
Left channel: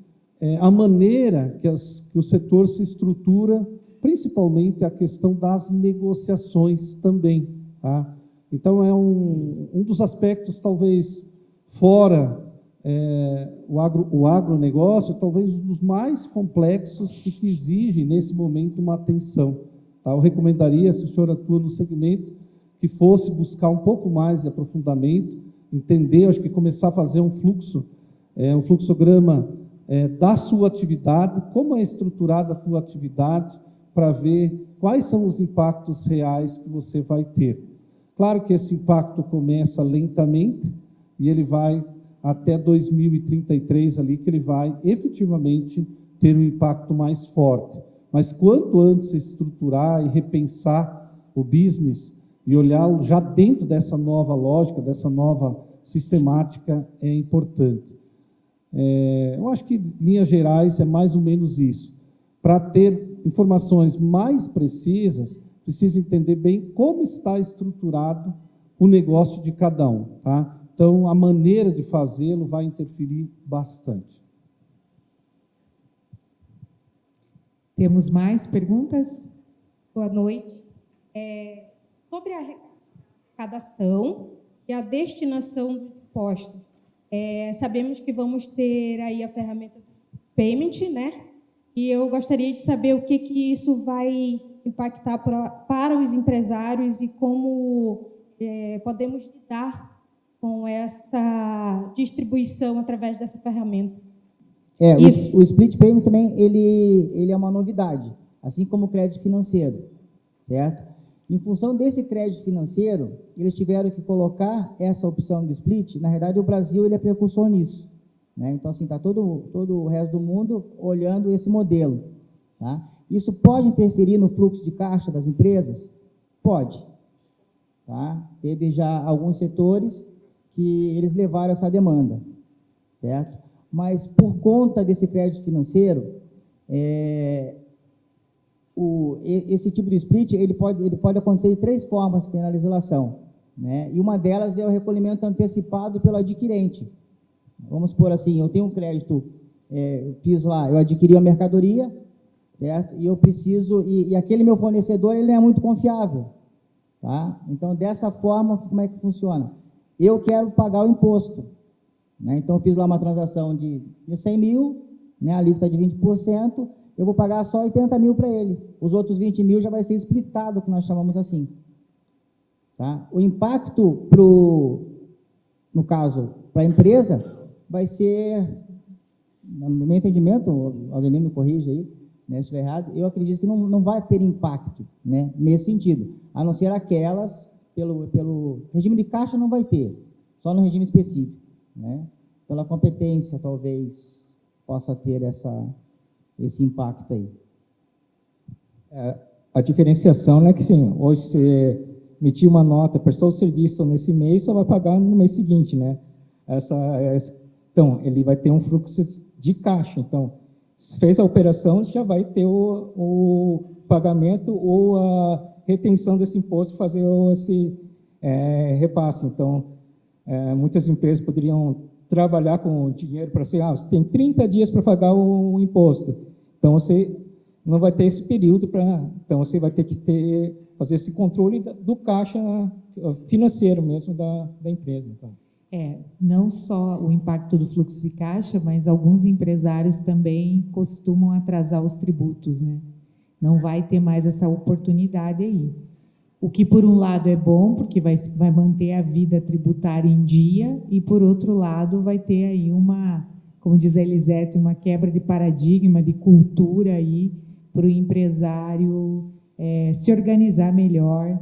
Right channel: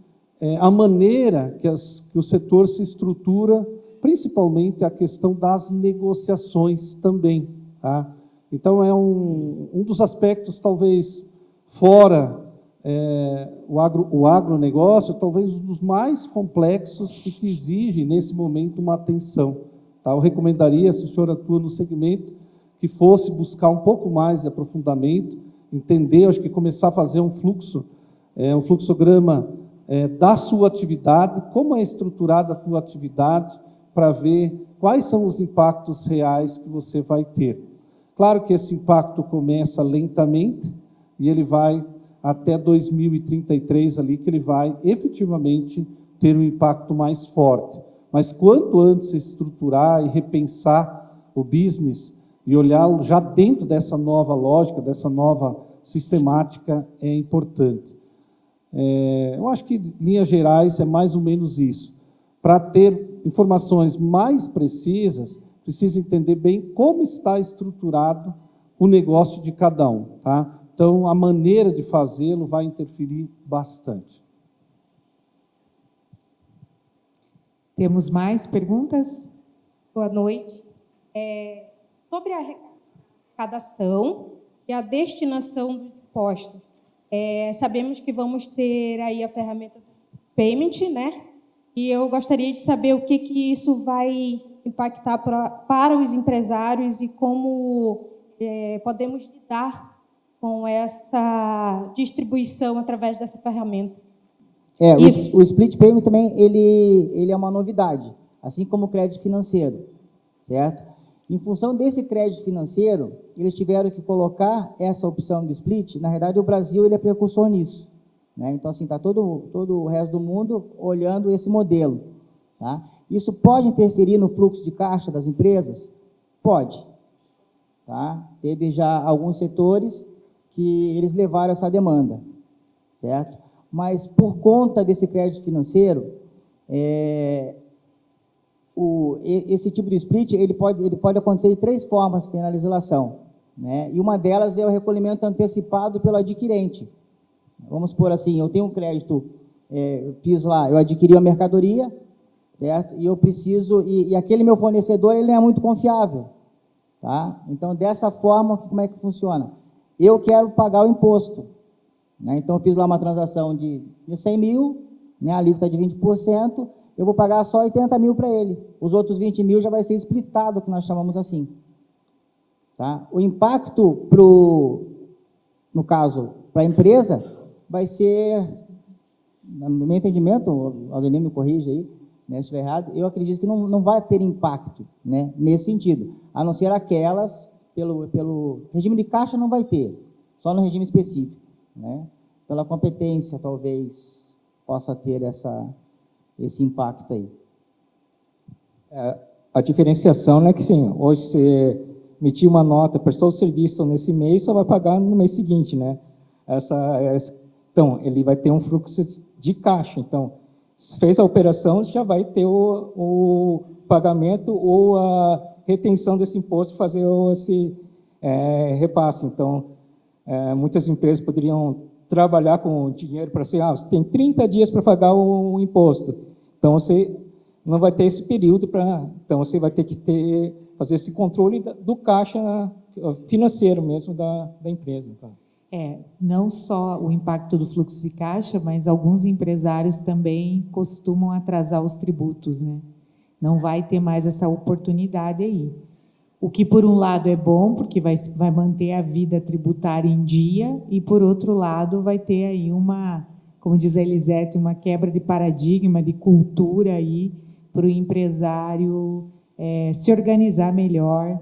a maneira que o setor se estrutura, principalmente a questão das negociações também. Tá? Então, é um dos aspectos, talvez, fora o agronegócio, talvez um dos mais complexos e que exigem, nesse momento, uma atenção. Tá? Eu recomendaria, se o senhor atua no segmento, que fosse buscar um pouco mais de aprofundamento, entender, acho que começar a fazer um fluxograma da sua atividade, como é estruturada a tua atividade, para ver quais são os impactos reais que você vai ter. Claro que esse impacto começa lentamente e ele vai até 2033 ali, que ele vai efetivamente ter um impacto mais forte. Mas quanto antes estruturar e repensar o business e olhá-lo já dentro dessa nova lógica, dessa nova sistemática, é importante. Eu acho que, em linhas gerais, é mais ou menos isso. Para ter informações mais precisas, precisa entender bem como está estruturado o negócio de cada um. Tá? Então, a maneira de fazê-lo vai interferir bastante. Temos mais perguntas? Boa noite. Sobre a arrecadação e a destinação dos impostos, sabemos que vamos ter aí a ferramenta do payment, né? E eu gostaria de saber o que isso vai impactar para os empresários e como podemos lidar com essa distribuição através dessa ferramenta. O split payment também ele é uma novidade, assim como o crédito financeiro, certo? Em função desse crédito financeiro, eles tiveram que colocar essa opção do split. Na verdade, o Brasil ele é precursor nisso, né? Então, assim, está todo o resto do mundo olhando esse modelo. Tá? Isso pode interferir no fluxo de caixa das empresas? Pode. Tá? Teve já alguns setores que eles levaram essa demanda, certo? Mas por conta desse crédito financeiro, esse tipo de split ele pode acontecer de 3 formas que tem na legislação, né? E uma delas é o recolhimento antecipado pelo adquirente. Vamos supor assim, eu tenho um crédito, eu adquiri uma mercadoria, certo? E eu preciso, e aquele meu fornecedor ele não é muito confiável, tá? Então, dessa forma, como é que funciona? Eu quero pagar o imposto, né? Então, eu fiz lá uma transação de 100 mil, né? A alíquota de 20%, eu vou pagar só 80 mil para ele. Os outros 20 mil já vai ser splitado, que nós chamamos assim. Tá? O impacto, no caso, para a empresa, vai ser, no meu entendimento, o Adelino me corrige aí, né, se estiver errado, eu acredito que não vai ter impacto, né, nesse sentido, a não ser aquelas, pelo regime de caixa não vai ter, só no regime específico, né? Pela competência, talvez, possa ter esse impacto aí. A diferenciação é que, sim, hoje você emitiu uma nota, prestou o serviço nesse mês, só vai pagar no mês seguinte, né? Então, ele vai ter um fluxo de caixa. Então, se fez a operação, já vai ter o pagamento ou a retenção desse imposto para fazer esse repasse. Então, muitas empresas poderiam trabalhar com dinheiro para ser, você tem 30 dias para pagar o imposto. Então, você não vai ter esse período então você vai ter que fazer esse controle do caixa financeiro mesmo da empresa. Então. Não só o impacto do fluxo de caixa, mas alguns empresários também costumam atrasar os tributos, né? Não vai ter mais essa oportunidade aí. O que, por um lado, é bom, porque vai manter a vida tributária em dia, e, por outro lado, vai ter aí como diz a Elisete, uma quebra de paradigma, de cultura aí, para o empresário se organizar melhor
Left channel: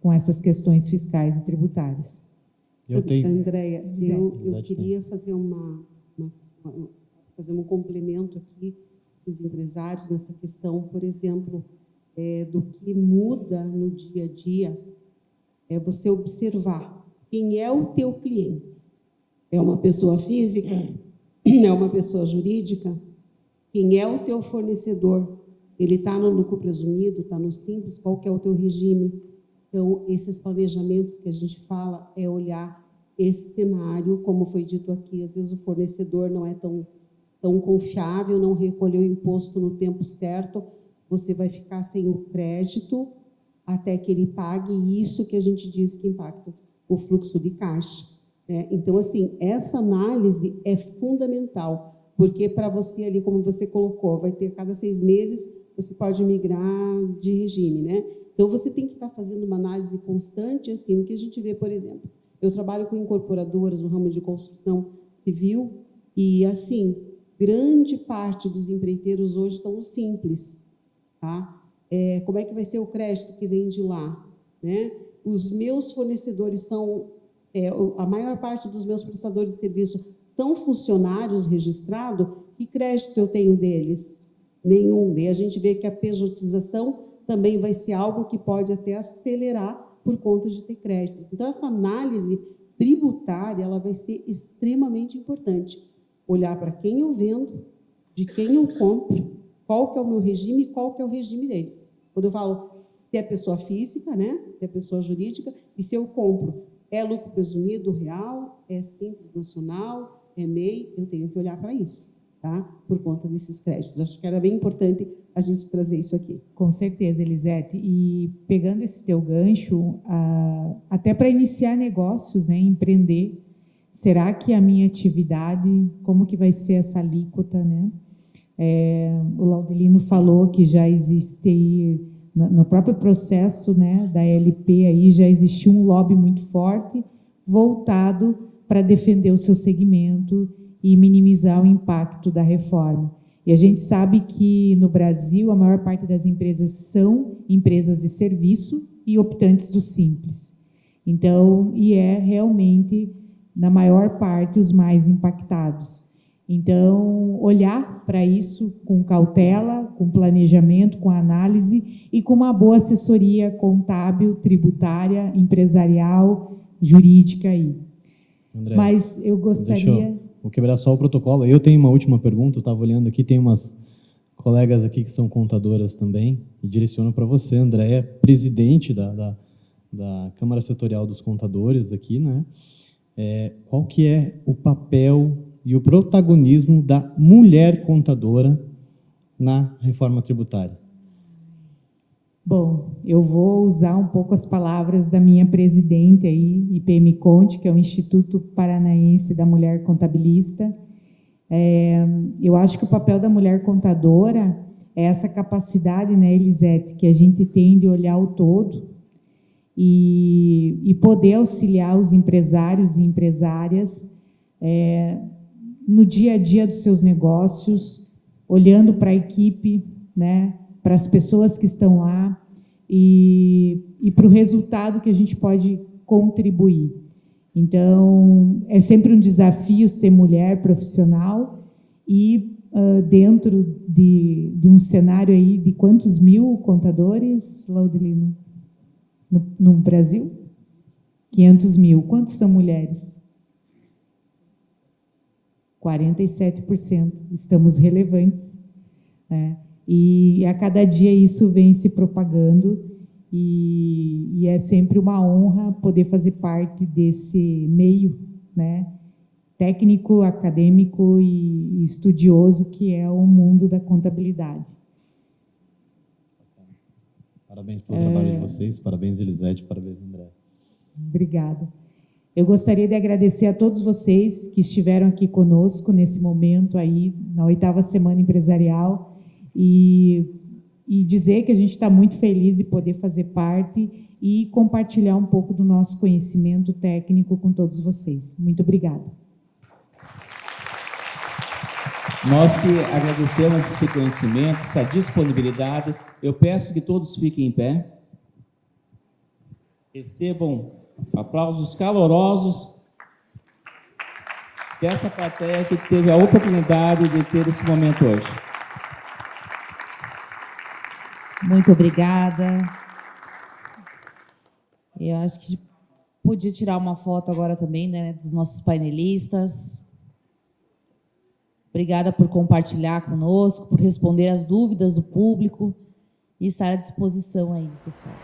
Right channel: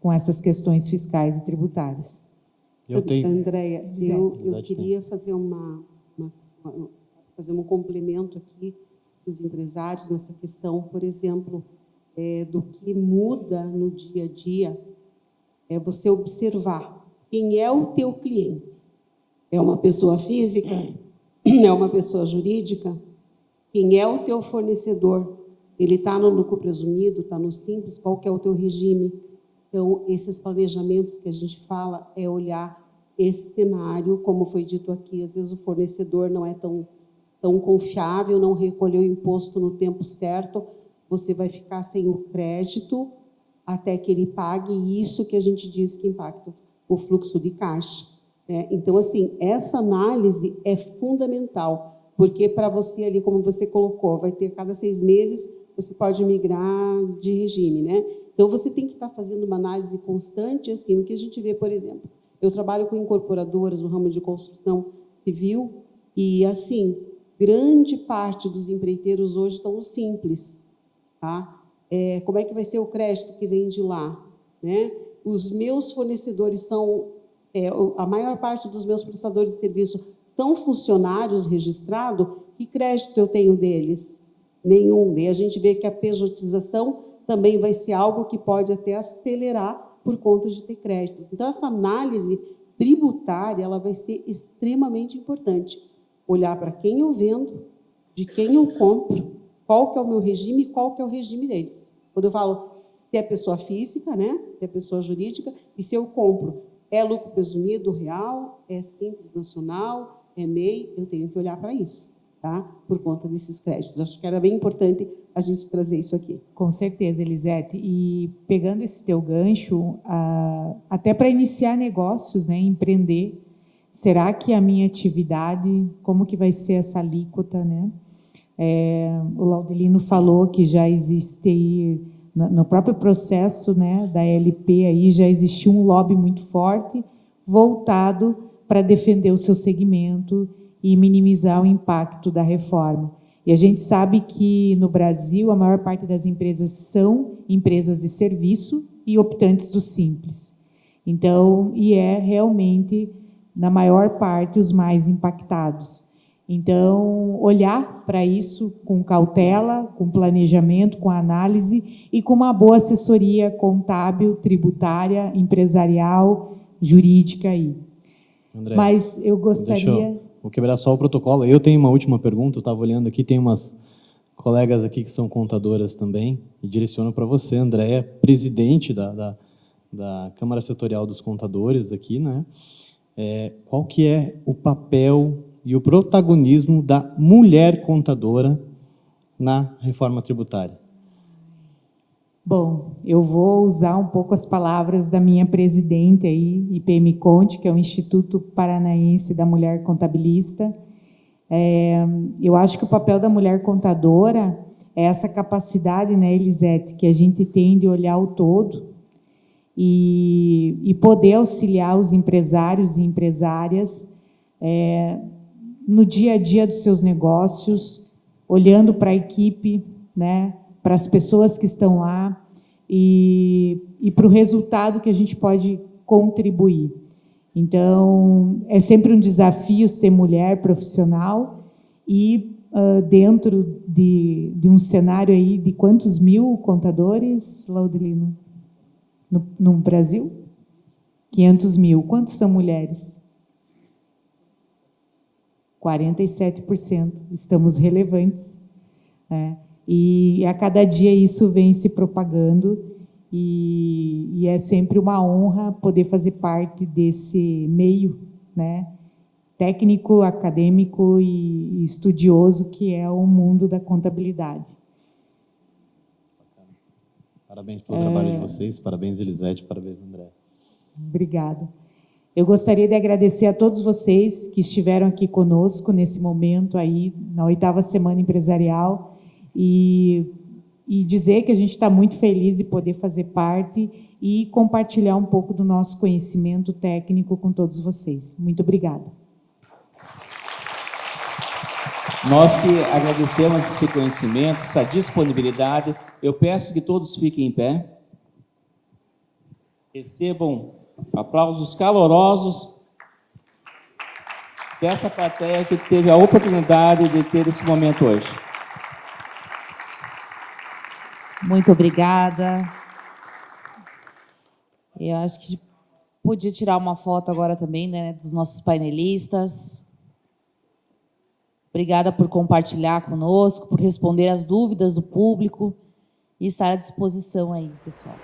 com essas questões fiscais e tributárias. Andréia, eu queria fazer fazer um complemento aqui dos empresários nessa questão, por exemplo, do que muda no dia a dia, você observar quem é o teu cliente. É uma pessoa física? É uma pessoa jurídica? Quem é o teu fornecedor? Ele está no lucro presumido, está no simples? Qual que é o teu regime? Então, esses planejamentos que a gente fala é olhar esse cenário, como foi dito aqui, às vezes o fornecedor não é tão confiável, não recolheu o imposto no tempo certo, você vai ficar sem o crédito até que ele pague, e isso que a gente diz que impacta o fluxo de caixa. Então, assim, essa análise é fundamental, porque para você ali, como você colocou, vai ter cada 6 meses, você pode migrar de regime, né? Então, você tem que estar fazendo uma análise constante, assim, o que a gente vê, por exemplo, eu trabalho com incorporadoras no ramo de construção civil e, assim, grande parte dos empreiteiros hoje estão no simples, tá? Como é que vai ser o crédito que vem de lá, né? Os meus fornecedores são, a maior parte dos meus prestadores de serviço são funcionários registrados, que crédito eu tenho deles? Nenhum. E a gente vê que a pejotização também vai ser algo que pode até acelerar por conta de ter créditos. Então, essa análise tributária ela vai ser extremamente importante. Olhar para quem eu vendo, de quem eu compro, qual que é o meu regime e qual que é o regime deles. Quando eu falo se é pessoa física, né? Se é pessoa jurídica, e se eu compro, é lucro presumido real, é simples nacional, é MEI, eu tenho que olhar para isso, tá? Por conta desses créditos. Acho que era bem importante a gente trazer isso aqui. Com certeza, Elisete. E pegando esse teu gancho, até para iniciar negócios, né, empreender, será que a minha atividade, como que vai ser essa alíquota, né? O Laudelino falou que já existe aí, no próprio processo, né, da LP, aí já existiu um lobby muito forte voltado para defender o seu segmento e minimizar o impacto da reforma. E a gente sabe que, no Brasil, a maior parte das empresas são empresas de serviço e optantes do simples. Então, realmente, na maior parte, os mais impactados. Então, olhar para isso com cautela, com planejamento, com análise e com uma boa assessoria contábil, tributária, empresarial, jurídica aí. André, Mas eu gostaria... Vou quebrar só o protocolo. Eu tenho uma última pergunta, eu estava olhando aqui, tem umas colegas aqui que são contadoras também, e direciono para você, Andréia, presidente da Câmara Setorial dos Contadores aqui, né? Qual que é o papel e o protagonismo da mulher contadora na reforma tributária? Bom, eu vou usar um pouco as palavras da minha presidente aí, IPM Conte, que é o Instituto Paranaense da Mulher Contabilista. Eu acho que o papel da mulher contadora é essa capacidade, né, Elisete, que a gente tem de olhar o todo e poder auxiliar os empresários e empresárias no dia a dia dos seus negócios, olhando para a equipe, né, para as pessoas que estão lá e para o resultado que a gente pode contribuir. Então, é sempre um desafio ser mulher profissional e dentro de um cenário aí de quantos mil contadores, Laudelino, no Brasil? 500 mil. Quantos são mulheres? 47%. Estamos relevantes, né? E a cada dia isso vem se propagando e é sempre uma honra poder fazer parte desse meio, né, técnico, acadêmico e estudioso que é o mundo da contabilidade. Parabéns pelo trabalho de vocês, parabéns, Elisete, parabéns, André. Obrigada. Eu gostaria de agradecer a todos vocês que estiveram aqui conosco nesse momento aí, na 8ª Semana Empresarial, e dizer que a gente está muito feliz de poder fazer parte e compartilhar um pouco do nosso conhecimento técnico com todos vocês. Muito obrigada. Nós que agradecemos esse conhecimento, essa disponibilidade. Eu peço que todos fiquem em pé. Recebam aplausos calorosos dessa plateia que teve a oportunidade de ter esse momento hoje. Muito obrigada. Eu acho que podia tirar uma foto agora também, né, dos nossos painelistas. Obrigada por compartilhar conosco, por responder às dúvidas do público e estar à disposição aí, pessoal.